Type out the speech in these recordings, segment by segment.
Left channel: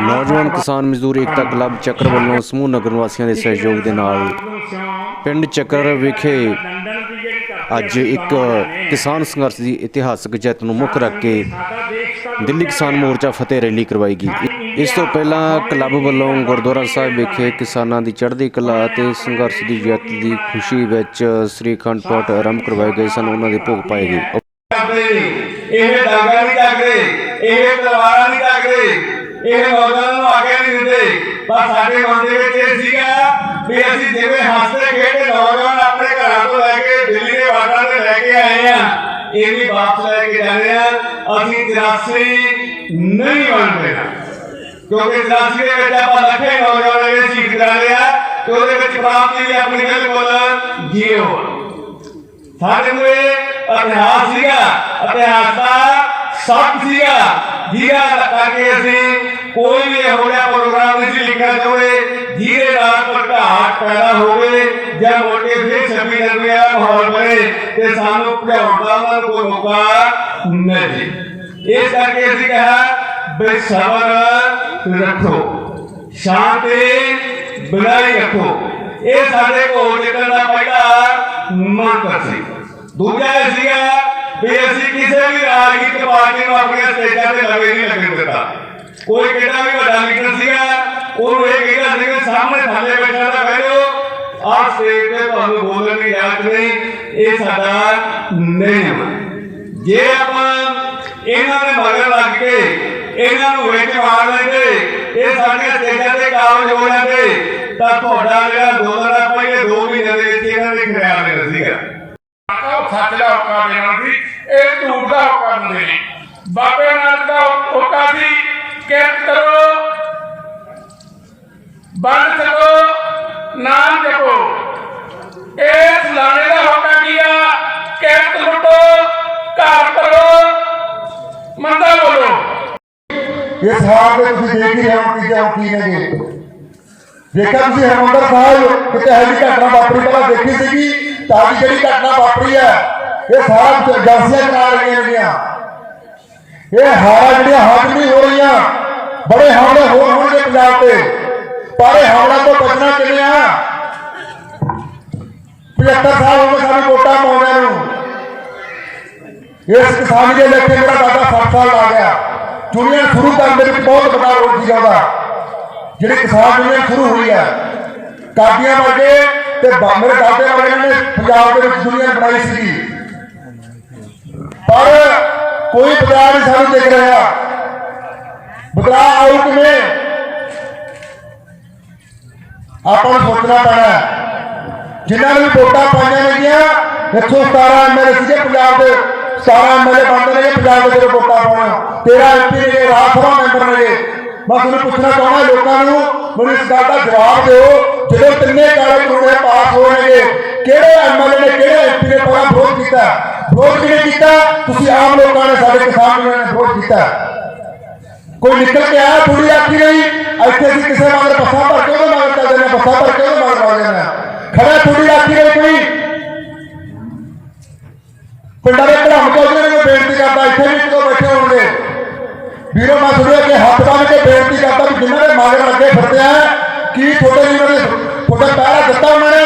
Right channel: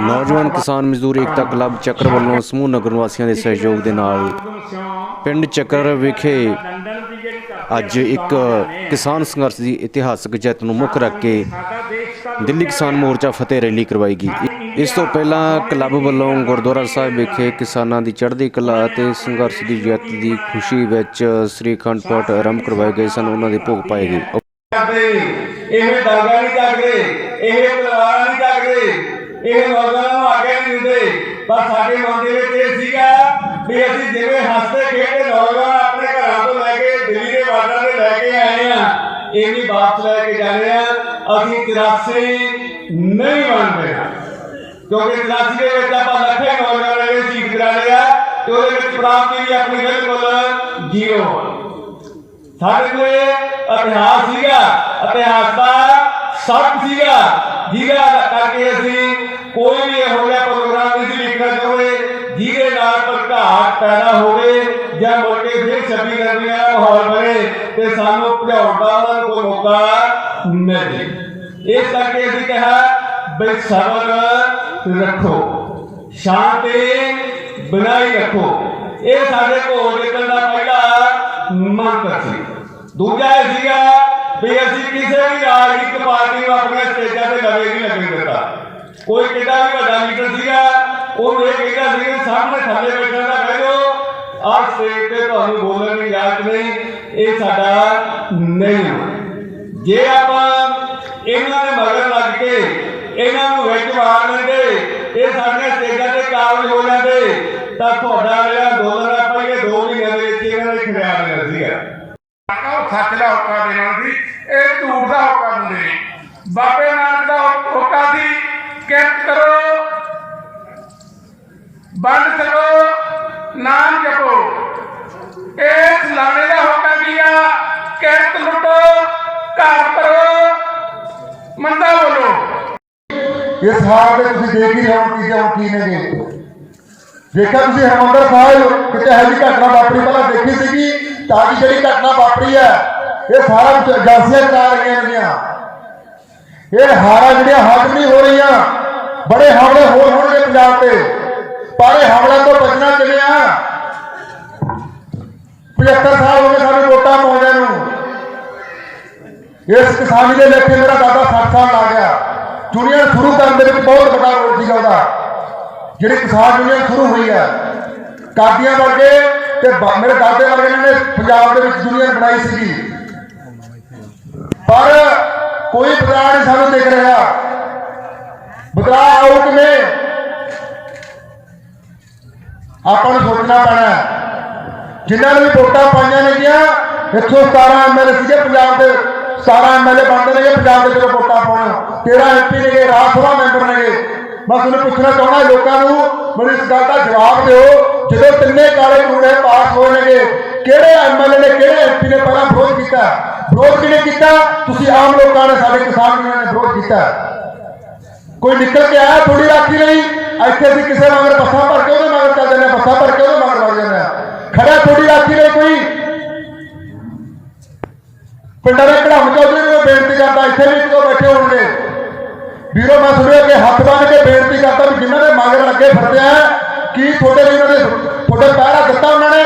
नौजवान किसान मजदूर एकता क्लब ਚੱਕਰ ਵੱਲੋਂ ਸਮੂਹ ਨਗਰ ਵਾਸੀਆਂ ਦੇ ਸਹਿਯੋਗ ਦੇ ਨਾਲ ਪਿੰਡ ਚੱਕਰ ਵਿਖੇ ਅੱਜ ਇੱਕ ਕਿਸਾਨ ਸੰਘਰਸ਼ ਦੀ ਇਤਿਹਾਸਕ ਜਿੱਤ ਨੂੰ ਮੁੱਖ ਰੱਖ ਕੇ ਦਿੱਲੀ ਕਿਸਾਨ ਮੋਰਚਾ ਫਤਿਹ ਰੈਲੀ ਕਰਵਾਈ ਗਈ। ਇਸ ਤੋਂ ਪਹਿਲਾਂ ਕਲੱਬ ਵੱਲੋਂ ਗੁਰਦੁਆਰਾ ਸਾਹਿਬ ਵਿਖੇ ਕਿਸਾਨਾਂ ਦੀ ਚੜ੍ਹਦੀ ਕਲਾ ਅਤੇ ਸੰਘਰਸ਼ ਦੀ ਜਿੱਤ ਦੀ ਖੁਸ਼ੀ ਵਿੱਚ ਸ੍ਰੀ ਅਖੰਡ ਪਾਠ ਆਰੰਭ ਕਰਵਾਏ ਗਏ ਸਨ। ਉਹਨਾਂ ਦੇ ਭੋਗ ਪਾਏ ਗਏ। ਇਹ ਡਾਂਗਾ ਨਹੀਂ ਚੱਕਦੇ, ਇਹ ਤਲਵਾਰਾਂ ਨਹੀਂ ਚੱਕਦੇ, ਇਹ ਨੌਜਵਾਨਾਂ ਨੂੰ ਆਗੇ ਨਹੀਂ ਦਿੰਦੇ। ਪਰ ਸਾਡੇ ਮਨ ਦੇ ਵਿੱਚ ਇਹ ਸੀਗਾ ਵੀ ਅਸੀਂ ਜਿਵੇਂ ਹੱਸਦੇ ਖੇਡਦੇ ਨੌਜਵਾਨ ਆਪਣੇ ਘਰਾਂ ਤੋਂ ਲੈ ਕੇ ਦਿੱਲੀ ਦੇ ਬਾਰਡਰਾਂ ਤੇ ਲੈ ਕੇ ਆਏ ਆ, ਇਹ ਵੀ ਵਾਪਸ ਲੈ ਕੇ ਜਾਣੇ ਆ। ਅਸੀਂ 83 ਨਹੀਂ ਬਣਦੇ ਕਿਉਂਕਿ 83 ਦੇ ਵਿੱਚ ਆਪਾਂ ਲੱਖਾਂ ਨੌਜਵਾਨ ਜਿਹੜੇ ਸ਼ਹੀਦ ਕਰਾ ਲਿਆ ਤੇ ਉਹਦੇ ਵਿੱਚ ਪ੍ਰਾਪਤੀ ਆਪਣੀ ਬਿਲਕੁਲ ਜੀਰੋ। ਸਾਡੇ ਕੋਲ ਇਤਿਹਾਸ ਸੀਗਾ, ਇਤਿਹਾਸ ਦਾ ਸੱਚ ਸੀਗਾ ਜਿਹਦਾ ਕਰਕੇ ਅਸੀਂ ਕੋਈ ਵੀ ਇਹੋ ਜਿਹਾ ਪ੍ਰੋਗਰਾਮ ਨਹੀਂ ਸੀ ਲਿਖਣਾ ਚਾਹੁੰਦੇ ਜਿਹਦੇ ਨਾਲ ਭਟਕਾਹਟ ਪੈਦਾ ਹੋਵੇ ਜਾਂ ਮੋਟੇ ਫਿਰ 26 ਜਨਵਰੀ ਦਾ ਮਾਹੌਲ ਬਣੇ ਤੇ ਸਾਨੂੰ ਭਜਾਉਣ ਦਾ ਉਹਨਾਂ ਨੂੰ ਕੋਈ ਮੌਕਾ ਨਹੀਂ। ਇਸ ਕਰਕੇ ਅਸੀਂ ਕਿਹਾ ਬਈ ਸਬਰ ਰੱਖੋ, ਸ਼ਾਂਤੀ ਬਣਾਈ ਰੱਖੋ। ਇਹ ਸਾਡੇ ਕੋਲ ਨਿਕਲਣ ਦਾ ਪਹਿਲਾ ਮੰਤਰ ਸੀ। ਦੂਜਾ ਇਹ ਸੀਗਾ ਵੀ ਅਸੀਂ ਕਿਸੇ ਵੀ ਰਾਜਨੀਤਿਕ ਪਾਰਟੀ ਨੂੰ ਆਪਣੀਆਂ ਸਟੇਜਾਂ ਤੇ ਲਵੇ ਨਹੀਂ ਲੱਗਣ ਦਿੱਤਾ। ਕੋਈ ਕਿੰਨਾ ਵੀ ਵੱਡਾ ਲੀਡਰ ਸੀਗਾ ਉਹਨੂੰ ਇਹ ਕਹਿੰਦਾ ਸੀ ਕਿ ਸਾਹਮਣੇ ਥੱਲੇ ਬੈਠਾ ਤਾਂ ਕਹਿ ਲਓ ਆਹ ਸਟੇਜ ਤੇ ਤੁਹਾਨੂੰ ਬੋਲਣ ਦੀ ਇਜਾਜ਼ਤ ਨਹੀਂ। ਇਹ ਸਾਡਾ ਨਹੀਂ। ਜੇ ਆਪਾਂ ਇਹਨਾਂ ਦੇ ਮਗਰ ਲੱਗ ਕੇ ਇਹਨਾਂ ਨੂੰ ਵਿੱਚ ਮਾਰ ਲੈਂਦੇ, ਇਹ ਸਾਡੀਆਂ ਸਟੇਜਾਂ ਤੇ ਕਾਬਜ਼ ਹੋ ਜਾਂਦੇ ਤਾਂ ਤੁਹਾਡਾ ਜਿਹੜਾ ਅੰਦੋਲਨ ਆ ਪਹਿਲੇ 2 ਮਹੀਨੇ ਦੇ ਵਿੱਚ ਇਹਨਾਂ ਦੇ ਖਿਆਲ ਨਹੀਂ ਸੀਗਾ। ਸੱਚ ਦਾ ਹੋਕਾ ਦੇਣਾ ਸੀ, ਇਹ ਝੂਠ ਦਾ ਹੋਕਾ ਦਿੰਦੇ ਨੇ। ਬਾਬੇ ਨਾਨਕ ਦਾ ਹੋਕਾ ਸੀ ਕਿਰਤ ਕਰੋ, ਬੰਦ ਸਕੋ, ਨਾਮ ਜਪੋ। ਇਸ ਲਾਣੇ ਦਾ ਹੋਕਾ ਕੀ ਆ? ਕਿਰਤ ਲੁੱਟੋ, ਘਰ ਕਰੋ, ਮੰਦਾ ਬੋਲੋ। ਇਸ ਹਾਲ ਦੇ ਤੁਸੀਂ ਦੇਖ ਹੀ ਰਹੇ ਹੋ ਕਿ ਕੀ ਨੇਗੇ। ਜੇਕਰ ਤੁਸੀਂ ਹਰਿਮੰਦਰ ਸਾਹਿਬ ਕਿਤੇ ਇਹੋ ਜਿਹੀ ਘਟਨਾ ਵਾਪਰੀ ਪਹਿਲਾਂ ਦੇਖੀ ਸੀਗੀ ਤਾਂ ਅੱਜ ਜਿਹੜੀ ਘਟਨਾ ਵਾਪਰੀ ਹੈ ਇਹ ਸਾਰਾ ਏਜੰਸੀਆਂ ਕਰਾ ਰਹੀਆਂ ਨੇਗੀਆਂ। ਇਹ ਹਾਰਾਂ ਜਿਹੜੀਆਂ ਹੱਦ ਨਹੀਂ ਹੋ ਰਹੀਆਂ, ਬੜੇ ਹਮਲੇ ਹੋਰ ਹੋਣਗੇ ਪੰਜਾਬ ਤੇ, ਪਰ ਇਹ ਹਮਲਿਆਂ ਤੋਂ ਬਚਣਾ ਕਿਵੇਂ ਆ? 75 ਸਾਲ ਹੋ ਗਏ ਸਾਨੂੰ ਵੋਟਾਂ ਪਾਉਂਦਿਆਂ ਨੂੰ। ਇਸ ਕਿਸਾਨੀ ਦੇ ਲੇਖੇ ਮੇਰਾ ਦਾਦਾ 60 ਸਾਲ ਲਾ ਗਿਆ। ਦੁਨੀਆ ਸ਼ੁਰੂ ਕਰਨ ਦੇ ਵਿੱਚ ਬਹੁਤ ਵੱਡਾ ਰੋਲ ਸੀਗਾ ਉਹਦਾ। ਜਿਹੜੀ ਕਿਸਾਨ ਦੁਨੀਆ ਸ਼ੁਰੂ ਹੋਈ ਹੈ ਕਾਦੀਆਂ ਵਰਗੇ ਤੇ ਮੇਰੇ ਦਾਦੇ ਵਰਗੇ ਨੇ ਪੰਜਾਬ ਦੇ ਵਿੱਚ ਦੁਨੀਆ ਬਣਾਈ ਸੀਗੀ, ਪਰ ਕੋਈ ਬਦਲਾਅ ਨਹੀਂ ਸਾਨੂੰ ਦਿਖ ਰਿਹਾ। ਬਦਲਾਅ ਆਊ ਕਿਵੇਂ? ਆਪਾਂ ਨੂੰ ਸੋਚਣਾ ਪੈਣਾ। ਜਿਨ੍ਹਾਂ ਨੇ ਵੀ ਵੋਟਾਂ ਪਾਈਆਂ ਨੇਗੀਆਂ 117 MLA ਸੀਗੇ ਪੰਜਾਬ ਦੇ, 17 MLA ਬਣਦੇ ਨੇ ਪੰਜਾਬ ਦੇ ਜਦੋਂ ਵੋਟਾਂ ਪਾਉਣ, 13 MP ਨੇ, ਰਾਜ ਸਭਾ ਮੈਂਬਰ ਨੇ। ਮੈਂ ਤੁਹਾਨੂੰ ਪੁੱਛਣਾ ਚਾਹੁੰਦਾ ਲੋਕਾਂ ਨੂੰ, ਮੈਨੂੰ ਇਸ ਗੱਲ ਦਾ ਜਵਾਬ ਦਿਓ, ਜਦੋਂ ਤਿੰਨੇ ਕਾਲੇ ਕਾਨੂੰਨ ਪਾਸ ਹੋਏ ਨੇਗੇ ਕਿਹੜੇ MLA ਨੇ ਕਿਹੜੇ MP ਨੇ ਪਹਿਲਾਂ ਵਿਰੋਧ ਕੀਤਾ? ਵਿਰੋਧ ਕਿਹਨੇ ਕੀਤਾ? ਤੁਸੀਂ ਆਮ ਲੋਕਾਂ ਨੇ, ਸਾਡੇ ਕਿਸਾਨ ਨੇ ਵਿਰੋਧ ਕੀਤਾ। ਕੋਈ ਨਿਕਲ ਕੇ ਆਇਆ? ਥੋੜੀ ਆਖੀ ਨਹੀਂ। ਇੱਥੇ ਅਸੀਂ ਕਿਸੇ ਮਗਰ ਬੱਸਾਂ ਭਰ ਕੇ ਉਹਦੇ ਮਗਰ ਚੱਲ ਜਾਂਦੇ, ਬੱਸਾਂ ਭਰ ਕੇ ਉਹਦੇ ਮਗਰ ਲੱਗ ਜਾਂਦੇ ਖੜਾ। ਥੋੜੀ ਆਖੀ ਨਹੀਂ ਕੋਈ। ਪਿੰਡਾਂ ਦੇ ਘੜਾਮ ਚੌਧਰੀ ਨੂੰ ਬੇਨਤੀ ਕਰਦਾ, ਇੱਥੇ ਵੀ ਕਿਉਂ ਬੈਠੇ ਹੋਣਗੇ ਵੀਰੋ, ਮੈਂ ਸੁਣਿਆ ਕਿ ਹੱਥ ਬੰਨ ਕੇ ਬੇਨਤੀ ਕਰਦਾ ਵੀ ਜਿਨ੍ਹਾਂ ਦੇ ਮਗਰ ਲੱਗੇ ਫਿਰਦੇ ਆ ਕੀ ਤੁਹਾਡੇ ਵੀ ਤੁਹਾਡੇ ਪਹਿਰਾ ਦਿੱਤਾ ਉਹਨਾਂ ਨੇ?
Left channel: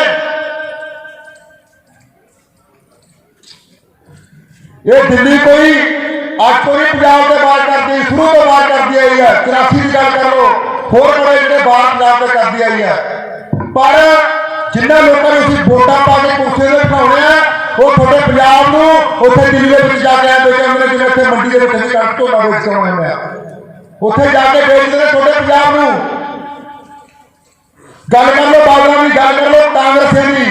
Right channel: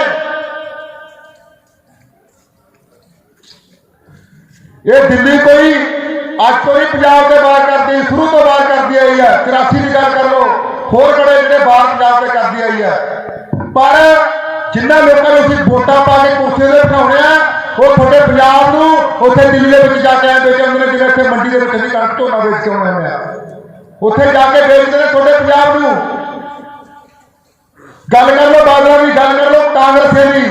ਇਹ ਦਿੱਲੀ ਕੋਈ ਅੱਜ ਤੋਂ ਹੀ ਪੰਜਾਬ ਦੇ ਬਾਹਰ ਕਰਦੀ, ਸ਼ੁਰੂ ਤੋਂ ਬਾਹਰ ਕਰਦੀ ਆਈ ਹੈ। 84 ਦੀ ਗੱਲ ਕਰ ਲਓ, ਹੋਰ ਬੜੇ ਜਿਹੜੇ ਬਾਹਰ ਪੰਜਾਬ ਤੇ ਕਰਦੀ ਆਈ ਹੈ। ਪਰ ਜਿਨ੍ਹਾਂ ਲੋਕਾਂ ਨੂੰ ਅਸੀਂ ਵੋਟਾਂ ਪਾ ਕੇ ਕੁਰਸੀ ਤੇ ਬਿਠਾਉਣੇ ਆ ਉਹ ਤੁਹਾਡੇ ਪੰਜਾਬ ਨੂੰ ਉੱਥੇ ਦਿੱਲੀ ਦੇ ਵਿੱਚ ਜਾ ਕੇ ਆ ਦੇਖੇ ਮੇਰੇ ਜਿਹੜੇ ਇੱਥੇ ਮੰਡੀ ਦੇ ਵਿੱਚ ਅਸੀਂ ਕਣਕ ਝੋਨਾ ਵੇਚ ਕੇ ਆਉਣੇ ਆ, ਉੱਥੇ ਜਾ ਕੇ ਵੇਚਦੇ ਨੇ ਤੁਹਾਡੇ ਪੰਜਾਬ ਨੂੰ। ਗੱਲ ਕਰ ਲਓ ਬਾਦਲਾਂ ਦੀ, ਗੱਲ ਕਰ ਲਓ ਕਾਂਗਰਸੇ ਦੀ,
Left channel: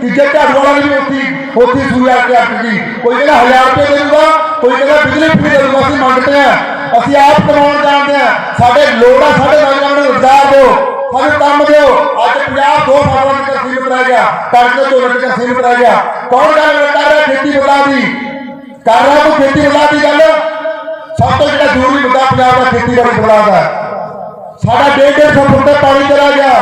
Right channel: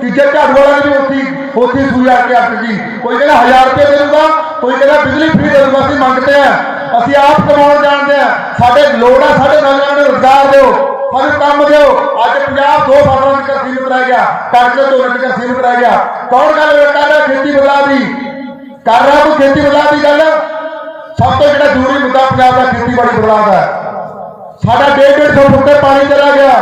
ਤੀਜੇ ਝਾੜੂ ਵਾਲਾ ਦੀ ਉੱਥੇ ਸੂਈ ਆ ਕੇ ਅੱਕ ਗਈ। ਕੋਈ ਕਹਿੰਦਾ 1000 ਰੁਪਏ ਦੇ ਦੂਗਾ, ਕੋਈ ਕਹਿੰਦਾ ਬਿਜਲੀ ਫ੍ਰੀ ਦੇ ਦੂਗਾ। ਅਸੀਂ ਮੰਗਦੇ ਆ, ਅਸੀਂ ਆਪ ਕਮਾਉਣ ਜਾਣਦੇ ਆ। ਸਾਡੇ ਲੋੜ ਆ, ਸਾਡੇ ਨੌਜਵਾਨਾਂ ਨੂੰ ਰੁਜ਼ਗਾਰ ਦਿਓ, ਸਾਨੂੰ ਕੰਮ ਦਿਓ। ਅੱਜ ਪੰਜਾਬ 2 ਫਸਲਾਂ ਤੱਕ ਸੀਮਿਤ ਰਹਿ ਗਿਆ, ਕਣਕ ਦੇ ਝੋਨੇ ਤੱਕ ਸੀਮਿਤ ਰਹਿ ਗਿਆ। ਕੌਣ ਗੱਲ ਕਰ ਰਿਹਾ? ਖੇਤੀ ਬਦਲਾਅ ਦੀ ਕਰ ਰਿਹਾ ਕੋਈ ਖੇਤੀ ਬਦਲਾਅ ਦੀ ਗੱਲ? ਸਭ ਤੋਂ ਜਿਹੜਾ ਜ਼ਰੂਰੀ ਮੁੱਦਾ ਪੰਜਾਬ ਦਾ ਖੇਤੀਬਾੜੀ ਬਦਲਾਅ ਦਾ। ਸਾਡਾ 150 ਫੁੱਟ ਤੇ ਪਾਣੀ ਚਲਾ ਗਿਆ,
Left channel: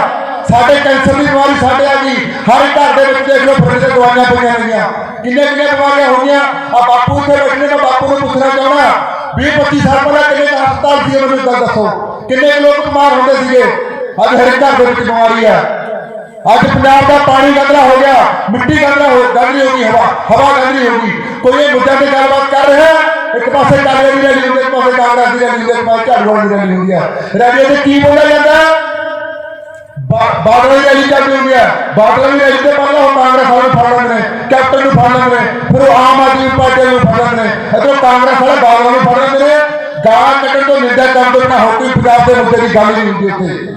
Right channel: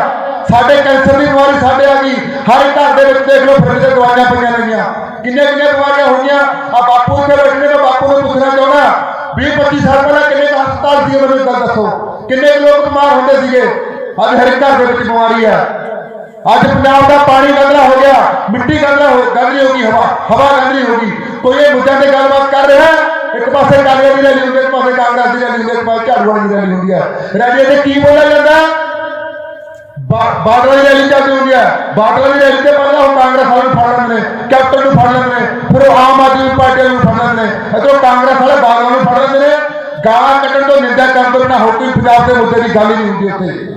ਸਾਡੇ ਕੈਂਸਰ ਦੀ ਬਿਮਾਰੀ ਸਾਡੇ ਆ ਗਈ। ਹਰ ਇੱਕ ਘਰ ਦੇ ਵਿੱਚ ਦੇਖ ਲਓ ਫਿਰਦੇ ਦਵਾਈਆਂ ਪਈਆਂ ਨੇਗੀਆਂ, ਕਿੰਨੀਆਂ ਬਿਮਾਰੀਆਂ ਹੋਈਆਂ। ਆ ਬਾਪੂ ਇੱਥੇ ਬੈਠੇ ਨੇ, ਮੈਂ ਬਾਪੂ ਨੂੰ ਪੁੱਛਣਾ ਚਾਹੁੰਦਾ 20-25 ਸਾਲ ਪਹਿਲਾਂ ਕਿੰਨੇ ਹਸਪਤਾਲ ਸੀ ਮੈਨੂੰ ਗੱਲ ਦੱਸੋ, ਕਿੰਨੇ ਲੋਕ ਬਿਮਾਰ ਹੁੰਦੇ ਸੀਗੇ। ਅੱਜ ਹਰ ਘਰ ਦੇ ਵਿੱਚ ਬਿਮਾਰੀ ਹੈ। ਅੱਜ ਪੰਜਾਬ ਦਾ ਪਾਣੀ ਗੰਦਾ ਹੋ ਗਿਆ, ਮਿੱਟੀ ਗੰਦੀ ਹੋ ਗਈ, ਹਵਾ ਗੰਦੀ ਹੋ ਗਈ। ਕੋਈ ਇਹ ਮੁੱਦਿਆਂ ਤੇ ਗੱਲਬਾਤ ਕਰ ਰਿਹਾ ਹੈ। ਇੱਕ ਪਾਸੇ ਕਾਂਗਰਸ ਦੀ ਰੈਲੀ ਹੁੰਦੀ ਹੈ, ਇੱਕ ਪਾਸੇ ਕਾਂਗਰਸ ਦੀ ਰੈਲੀ ਹੁੰਦੀ ਹੈ, ਇੱਕ ਪਾਸੇ ਝਾੜੂ ਵਾਲੀ ਦੀ ਰੈਲੀ ਹੁੰਦੀ ਹੈ। ਰੈਲੀ ਤੇ ਕੀ ਬੋਲਿਆ ਜਾਂਦਾ ਹੈ? ਬਾਦਲ ਦੀ ਰੈਲੀ ਚੱਲਦੀ ਹੁੰਦੀ ਹੈ। ਬਾਦਲ ਦੀ ਰੈਲੀ ਤੇ ਪਹਿਲਾਂ ਉਹ ਕਾਂਗਰਸ ਵਾਲੇ ਫੜ ਲੈਂਦੇ ਨੇ, ਕੈਪਟਨ ਨੂੰ ਫੜ ਲੈਂਦੇ ਨੇ, ਫਿਰ ਉਹ ਆਮ ਆਦਮੀ ਪਾਰਟੀ ਨੂੰ ਫੜ ਲੈਂਦੇ ਨੇ, ਅਤੇ ਕਾਂਗਰਸ ਵਾਲੇ ਬਾਦਲ ਨੂੰ ਫੜ ਲੈਂਦੇ ਨੇ। ਗਾਲਾਂ ਕੱਢਣ ਤੋਂ, ਨਿੰਦਾ ਕਰਨ ਤੋਂ ਬਿਨਾਂ ਹੋਰ ਕੋਈ ਪੰਜਾਬ ਦੇ ਮੁੱਦੇ ਦੀ ਗੱਲ ਹੀ ਨਹੀਂ ਹੁੰਦੀ। ਉੱਥੇ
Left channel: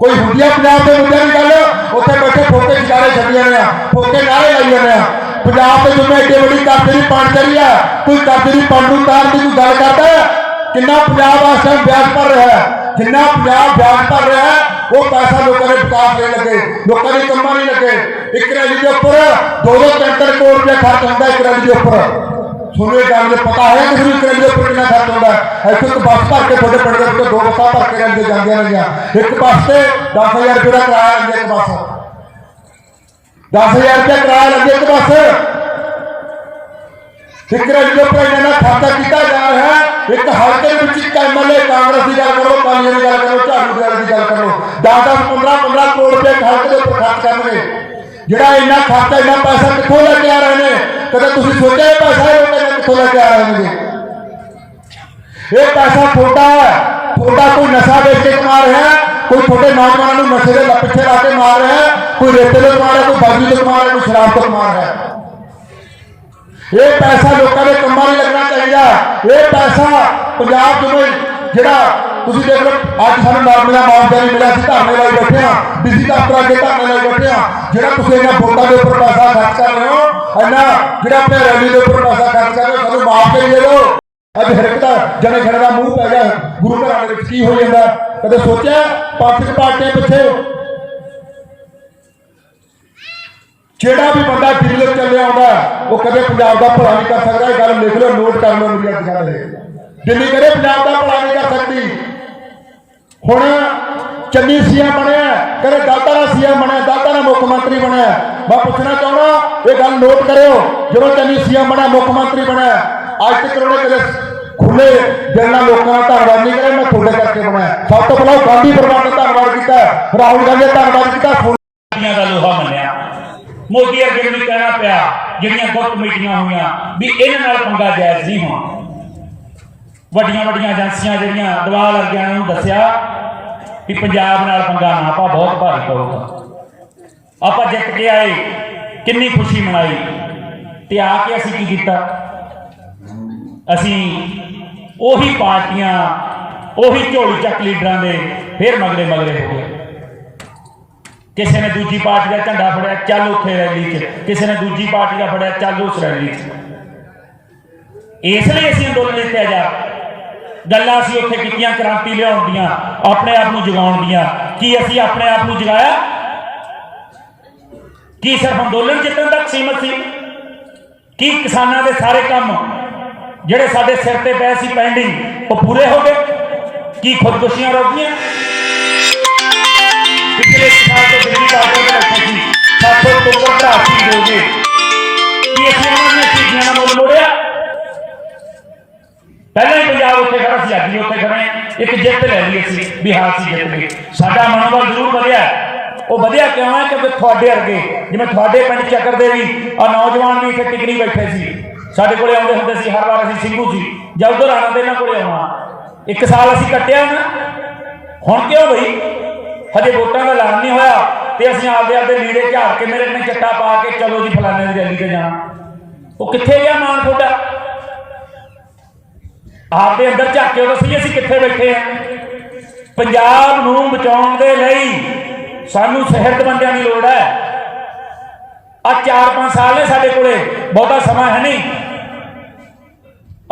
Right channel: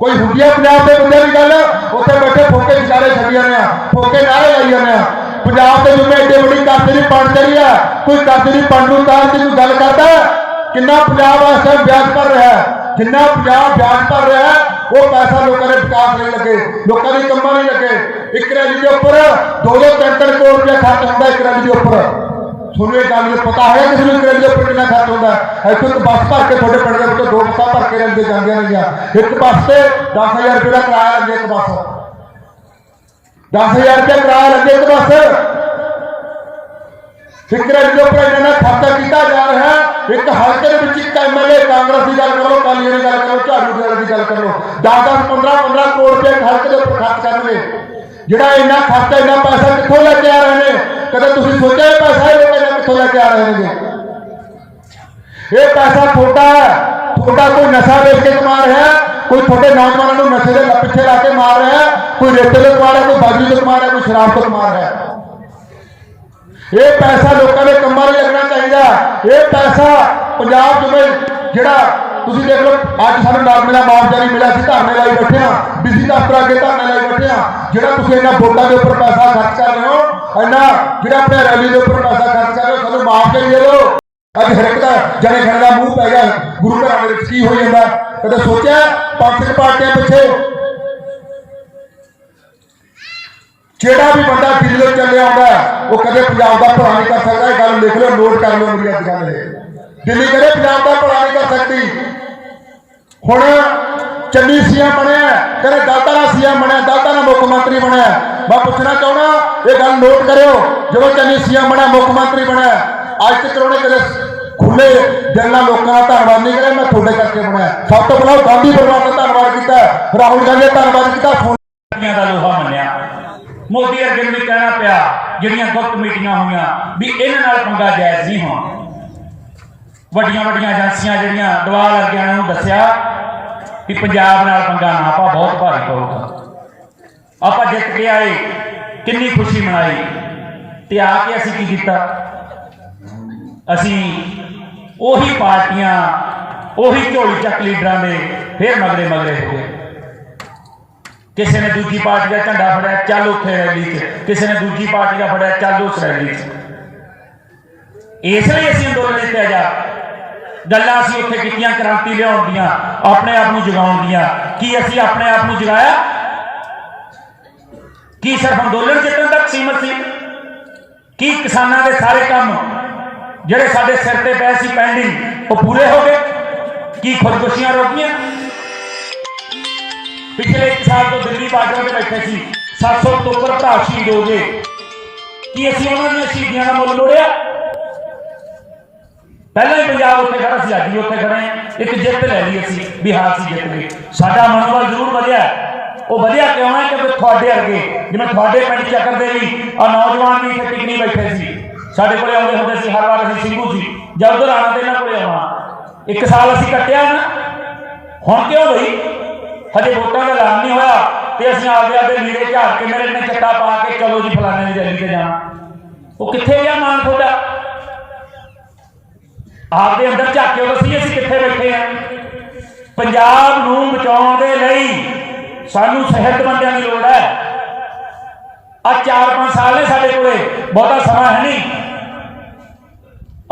ਕੋਈ ਹੁੰਦੀ ਆ ਪੰਜਾਬ ਦੇ ਮੁੱਦੇ ਦੀ ਗੱਲ? ਉੱਥੇ ਬੈਠੇ ਫੋਕੇ ਵਿਚਾਰੇ ਛੱਡੀ ਜਾਂਦੇ ਆ, ਫੋਕੇ ਨਾਰੇ ਲਾਈ ਜਾਂਦੇ ਆ। ਪੰਜਾਬ ਦੇ ਜਿੰਨੇ ਏਡੀ ਵੱਡੀ ਕਰਜ਼ੇ ਦੀ ਪੰਡ ਚੜੀ ਆ, ਕੋਈ ਕਰਜ਼ੇ ਦੀ ਪੰਡ ਨੂੰ ਤਾਰਨ ਦੀ ਕੋਈ ਗੱਲ ਕਰਦਾ? ਕਿੰਨਾ ਪੰਜਾਬ ਇਸ ਟਾਈਮ ਵਿਆਜ ਭਰ ਰਿਹਾ ਹੈ, ਜਿੰਨਾ ਪੰਜਾਬ ਵਿਆਜ ਭਰ ਰਿਹਾ ਹੈ, ਉਹ ਪੈਸਾ ਲੋਕਾਂ ਦੇ ਵਿਕਾਸ ਨਹੀਂ ਲੱਗੇ, ਲੋਕਾਂ ਦੇ ਕੰਮਾਂ ਨਹੀਂ ਲੱਗੇ। ਇੱਕ ਰੈਲੀ ਦੇ ਉੱਪਰ 2-3 ਕਰੋੜ ਰੁਪਏ ਖਰਚ ਹੁੰਦਾ। ਇੱਕ ਰੈਲੀ ਦੇ ਉੱਪਰ ਤੁਹਾਨੂੰ ਇਹ ਗੱਲ ਪਤਾ ਹੈ ਕਿ ਇੱਕ ਰੈਲੀ ਦੇ ਉੱਪਰ ਕਿੰਨਾ ਖਰਚ ਹੁੰਦਾ? ਇੱਥੇ ਇੱਕ ਬੱਸ ਭਰ ਕੇ ਤੁਹਾਡੇ ਪਿੰਡ ਦੇ ਉੱਤੇ 2 ਬੱਸਾਂ ਭਰ ਕੇ ਰੈਲੀ ਜਾਂਦੀਆਂ ਰਹੀਆਂ। ਇੱਕ ਬੱਸ ਤੇ 10,000 ਰੁਪਏ ਦਾ ਕਿਰਾਇਆ ਲੈਂਦੇ, ਇੱਕ ਬੱਸ 10,000 ਰੁਪਏ ਕਿਰਾਇਆ ਲੈਂਦੇ ਇੱਕ ਬੱਸ। ਇੱਕ ਰੈਲੀ ਦੇ ਉੱਪਰ ਇਹਨਾਂ ਖਰਚਾ ਕੀਤਾ ਜਾ ਰਿਹਾ ਹੈ। ਇੱਕ ਹਲਕੇ ਦੇ ਵਿੱਚ ਇੱਕ ਐਮਐਲਏ ਕਾਂਗਰਸ ਦੀ ਗੱਲ ਕਰੋ, ਕਾਲੀ ਦੀ ਗੱਲ ਕਰੋ, ਝਾੜੂ ਦੀ ਗੱਲ ਕਰੋ, 10-10, 15-15 ਕਰੋੜ ਰੁਪਏ ਹਲਕੇ ਦੇ ਉੱਪਰ ਖਰਚ ਕਰਨਗੇ। ਜਿਹੜਾ ਇੰਨਾ ਖਰਚਾ, ਇੰਨਾ ਪੈਸਾ ਕਿੱਥੋਂ ਲੈ ਕੇ ਆ ਰਹੇ ਨੇ? ਕਦੇ ਤੁਸੀਂ ਸੋਚਿਆ ਇਹ ਪੈਸਾ ਇਹ ਲੋਕ ਕਿੱਥੋਂ ਲੈ ਕੇ ਆ ਰਹੇ ਨੇ? ਇਹ ਪੈਸਾ ਤੁਹਾਡਾ ਹੈ। ਤੁਹਾਡਾ ਕੋਈ ਨਸ਼ਾ ਵੇਚ ਕੇ ਕਮਾ ਰਿਹਾ, ਕੋਈ ਤੁਹਾਡੇ ਨੌਜਵਾਨਾਂ ਨੂੰ ਨਸ਼ੇ ਦੇ ਪਿੱਛੇ ਲਾ ਕੇ ਮਾਰ ਰਿਹਾ, ਕੋਈ ਰੇਤੇ ਤੋਂ ਕਮਾ ਰਿਹਾ, ਕੋਈ ਬਾਜੀ ਤੋਂ ਕਮਾ ਰਿਹਾ, ਕੋਈ ਸ਼ਰਾਬ ਤੋਂ ਕਮਾ ਰਿਹਾ। ਇਹ ਪੈਸਾ ਲੋਕਾਂ ਦੇ ਕੰਮਾਂ ਲਈ ਲੱਗਣਾ ਚਾਹੀਦਾ। ਇਹ ਪੈਸਾ ਪੰਜਾਬ ਜਿਵੇਂ ਜਿਹੜਾ ਤੁਸੀਂ ਦੇਖ ਲਓ, ਅੱਜ ਸਾਨੂੰ ਨਰਮੇ ਦਾ ਮੁਆਵਜ਼ਾ ਨਹੀਂ ਮਿਲਿਆ, ਅਸੀਂ ਧਰਨੇ ਲਾਈ ਬੈਠੇ ਹਾਂ, ਡੀਸੀ ਦਫ਼ਤਰ ਅੱਗੇ ਧਰਨੇ ਲਾਈ ਬੈਠੇ ਹਾਂ। ਜਿਹੜਾ ਤੁਸੀਂ ਇਹਨਾਂ ਵੋਟਾਂ ਦੇ ਉੱਪਰ ਪੈਸਾ ਖਰਚ ਕਰ ਰਹੇ ਹੋ, ਇਹਨਾਂ ਜਿਹੜਾ ਆਪਣੇ ਰੈਲੀ ਦੇ ਉੱਪਰ ਪੈਸਾ ਖਰਚ ਕਰ ਰਹੇ ਹੋ, ਸਾਨੂੰ ਮੁਆਵਜ਼ਾ ਦੇ ਦਿਓ। ਅੱਜ ਹਰ ਇੱਕ ਦਾ ਜਣੇ ਖਣੇ ਦਾ ਮੂੰਹ ਪੈ ਗਿਆ ਗੁਰੂ ਘਰਾਂ ਦੇ ਵਿੱਚ। ਕੀ ਹੋ ਜਾਂਦਾ? ਕਦੇ ਸੋਚਿਆ ਪੰਥਕ ਪਾਰਟੀਆਂ ਪਿੱਛੇ ਜਿਹੜਾ ਵੀ ਬੰਦਾ ਦਿੱਲੀ ਤੋਂ ਚੱਲਿਆ ਆਉਂਦਾ ਉਹ ਕਦੇ ਪੰਜਾਬ ਦਾ ਭਲਾ ਨਹੀਂ ਕਰ ਸਕਦਾ। ਇਹ ਗੱਲ ਲਿਖ ਲਓ, ਨੋਟ ਕਰ ਲਓ ਮੇਰੀ ਅੱਜ ਗੱਲ। ਦਿੱਲੀ ਕਦੇ ਪੰਜਾਬ ਦਾ ਭਲਾ ਨਹੀਂ ਕਰ ਸਕਦੀ। ਹੁਣ ਚੰਨੀ ਸੀਐਮ ਬਣਿਆ, ਕਦੇ ਦਾਤਾ ਦਾ ਸੀਐਮ ਬਣਿਆ, ਦਾਤਾ ਦਾ ਮੁੱਖ ਮੰਤਰੀ ਬਣਿਆ। ਮੈਂ ਪੁੱਛਣਾ ਚਾਹੁੰਦਾ, ਇਹ ਗੱਲ ਨੋਟ ਕਰਿਓ, ਜਦੋਂ ਚੰਨੀ ਸੀਐਮ ਬਣਿਆ, ਮੁੱਖ ਮੰਤਰੀ ਬਣਿਆ, ਅੱਜ ਤੱਕ ਉਹਨੇ ਕਦੇ ਖੁੱਲੇ ਦਿਲ ਨਾਲ ਲੋਕਾਂ ਦਾ ਧੰਨਵਾਦ ਨਹੀਂ ਕਰਿਆ। ਮੈਂ ਤੁਹਾਡੇ ਕਰਕੇ ਬਣਾਇਆ। ਸਭ ਤੋਂ ਪਹਿਲਾਂ ਗਾਂਧੀ ਪਰਿਵਾਰ ਦਾ ਧੰਨਵਾਦ ਕੀਤਾ, ਰਾਹੁਲ ਗਾਂਧੀ ਦਾ ਧੰਨਵਾਦ ਕੀਤਾ, ਦਾ ਲੋਹਾ ਮੰਨਿਆ। ਮੋਦੀ ਅਰਗੇ ਨੂੰ ਵੀ ਕਹਿਣਾ ਪਿਆ, ਜਿਹੜੀਆਂ ਗੁਪਤ ਮੀਟਿੰਗਾਂ ਹੋਈਆਂ ਵੀ ਇਹਨਾਂ ਨਾਲ ਪੰਗਾ ਜਾਇਜ਼ ਨਹੀਂ ਹੋਣਾ। ਵੱਡੀਆਂ ਵੱਡੀਆਂ ਏਜੰਸੀਆਂ ਜਿਹੜੀਆਂ ਦਵਾਲ ਅਰਗਿਆਂ ਨੂੰ ਦੱਸਿਆ ਕਿ ਪੰਜਾਬ ਨਾਲ ਪੰਗਾ ਨਾ ਪਾ, ਬਹੁਤ ਭਾਰੀ ਪਊਗਾ। ਆਪਾਂ ਜਿੱਤ ਕੇ ਆਏ, ਕਿੰਨੀ ਖੁਸ਼ੀ ਮਨਾਈ, ਤੇ ਆ ਕੇ ਅਸੀਂ ਕੀ ਕੀਤਾ? ਅਸੀਂ ਉਹੀ ਪਾਰਟੀਆਂ, ਉਹੀ ਝੋਲੀ ਚੱਕ ਲੀਡਰਾਂ ਦੇ ਫਿਰ ਮਗਰੇ ਹੋ ਗਏ। ਕਿਸੇ ਨੇ ਦੂਜੀ ਪਾਰਟੀ ਦਾ ਝੰਡਾ ਫੜਿਆ, ਚੱਲ ਉੱਥੇ ਰੈਲੀ 'ਚ, ਕਿਸੇ ਨੇ ਦੂਜੀ ਪਾਰਟੀ ਦਾ ਫੜਿਆ, ਚੱਲ ਉਸ ਰੈਲੀ 'ਚ। ਇਸ ਲਈ ਅਸੀਂ ਅੰਦੋਲਨ ਜਿੱਤਿਆ ਜਾ। ਗੱਲਾਂ ਅਸੀਂ ਉੱਥੇ ਕੀਤੀਆਂ ਕ੍ਰਾਂਤੀ ਲਿਆਉਣ ਦੀਆਂ, ਆਪਣੇ ਆਪ ਨੂੰ ਜਗਾਉਣ ਦੀਆਂ। ਕੀ ਅਸੀਂ ਆਪਣੇ ਆਪ ਨੂੰ ਜਗਾਇਆ? ਕੀ ਸਿਰਫ ਅੰਦੋਲਨ ਜਿੱਤਣ ਤੱਕ ਸੀਮਤ ਸੀ? ਕੀ ਕਿਸਾਨਾਂ ਦੇ ਸਾਰੇ ਕੰਮ ਜਿਹੜੇ ਸਾਡੇ ਸਿਰ ਤੇ ਪਏ ਸੀ ਪੈਂਡਿੰਗ, ਉਹ ਪੂਰੇ ਹੋ ਗਏ? ਕੀ ਖੁਦਕੁਸ਼ੀਆਂ ਰੋਕੀਆਂ? पिछले साल तो दिल्ली बार्डर में बैठे थे, 7 अक्टूबर का शहीद हो गए। कि असं उन्होंने शहीदियों का मुल मोड़िया? पहले ही पंजाब उत्थे खड़ा सी, अज भी उत्थे खड़े, एक जित लै ली असीं भी हाँ असीं जित गए। साडा मनोबल जरूर वधिया। वो वधिया क्यों है? क्योंकि तुहाडे अरगे जिवें तुहाडे पिंड चक्कर दे भी नौजवान भी इत्थे टिकनी बैठे सी, साडे कोले आउंदे हुंदे सी, हर वार असीं ਸਿੰਘੂ सी, ਜਾਂ उधर आना ते इन्हां कोले आउणा। 1 साल असीं कट्टिया ना, हुण क्यों बई? हजे वोटां का ऐलान नहीं होया ते असीं आपदे लीड़े झाड़ के मेरे ने चट्टा पा के चलो जी फलाने की रैली ते जाना। वो कित्थे गया मान तुहाडा? आपदे अंदर झाके तो सही असीं कित्थे बैठे हैं? पंजाब नूं बचाउण दे लई सानूं सेहत बंदियां की लोड़ है। आ 4-5 साल ने साडे कोले, बहुता समा है नहीं।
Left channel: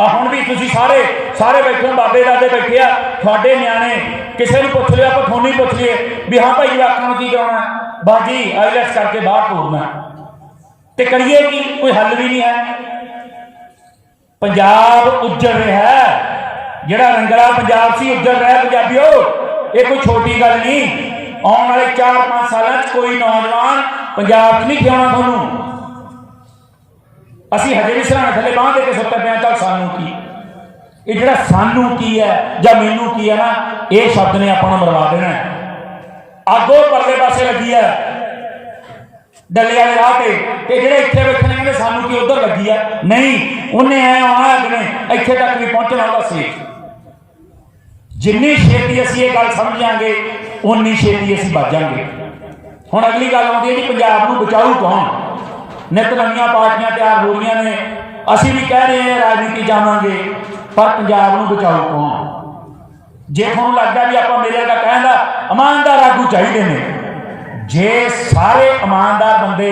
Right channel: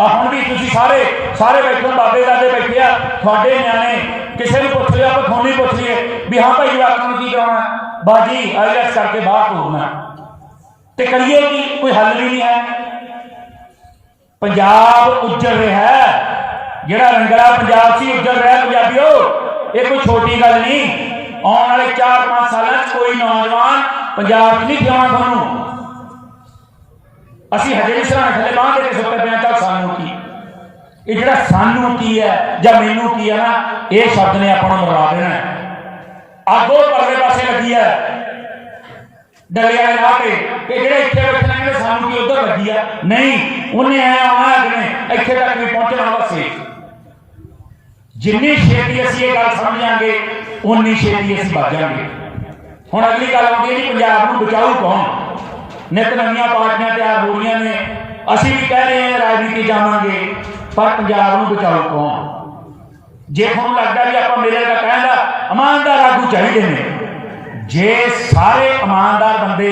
हुण भी तुसीं सारे बैठे बाबे दादे बैठे आ, तुहाडे न्याणे किसी को पुछ लिया, तो थोड़ी पुछ लिए भी हाँ भाई जवाकों को की कराना है, बाजी आईएलएस करके बाहर टूरना तो करिए कि कोई हल भी नहीं है। पंजाब उजड़ रहा है, जिहड़ा रंगला पंजाब सी उजड़ रहा है। पंजाबियों, ये कोई छोटी गल नहीं। आने वाले 4-5 साल कोई नौजवान पंजाब नहीं जिउणा तुहानूं। असीं हजे भी सिराने थले बांह दे के सुत्ते पे, चल सानूं की ਇਹ ਜਿਹੜਾ ਸਾਨੂੰ ਕੀ ਹੈ ਜਾਂ ਮੈਨੂੰ ਕੀ ਹੈ ਨਾ, ਇਹ ਸ਼ਬਦ ਨੇ ਆਪਾਂ ਨੂੰ ਮਰਵਾ ਦੇਣਾ ਹੈ। ਅੱਗੋਂ ਪਰਲੇ ਪਾਸੇ ਲੱਗੀ ਹੈ ਡਲਿਆ ਲਾ ਕੇ ਕਿ ਜਿਹੜੇ ਇੱਥੇ ਬੈਠਣੇ ਨੇ ਸਾਨੂੰ ਕੀ ਉਧਰ ਲੱਗੀ ਆ। ਨਹੀਂ, ਉਹਨੇ ਐ ਆਉਣਾ ਜਿਵੇਂ ਇੱਥੇ ਤੱਕ ਵੀ ਪਹੁੰਚਣਾ ਵਾਸਤੇ। ਜਿੰਨੀ ਛੇਤੀ ਅਸੀਂ ਇਹ ਗੱਲ ਸਮਝਾਂਗੇ ਉਨੀ ਛੇਤੀ ਅਸੀਂ ਬਚਾਂਗੇ। ਹੁਣ ਅਗਲੀ ਗੱਲ ਆਉਂਦੀ ਹੈ ਜੀ ਪੰਜਾਬ ਨੂੰ ਬਚਾਊ ਕੌਣ? ਨਿਤ ਨਵੀਆਂ ਪਾਰਟੀਆਂ ਤਿਆਰ ਹੋ ਰਹੀਆਂ ਨੇ, ਅਸੀਂ ਵੀ ਕਹਿ ਰਹੇ ਹਾਂ ਰਾਜਨੀਤੀ ਜਾਵਾਂਗੇ, ਪਰ ਪੰਜਾਬ ਨੂੰ ਬਚਾਊ ਕੌਣ? ਜੇ ਤੁਹਾਨੂੰ ਲੱਗਦਾ ਵੀ ਆਪਾਂ ਮੇਰੇ ਦਾ ਕਹਿਣ ਦਾ ਇਮਾਨਦਾਰ ਆਗੂ ਚਾਹੀਦੇ ਨੇ, ਜੇ ਸਾਰੇ ਇਮਾਨਦਾਰ ਬੰਦੇ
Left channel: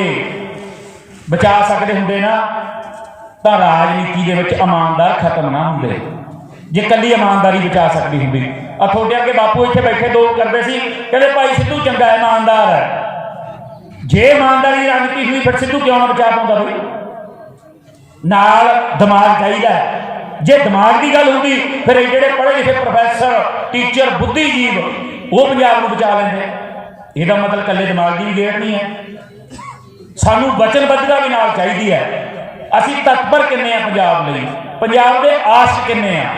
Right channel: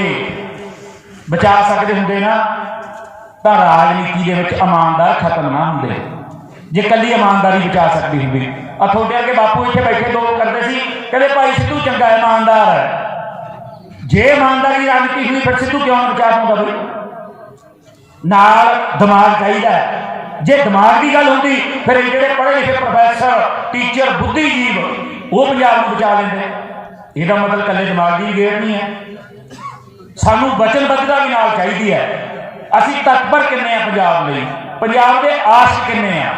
ਬਚਾ ਸਕਦੇ ਹੁੰਦੇ ਨਾ ਤਾਂ ਰਾਜਨੀਤੀ ਦੇ ਵਿੱਚ ਇਮਾਨਦਾਰ ਖਤਮ ਨਾ ਹੁੰਦੇ। ਜੇ ਕੱਲੀ ਇਮਾਨਦਾਰੀ ਬਚਾ ਸਕਦੀ ਹੁੰਦੀ। ਆ ਤੁਹਾਡੇ ਅੱਗੇ ਬਾਪੂ ਇੱਥੇ ਬੈਠੇ ਦੋ ਕਰਦੇ ਸੀ, ਕਹਿੰਦੇ ਭਾਈ ਸਿੱਧੂ ਚੰਗਾ ਇਮਾਨਦਾਰ ਹੈ। ਜੇ ਇਮਾਨਦਾਰੀ ਰਾਜਨੀਤੀ ਹੋਈ ਫਿਰ ਸਿੱਧੂ ਕਿਉਂ ਨਾ ਬਚਾ ਪਾਉਂਦਾ? ਵੀ ਨਾਲ ਦਿਮਾਗ ਚਾਹੀਦਾ। ਜੇ ਦਿਮਾਗ ਦੀ ਗੱਲ ਹੁੰਦੀ ਫਿਰ ਇਹ ਜਿਹੜੇ ਪੜ੍ਹੇ ਲਿਖੇ ਪ੍ਰੋਫੈਸਰ, ਟੀਚਰ, ਬੁੱਧੀਜੀਵ ਉਹ ਪੰਜਾਬ ਨੂੰ ਬਚਾ ਲੈਂਦੇ। ਇਹਦਾ ਮਤਲਬ ਇਕੱਲੇ ਦਿਮਾਗ ਦੀ ਗੇੜ ਨਹੀਂ ਹੈ, ਸਾਨੂੰ ਵਚਨਬੱਧਤਾ ਵੀ ਨਾਲ ਚਾਹੀਦੀ ਹੈ। ਅਸੀਂ ਤਤਪਰ ਕਿੰਨੇ ਆ ਪੰਜਾਬ ਲਈ, ਪੰਜਾਬ ਦੇ ਆਸ਼ਕ ਕਿੰਨੇ ਆ।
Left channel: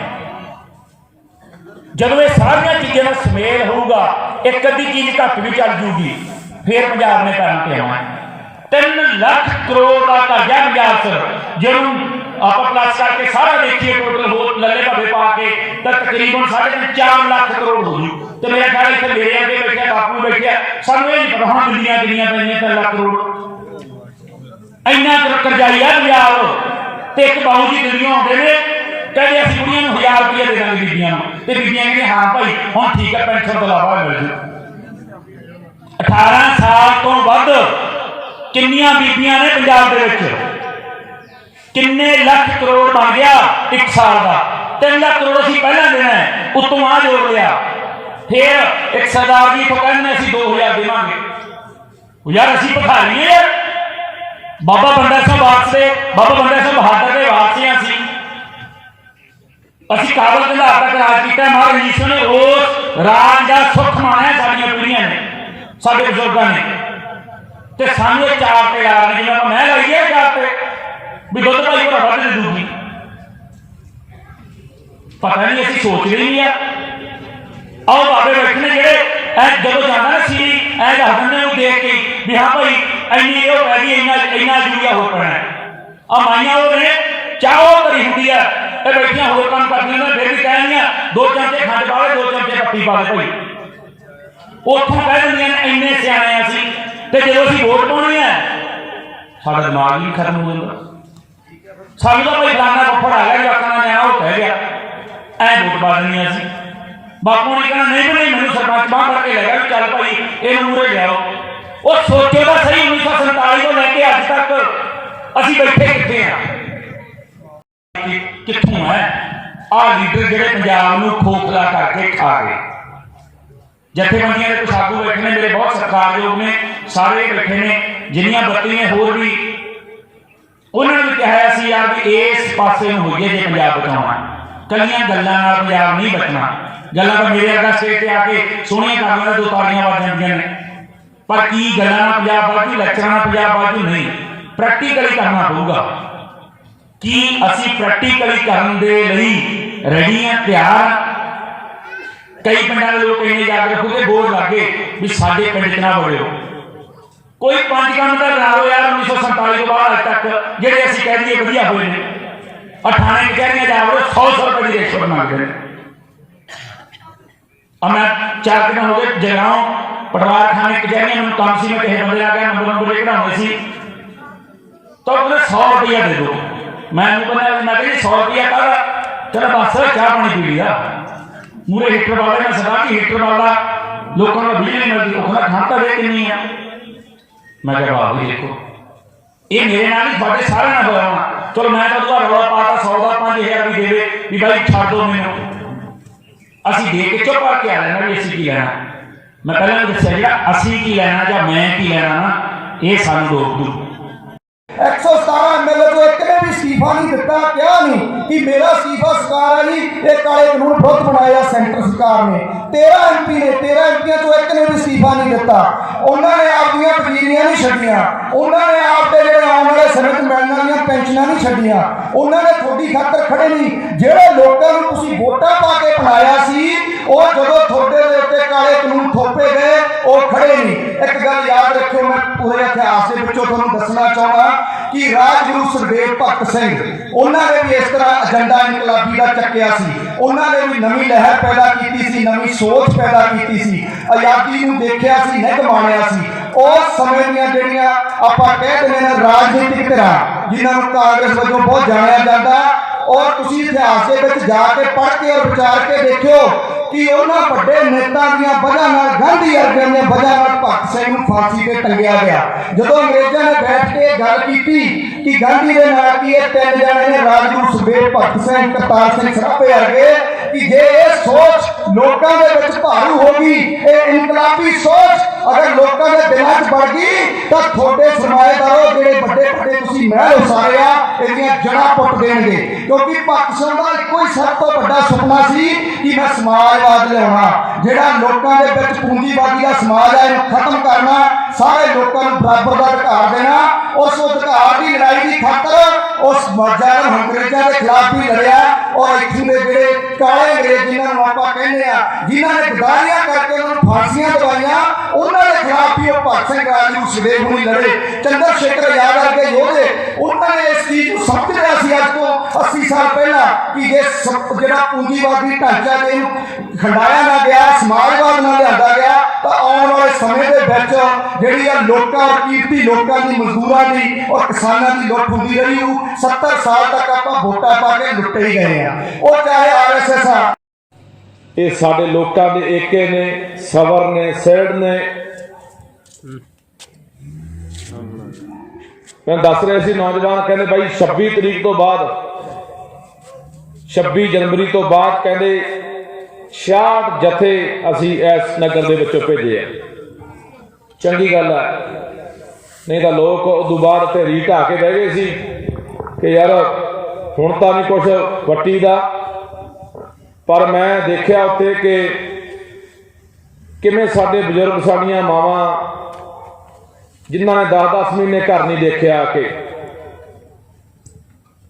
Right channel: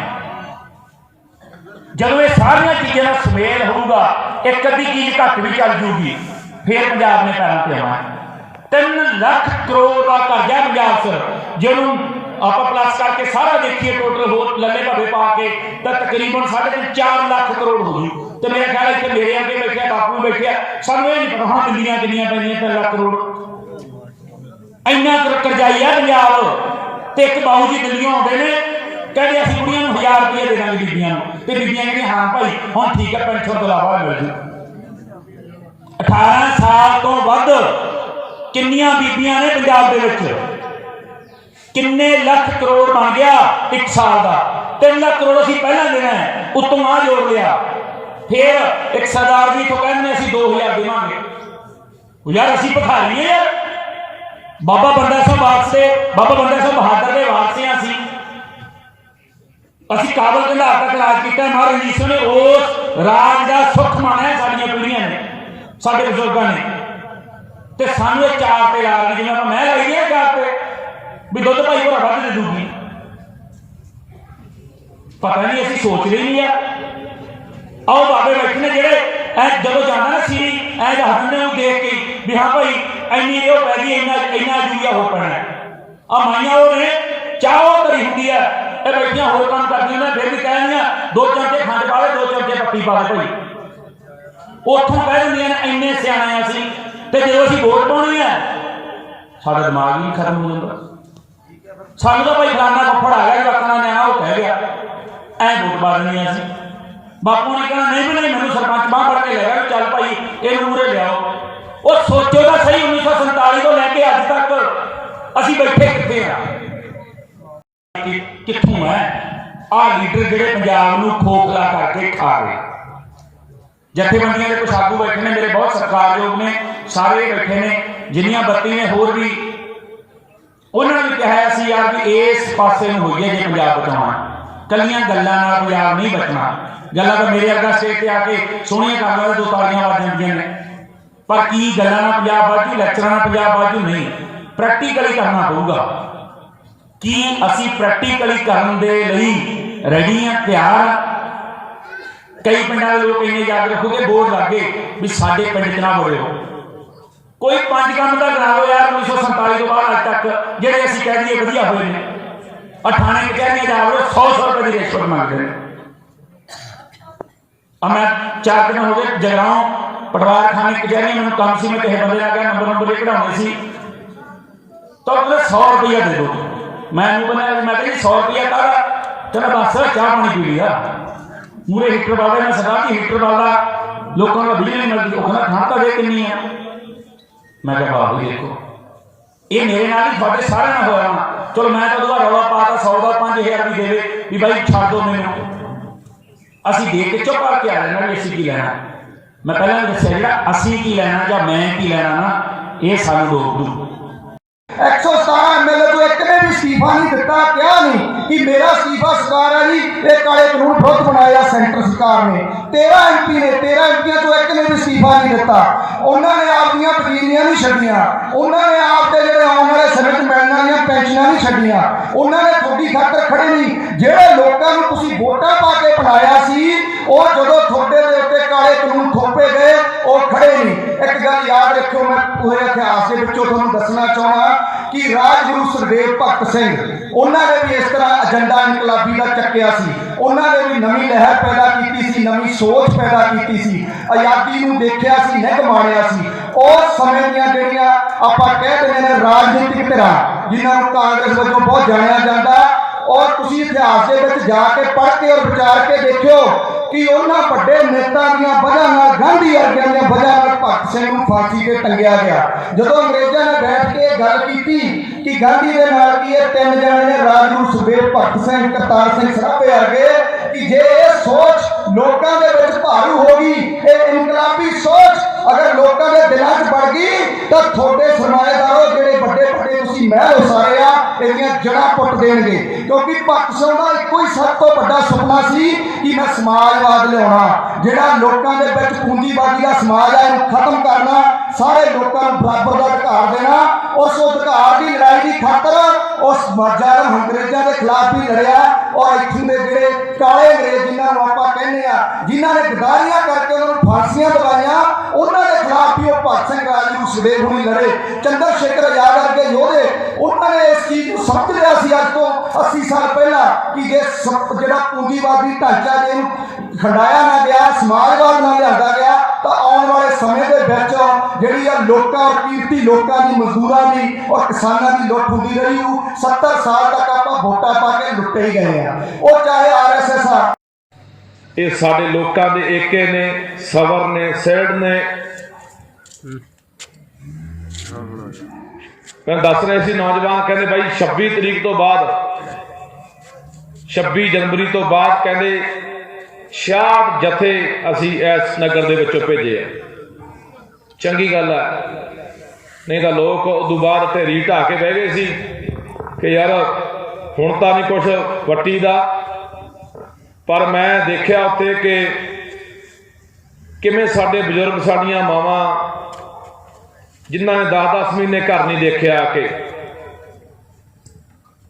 ਜਦੋਂ ਇਹ ਸਾਰੀਆਂ ਚੀਜ਼ਾਂ ਦਾ ਸੁਮੇਲ ਹੋਊਗਾ, ਇੱਕ ਅੱਧੀ ਚੀਜ਼ ਘੱਟ ਵੀ ਚੱਲ ਜੂਗੀ, ਫਿਰ ਪੰਜਾਬ ਨੇ ਪੈਰਾਂ ਤੇ ਆਉਣਾ। 3 ਲੱਖ ਕਰੋੜ ਦਾ ਕਰਜ਼ਾ ਪੰਜਾਬ ਸਰ, ਜਿਹਨੂੰ ਆਪਾਂ ਪਲੱਸ ਕਰਕੇ ਸਾਰਾ ਦੇਖੀਏ ਟੋਟਲ ਹੋਰ ਲੱਲੇ ਭੱਬੇ ਪਾ ਕੇ ਤਾਂ ਤਕਰੀਬਨ 4.5 ਲੱਖ ਕਰੋੜ ਹੋ ਗਈ। ਤੇ ਮੇਰਾ ਖਿਆਲ ਇੱਥੇ ਮੇਰੇ ਅੱਗੇ ਬੈਠਿਆ ਬਾਪੂ ਬੈਠਿਆ, ਸਾਨੂੰ ਇਹ ਨਹੀਂ ਪਤਾ ਹੁਣ ਦਿੱਲੀਆਂ ਕਿੰਨੀਆਂ ਪੈਣੀਆਂ 3 ਲੱਖ ਕਰੋੜ। ਇੰਨਾ ਕਰਜ਼ਾਈ ਆ ਪੰਜਾਬ। ਤੇ ਇੱਕ ਬਾਊ ਜੀ ਦਿੱਲੀੋਂ ਆਉਂਦੇ ਨੇ, ਕਹਿੰਦੇ ਅਸੀਂ ਕੁੜੀਆਂ ਨੂੰ 1000 ਰੁਪਏ ਦੇ ਦਾਂਗੇ ਬੀਬੀਆਂ ਨੂੰ, ਤੇ ਬੀਬੀਆਂ ਕਹਿੰਦੀਆਂ ਹਾਂ ਭਾਈ ਹੁਣ ਠੀਕ ਹੈ ਪੈਨਸ਼ਨ ਤੋਂ ਇਲਾਵਾ ਮਿਲ ਜੂ। 18 ਸਾਲ ਤੋਂ ਵੱਧ ਕਿੰਨੀਆਂ ਬੀਬੀਆਂ ਨੇ ਪੰਜਾਬ ਦੇ ਵਿੱਚ? ਕਿੰਨੇ ਲੱਖ ਕਰੋੜ ਬਣ ਗਿਆ 1 ਸਾਲ ਦਾ? 3 ਲੱਖ ਕਰੋੜ ਅਸੀਂ ਪਹਿਲਾਂ ਦੇਣਾ ਹੈ, ਉੱਤੋਂ ਆ ਜੋੜ ਲਿਆ। ਫਿਰ ਇੱਕ ਸਰਦਾਰ ਜੀ ਤੋਂ ਕਹਿੰਦੇ ਅਸੀਂ 2000 ਦੇਵਾਂਗੇ। ਯਾਰ ਅਸੀਂ ਭਿਖਾਰੀ ਹਾਂ ਯਾਰ, ਬਾਬਾ ਬੰਦਾ ਸਿੰਘ ਵਾਰਸੇ, ਬਾਬਾ ਬੰਦਾ ਸਿੰਘ ਬਹਾਦਰ ਦੇ ਵਾਰਸੇ ਹਾਂ ਅਸੀਂ ਕਾਬਲ ਕੰਧਾਰ ਤੱਕ ਰਾਜ ਕੀਤਾ। ਮਹਾਰਾਜ ਰਣਜੀਤ ਸਿੰਘ ਨੇ ਉਸ ਰਾਜ ਦਾ ਸੁੱਖ ਮਾਣਿਆ, ਸਾਡੀਆਂ ਪੀੜ੍ਹੀਆਂ ਨੇ, ਸਾਡੇ ਬਜ਼ੁਰਗਾਂ ਨੇ। ਤੇ ਸਾਨੂੰ ਇਹ ਚਾਰ ਤੇ ਲਾ ਰਹੇ, ਜਿਵੇਂ ਆਪਾਂ ਮੈਂ ਲਾਈਏ ਚਾਰ ਤੇ ਵੀ ਦੁੱਧ ਭਾਈ ਭਰਾ ਵੱਧ ਦੇ ਦੂਗੀ। ਪਤਾ ਨਹੀਂ ਅਸੀਂ ਸੋਚ ਰਹੇ ਨਹੀਂ ਆ। ਆਓ ਬਾਬੇ ਬੈਠੇ ਜਿਹੜੇ ਐ ਜਦੋਂ ਜਾਂਦਾ ਨਾ ਸੀ ਐ ਦੱਸ ਦਿੰਦੇ ਨੂੰ ਦੇਖ ਕੇ ਵੀ ਹਾਂ ਭਾਈ ਇੰਨੀ ਇਹ ਪੈ ਗਈ, ਇੰਨਾ ਜੂਰੀਆ ਹੋ ਪੈਣਾ। ਆ ਮਾਈਆਂ ਉਹ ਨੇ ਚਾਹ ਭਰੀ ਹੁੰਦੀ ਆ, ਇਹ ਬੈਠੀਆਂ ਹੋਰ ਕੰਮ ਕਰਦੀਆਂ ਨੇ, ਫਿਰ ਵੀ ਕਹਿੰਦੀਆਂ 2 ਚਮਚੇ ਖੰਡ ਪਾ ਦੇ, 2 ਚਮਚੇ ਪੱਤੀ ਪਾ ਦੇ ਭਾਈ। ਉੱਥੋਂ ਕਹਿ ਦਿੰਦੀਆਂ ਨੇ ਇੰਨੇ ਸਿਆਣੇ ਅਸੀਂ। ਤੇ ਜਦੋਂ ਅਸੀਂ ਵੋਟ ਪਾਉਣੀ ਹੈ ਸਾਡਾ ਦਿਮਾਗ ਵੀ ਖਤਮ ਹੋ ਜਾਂਦਾ। ਸਾਨੂੰ ਤਾਂ ਭਾਈ ਫਲਾਨਾ ਕੱਪੜ ਆ ਗਿਆ, ਜਵਾਕਾਂ ਦਾ ਨਿਆਣਾ ਉਹ ਕਹਿ ਗਿਆ, ਐ ਵੋਟ ਪਾ ਦੇਣੀ ਅਸੀਂ। ਬਾਪੂ ਨੇ ਕਹਿਣਾ ਨਹੀਂ ਨਹੀਂ ਮੈਨੂੰ ਸਰਪੰਚ ਬਾਂਹ ਫੜ ਕੇ ਲੈ ਗਿਆ, ਚੱਲ ਭਾਈ ਇਹ ਮੂਹਰੇ ਲਿਆਓ। ਉਹ ਸੋਚੋ ਤਾਂ ਸਹੀ 1947 ਤੋਂ ਲੈ ਕੇ ਅੱਜ ਤੱਕ ਅਸੀਂ ਬੈਠੇ ਕਿੱਥੇ ਆ, ਕਿੱਥੋਂ ਹੈ? ਆਹ ਲੀਡਰ ਜਿਹੜੇ ਪੰਜਾਬ ਨੂੰ ਖੋਖਲਾ ਕਰਕੇ ਖਾ ਗਏ। ਜਥੇਬੰਦੀਆਂ ਦੇ ਕੁਛ ਆਗੂ ਬੈਠੇ ਨੇ ਮੇਰੇ, ਬਹੁਤ ਸਤਿਕਾਰਯੋਗ ਨੇ, ਸਾਰੇ ਬੈਠੇ ਨੇ, ਜਿੰਨੀਆਂ ਬੱਤੀ ਨੇ ਹੋਰ ਵੀ, ਉਹਨਾਂ ਨੇ ਕਿਹਾ ਸੀ ਯਾਰ ਵੀ ਇਸ ਪਾਸੇ ਨੂੰ ਹੋਈਏ ਜੇ ਪੰਜਾਬ ਬਚਾਉਣਾ। ਕੱਲੀਆਂ ਗੱਲਾਂ ਨਾਲ ਪੰਜਾਬ ਨਹੀਂ ਬਚਣਾ। ਗੱਲਾਂ ਤਾਂ ਮੇਰੇ ਵਰਗਾ ਸਟੇਜ ਤੇ ਆ ਕੇ ਸੋਹਣੀਆਂ ਕਰਦੀਆਂ ਨੇ, 2 ਤਾੜੀਆਂ ਵੱਜ ਜਾਂਦੀਆਂ ਨੇ, ਪਰ ਕੀ ਗੱਲਾਂ ਨਾਲ ਪੰਜਾਬ ਬਾਜੂ, ਲੈਕਚਰਾਂ ਨਾਲ ਪੰਜਾਬ ਬਾਜੂ ਨਹੀਂ। ਪ੍ਰੈਕਟੀਕਲੀ ਕਰਨਾ ਪਊਗਾ। ਕੀ ਅਸੀਂ ਪ੍ਰੈਕਟੀਕਲੀ ਕਰਨ ਦੇ ਲਈ ਰੈਡੀ ਹਾਂ, ਤਿਆਰ ਹਾਂ? ਕਈ ਪਿੰਡਾਂ ਦੇ ਲੋਕ ਇੰਨੇ ਜਾਗ ਰੱਖੋਗੇ, ਬੋਰਡ ਲੱਗੇ ਵੀ ਸਾਡੇ ਪਿੰਡ 'ਚ ਨਾ ਵੜਿਓ। ਕੋਈ 5 ਕੰਮ ਤਾਂ ਕਰਾ ਲਓ ਯਾਰ 1947 ਤੋਂ ਬਾਅਦ ਅੱਜ ਤੱਕ ਜਿਹੜੇ ਅਸੀਂ ਕਹਿ ਦਈਏ ਵਧੀਆ ਹੋਏ ਨੇ। ਥਾਣੇ ਕਚਹਿਰੀਆਂ ਜਾ ਵੜੋ, 100 ਰੁਪਏ ਦੀ ਰਿਸ਼ਵਤ ਮੰਗਦੇ ਨੇ। ਮੈਂ 4 ਦਿਨ ਹੋ ਗਏ ਜਗਰਾਉਂ ਪਟਵਾਰ ਥਾਣੇ ਕਚਹਿਰੀਆਂ, ਮੈਨੂੰ ਕੰਮ ਸੀ, ਮੈਂ ਕਿਸੇ ਬੰਦੇ ਆ ਗਿਆ ਨੰਬਰ ਕਢਾਉਣੇ ਸੀ, ਤਾਂ ਉਹਨੇ 100 ਰੁਪਇਆ ਦੇ ਦਿਓ। ਮੈਨੂੰ ਬਣਿਆ, ਮੈਂ ਕਹਿੰਦੀ 100 ਰੁਪਇਆ ਕਾਹਦਾ? ਚਲੋ ਬਸ ਚਾਹ ਪਾਣੀ ਪੀ ਲਿਆ। ਮੂਰੇ ਹੀਟਰ ਵਾਲਾ, ਮੈਂ ਸਰਦਾਰ ਜੀ ਹੀਟਰ ਵਾਲਾ, ਲੋਕਾਂ ਨੂੰ ਬਿਜਲੀ ਨਹੀਂ ਮਿਲਦੀ, ਉਹ ਕਹਿੰਦਾ ਠੰਡ ਤਾਂ ਦੇ ਕਿੰਨੀ ਆ। ਮੈਂ ਕਿਹਾ ਬਾਬੂ ਜੀ ਦੇਖੋ ਇਹ ਮੇਰੇ ਨਾਲ ਹੀ ਤੁਹਾਡੇ ਸਾਰਿਆਂ ਨਾਲ ਹੋਇਆ ਹੋਣਾ। ਚਲੋ ਮੈਂ ਤਾਂ ਉਹਦਾ ਰੌਲਾ ਪਾਤਾ 100 ਦਾ 5000 ਵੀ ਦੇਵੇ ਵੀ ਭਾਈ ਛੱਡ ਦਿਓ ਮੈਨੂੰ, ਅਸੀਂ ਦੇ ਕੇ ਚੁੱਪ ਕਰਕੇ ਆ ਲੈਣਾ ਵੀ ਅਸੀਂ ਕੀ ਲੈਣਾ। ਮੈਂ ਪਹਿਲਾਂ ਦੱਸਿਆ ਜਿਹੜਾ ਅਸੀਂ ਕੀ ਲੈਣਾ ਜਾਂ ਮੈਂ ਕੀ ਲੈਣਾ ਨਾ, ਇਹ ਸਾਨੂੰ ਰੋਕ ਦੂ। 117 ਐਮਐਲਏ ਤੋਂ ਇੱਕ ਨੇ ਵੀ ਅਸਤੀਫਾ ਨਹੀਂ ਦਿੱਤਾ, ਕਿਹਾ ਨਹੀਂ ਕਿ ਮੇਰਾ ਅਸਤੀਫਾ ਸਰਕਾਰ ਆ ਜੀ, ਇਹ ਕਾਲੇ ਕਾਨੂੰਨ ਬਹੁਤ ਬਣਾਇਆ ਸੈਂਟਰ ਸਰਕਾਰ ਨੇ। 13 ਐਮਪੀ ਨੇ, 13 ਐਮਪੀਆਂ ਤੋਂ ਇੱਕ ਨੇ ਵੀ ਅਸਤੀਫਾ ਨਹੀਂ ਦਿੱਤਾ। ਉਹਨਾਂ ਨੇ ਆਪਦੀਆਂ ਵਜ਼ੀਰੀਆਂ ਨਹੀਂ ਛੱਡੀਆਂ, ਉਹਨਾਂ ਨੇ ਆਪਦੇ ਜਿਹੜੇ ਆਉਣ ਵਾਲੇ ਸਮੇਂ 'ਚ ਮਿਲਣ ਵਾਲੀਆਂ ਪੈਨਸ਼ਨਾਂ ਨਹੀਂ ਛੱਡੀਆਂ, ਉਹਨਾਂ ਨੇ ਤੁਹਾਡੀ ਖਾਤਰ ਖੜੇ ਨਹੀਂ। ਜਿਹੜੇ ਲੋਕਾਂ ਨੂੰ ਤੁਸੀਂ ਵੋਟਾਂ ਪਾ ਕੇ ਬਣਾਇਆ ਸੀ, ਉਹ ਜਦੋਂ ਤੁਹਾਡੇ ਦੇ ਉੱਤੇ ਕਾਲੇ ਕਾਨੂੰਨ ਥੋਪੇ ਗਏ, ਉਹ ਖੜੇ ਨਹੀਂ। ਇੱਕ ਗੱਲ ਯਾਦ ਰੱਖਿਓ, ਮੈਂ ਪੂਰੇ ਇਤਿਹਾਸ ਦੇ ਵਿੱਚੋਂ ਤੁਹਾਨੂੰ ਦੱਸਣਾ ਚਾਹੁੰਦਾ ਕਿ ਰਾਜਗੁਰੂ ਸੁਖਦੇਵ ਭਗਤ ਸਿੰਘ, ਉਹਨਾਂ ਨੇ ਵੀ ਇਸ ਤਰ੍ਹਾਂ ਏਜੰਡਾ ਇਨਕਲਾਬੀ ਦਾ ਚੱਕਿਆ ਸੀ। ਉਹਨਾਂ ਨੇ ਵੀ ਨਵੀਂ ਲਹਿਰ ਪੈਦਾ ਕੀਤੀ ਸੀ, ਨਵੀਂ ਸੋਚ ਪੈਦਾ ਕੀਤੀ ਸੀ, ਆਜ਼ਾਦੀ ਨੂੰ ਦੇਖਿਆ ਸੀ, ਨਿੱਘ ਮਾਣਿਆ ਸੀ। ਉਸ ਸਮੇਂ ਦੀਆਂ ਜਿਹੜੀਆਂ ਆਪਾਂ ਕਹਿ ਦਿੰਦੇ ਨੇ ਰਾਜਨੀਤਿਕ ਧਿਰਾਂ, ਜਿਨ੍ਹਾਂ ਨੂੰ ਕਾਂਗਰਸ ਵਜੋਂ ਬਹੁਤ ਜਾਣਿਆ ਜਾਂਦਾ, ਔਰ ਤੁਸੀਂ ਇਤਿਹਾਸ ਦੇ ਵਿੱਚ ਜਾ ਕੇ ਪੜ੍ਹ ਕੇ ਔਰ ਵਿਚਾਰ ਕੇ ਦੇਖਿਓ ਕਿ ਉਹਨਾਂ ਵੱਡੇ ਨੇਤਾ ਦੀਆਂ ਵਜ੍ਹਾ ਨਾਲ, ਗਾਂਧੀ ਵਰਗਿਆਂ ਦੀਆਂ ਵਜ੍ਹਾ ਨਾਲ ਭਗਤ ਸਿੰਘ ਨੂੰ ਫਾਂਸੀ ਤੇ ਟੰਗਿਆ ਗਿਆ। ਜਦੋਂ ਅੰਗਰੇਜ਼ਾਂ ਨੇ ਬੈਠ ਕੇ ਗੱਲ ਕੀਤੀ ਕਿ ਗਾਂਧੀ ਦੇ ਨਾਲ ਕੀ ਇਹ ਤਿੰਨ ਜਣੇ ਨੇ, ਰਾਜਗੁਰੂ ਸੁਖਦੇਵ ਭਗਤ ਸਿੰਘ, ਕਰਤਾਰ ਸਿੰਘ ਸਰਾਭੇ ਵਰਗੇ, ਕਿ ਜੇ ਇਹ ਸੋਚ ਲੋਕਾਂ ਦੇ ਵਿੱਚ ਭਾਰੂ ਹੋ ਗਈ, ਇਹ ਇਨਕਲਾਬੀ ਸੋਚ ਅਗਰ ਲੋਕਾਂ ਦੇ ਦਿਲਾਂ 'ਚ ਵੜ ਗਈ, ਤਾਂ ਤੁਹਾਡੇ ਸਰਮਾਏਦਾਰੋ ਜਿਹੜੇ ਵੱਡੇ ਵੱਡੇ ਤੁਸੀਂ ਮਹਿਲ ਉਸਾਰੇ ਆ, ਇਹਦੀਆਂ ਜੜ੍ਹਾਂ ਪੁੱਟ ਦੇਣਗੇ। ਕਿਉਂਕਿ ਭਗਤ ਸਿੰਘ ਦਾ ਇੱਕੋ ਹੀ ਸਭ ਤੋਂ ਵੱਡਾ ਸੁਪਨਾ ਸੀ ਕਿ ਮੈਂ ਸਮਾਜਵਾਦ ਲਿਆਉਣਾ, ਜਿਹੜਾ ਲੋਕਾਂ ਦੇ ਵਿੱਚ ਪੂੰਜੀਵਾਦੀ ਦਾ ਸਮਾਜ ਹੈ, ਇਹਨੂੰ ਖਤਮ ਕਰਨਾ, ਸਾਰੇ ਲੋਕਾਂ ਨੂੰ ਬਰਾਬਰ ਦਾ ਅਧਿਕਾਰ ਦੇਣਾ। ਉਸ ਅਧਿਕਾਰ ਦੀ ਲੜਾਈ ਦੀ ਖਾਤਰ ਉਸ ਜ਼ਾਲਮ ਅੰਗਰੇਜ਼ਾਂ ਦੇ ਖਿਲਾਫ ਵੀ ਲੜਿਆ, ਔਰ ਇੱਥੋਂ ਦੇ ਜਿਹੜੇ ਕਾਲੇ ਅੰਗਰੇਜ਼ ਜਿਨ੍ਹਾਂ ਨੂੰ ਆਪਾਂ ਕਹਿੰਦੇ ਆ, ਜਿਨ੍ਹਾਂ ਨੇ ਗਦਾਰੀਆਂ ਕਰਕੇ ਉਹਨਾਂ ਨੂੰ ਫਾਂਸੀਆਂ ਦਵਾਈਆਂ, ਉਹਨਾਂ ਦੇ ਖਿਲਾਫ ਵੀ ਉਹ ਭਗਤ ਸਿੰਘ, ਰਾਜਗੁਰੂ ਸੁਖਦੇਵ ਹੁਣੀ ਲੜੇ। ਚੰਦਰ ਸ਼ੇਖਰ ਆਜ਼ਾਦ ਵਰਗੇ ਯੋਧੇ, ਉਹਨਾਂ ਨੇ ਇਸ ਚੀਜ਼ ਨੂੰ ਸਮਝ ਲਿਆ ਸੀ ਅੱਜ ਤੋਂ 80 ਸਾਲ ਪਹਿਲਾਂ ਕਿ ਜੇ ਜਿਹੜਾ ਪੂੰਜੀਵਾਦੀ ਢਾਂਚਾ ਜੇ ਇਹਨੂੰ ਖੰਡਾਇਆ ਨਾ ਗਿਆ, ਸਮਾਜਵਾਦ ਨਾ ਲਿਆਂਦਾ ਗਿਆ, ਤਾਂ ਆਉਣ ਵਾਲੇ ਸਮੇਂ ਦੇ ਵਿੱਚ ਜਿਹੜੀ ਆ ਲੋਕਾਂ ਔਰ ਕੀਰਤੀ ਲੋਕਾਂ ਦੀ, ਮਜ਼ਦੂਰਾਂ ਦੀ ਔਰ ਕਿਸਾਨਾਂ ਦੀ ਲੁੱਟ ਹੁੰਦੀ ਰਹੀ। 70 ਸਾਲ ਤੱਕ ਆਪਾਂ ਵੋਟਾਂ ਪਾ ਕੇ ਲੁੱਟੇ ਹੀ ਗਏ ਆ, ਉਹ ਚਾਹੇ ਆਰਐਸਐਸ ਆ। ਇਹ ਸਾਡੇ ਲੋਕਾਂ ਦੇ ਏਕੇ ਨੇ, ਸਬਰ ਨੇ, ਸਹਿੜ ਨੇ। ਮੈਂ ਦੱਸ ਰਹੇ ਸੀ ਨੌਜਵਾਨ ਕਹਿੰਦੇ ਬਾਈ 26 ਤਰੀਕ ਤੋਂ ਬਾਅਦ, 26 ਜਨਵਰੀ ਤੋਂ ਬਾਅਦ ਕਹਿੰਦੇ 66 ਜਥੇ ਅਸੀਂ ਇਸ ਨਗਰ ਦੇ ਵਿੱਚੋਂ ਭੇਜੇ ਆ। ਚੰਗੀ ਗੱਲ ਹੈ, ਨਹੀਂ ਤਾਂ ਲੋਕ ਉਦੋਂ ਬਾਅਦ ਢੇਰੀ ਢਾਹ ਕੇ ਬਹਿ ਗਏ ਸੀ ਕਿ ਯਾਰ ਹੁਣ ਤਾਂ ਨਹੀਂ ਕੁਛ ਵੱਟੀ ਦਾ। ਪਰ ਮੈਂ ਦੇਖਿਆ ਉੱਥੇ ਕਿ ਕਿਵੇਂ ਸਾਡੇ ਬਜ਼ੁਰਗ, ਸਾਡੀਆਂ ਮਾਵਾਂ, ਜਿਨ੍ਹਾਂ ਨੇ 10-10 ਮਹੀਨੇ ਘਰ ਨਹੀਂ ਦੇਖਿਆ, ਆ ਕੇ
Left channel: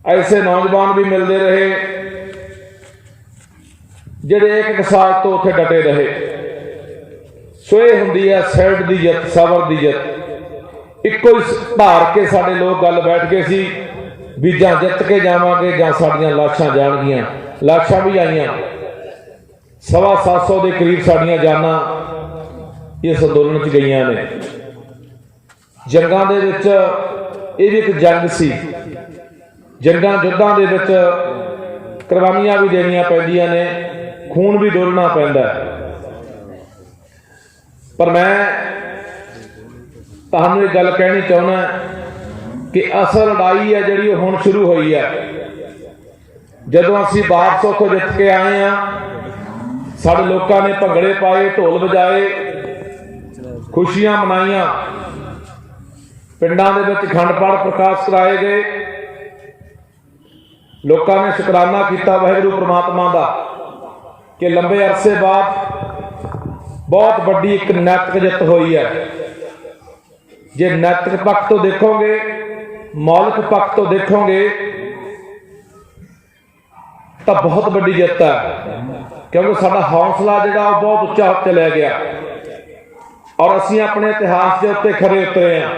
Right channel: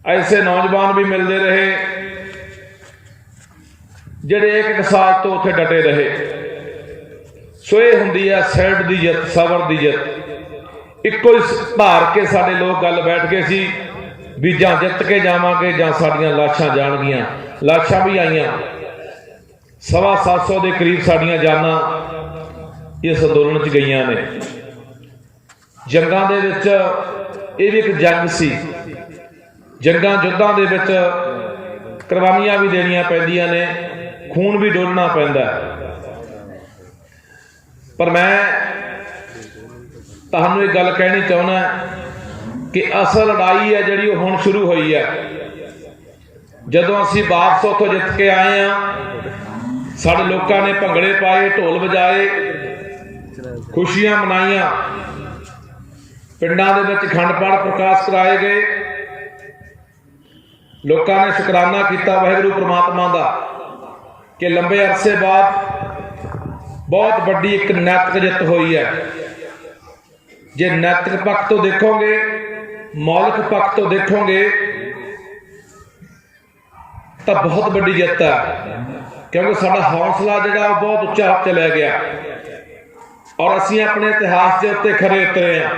ਐਸੇ ਨੌਜਵਾਨ ਵੀ ਮਿਲਦੇ ਰਹੇ ਜਿਹੜੇ ਇੱਕ ਸਾਥ ਤੋਂ ਉੱਥੇ ਡਟੇ ਰਹੇ। ਸੋ ਇਹ ਹੁੰਦੀ ਹੈ ਸਹਿੜ ਦੀ ਜਿੱਤ, ਸਬਰ ਦੀ ਜਿੱਤ। ਇੱਕੋ ਹੀ ਧਾਰ ਕੇ ਸਾਡੇ ਲੋਕ ਗੱਲ ਬੈਠ ਗਏ ਸੀ ਵੀ ਜਾਂ ਜਿੱਤ ਕੇ ਜਾਵਾਂਗੇ ਜਾਂ ਸਾਡੀਆਂ ਲਾਸ਼ਾਂ ਜਾਣਗੀਆਂ। ਲਾਸ਼ਾਂ ਵੀ ਆਈਆਂ, 750 ਦੇ ਕਰੀਬ ਸਾਡੀਆਂ ਜਾਨਾਂ ਇਸ ਅੰਦੋਲਨ 'ਚ ਗਈਆਂ ਨੇ। ਜੰਗਾਂ ਦੇ ਵਿੱਚ ਇਹ ਵੀ ਇੱਕ ਜੰਗ ਸੀ। ਜੰਗਾਂ ਯੁੱਧਾਂ ਦੇ ਵਿੱਚ ਕੁਰਬਾਨੀਆਂ ਵੀ ਦੇਣੀਆਂ ਪੈਂਦੀਆਂ ਨੇ, ਖੂਨ ਵੀ ਡੋਲਣਾ ਪੈਂਦਾ। ਪਰ ਮੈਂ ਤੁਹਾਨੂੰ ਇਹ ਗੱਲ ਕਹਿਣੀ ਚਾਹੁੰਦਾ ਕਿ ਅਸਲ ਲੜਾਈ ਹੈ ਜਿਹੜੀ ਉਹ ਹੁਣ ਸ਼ੁਰੂ ਹੋਈ ਹੈ। ਜਦੋਂ ਅਸੀਂ ਵਾਪਸ ਉੱਥੋਂ ਜਿੱਤ ਕੇ ਆਏ ਆ, ਸਾਡੇ ਲੋਕਾਂ ਨੇ ਭੰਗੜੇ ਪਾਏ, ਢੋਲ ਵਜਾਏ, ਖੁਸ਼ੀਆਂ ਮਨਾਈਆਂ, ਪਿੰਡਾਂ ਦੇ ਵਿੱਚ ਅਖੰਡ ਪਾਠ ਪ੍ਰਕਾਸ਼ ਕਰਾਏ ਗਏ। ਲੋਕਾਂ ਨੇ ਸ਼ੁਕਰਾਨਾ ਕੀਤਾ ਵਾਹਿਗੁਰੂ ਪ੍ਰਮਾਤਮਾ ਦਾ ਕਿ ਲੰਬੇ ਅਰਸੇ ਬਾਅਦ ਬਹੁਤ ਵੱਡੀ ਇੱਕ ਨੈਤਿਕ ਜਿੱਤ ਹੋਈ ਹੈ। ਜੇ ਨੈਤਿਕ ਪੱਖ ਤੋਂ ਦੇਖੋਗੇ, ਮੌਲਿਕ ਪੱਖ ਤੋਂ ਦੇਖੋਗੇ ਤਾਂ ਬਹੁਤ ਵੱਡੀ ਜਿੱਤ ਹੈ, ਕਿਉਂਕਿ ਸਾਡਾ ਹੌਸਲਾ ਜਿਹੜਾ ਉਹ ਬਹੁਤ ਉੱਚਾ ਹੋ ਕੇ ਲੈ ਗਿਆ ਔਰ ਅਸੀਂ ਆਪਣੇ ਇਤਿਹਾਸ ਦੇ ਉੱਤੇ ਖਰੇ ਉਤਰੇ ਹਾਂ।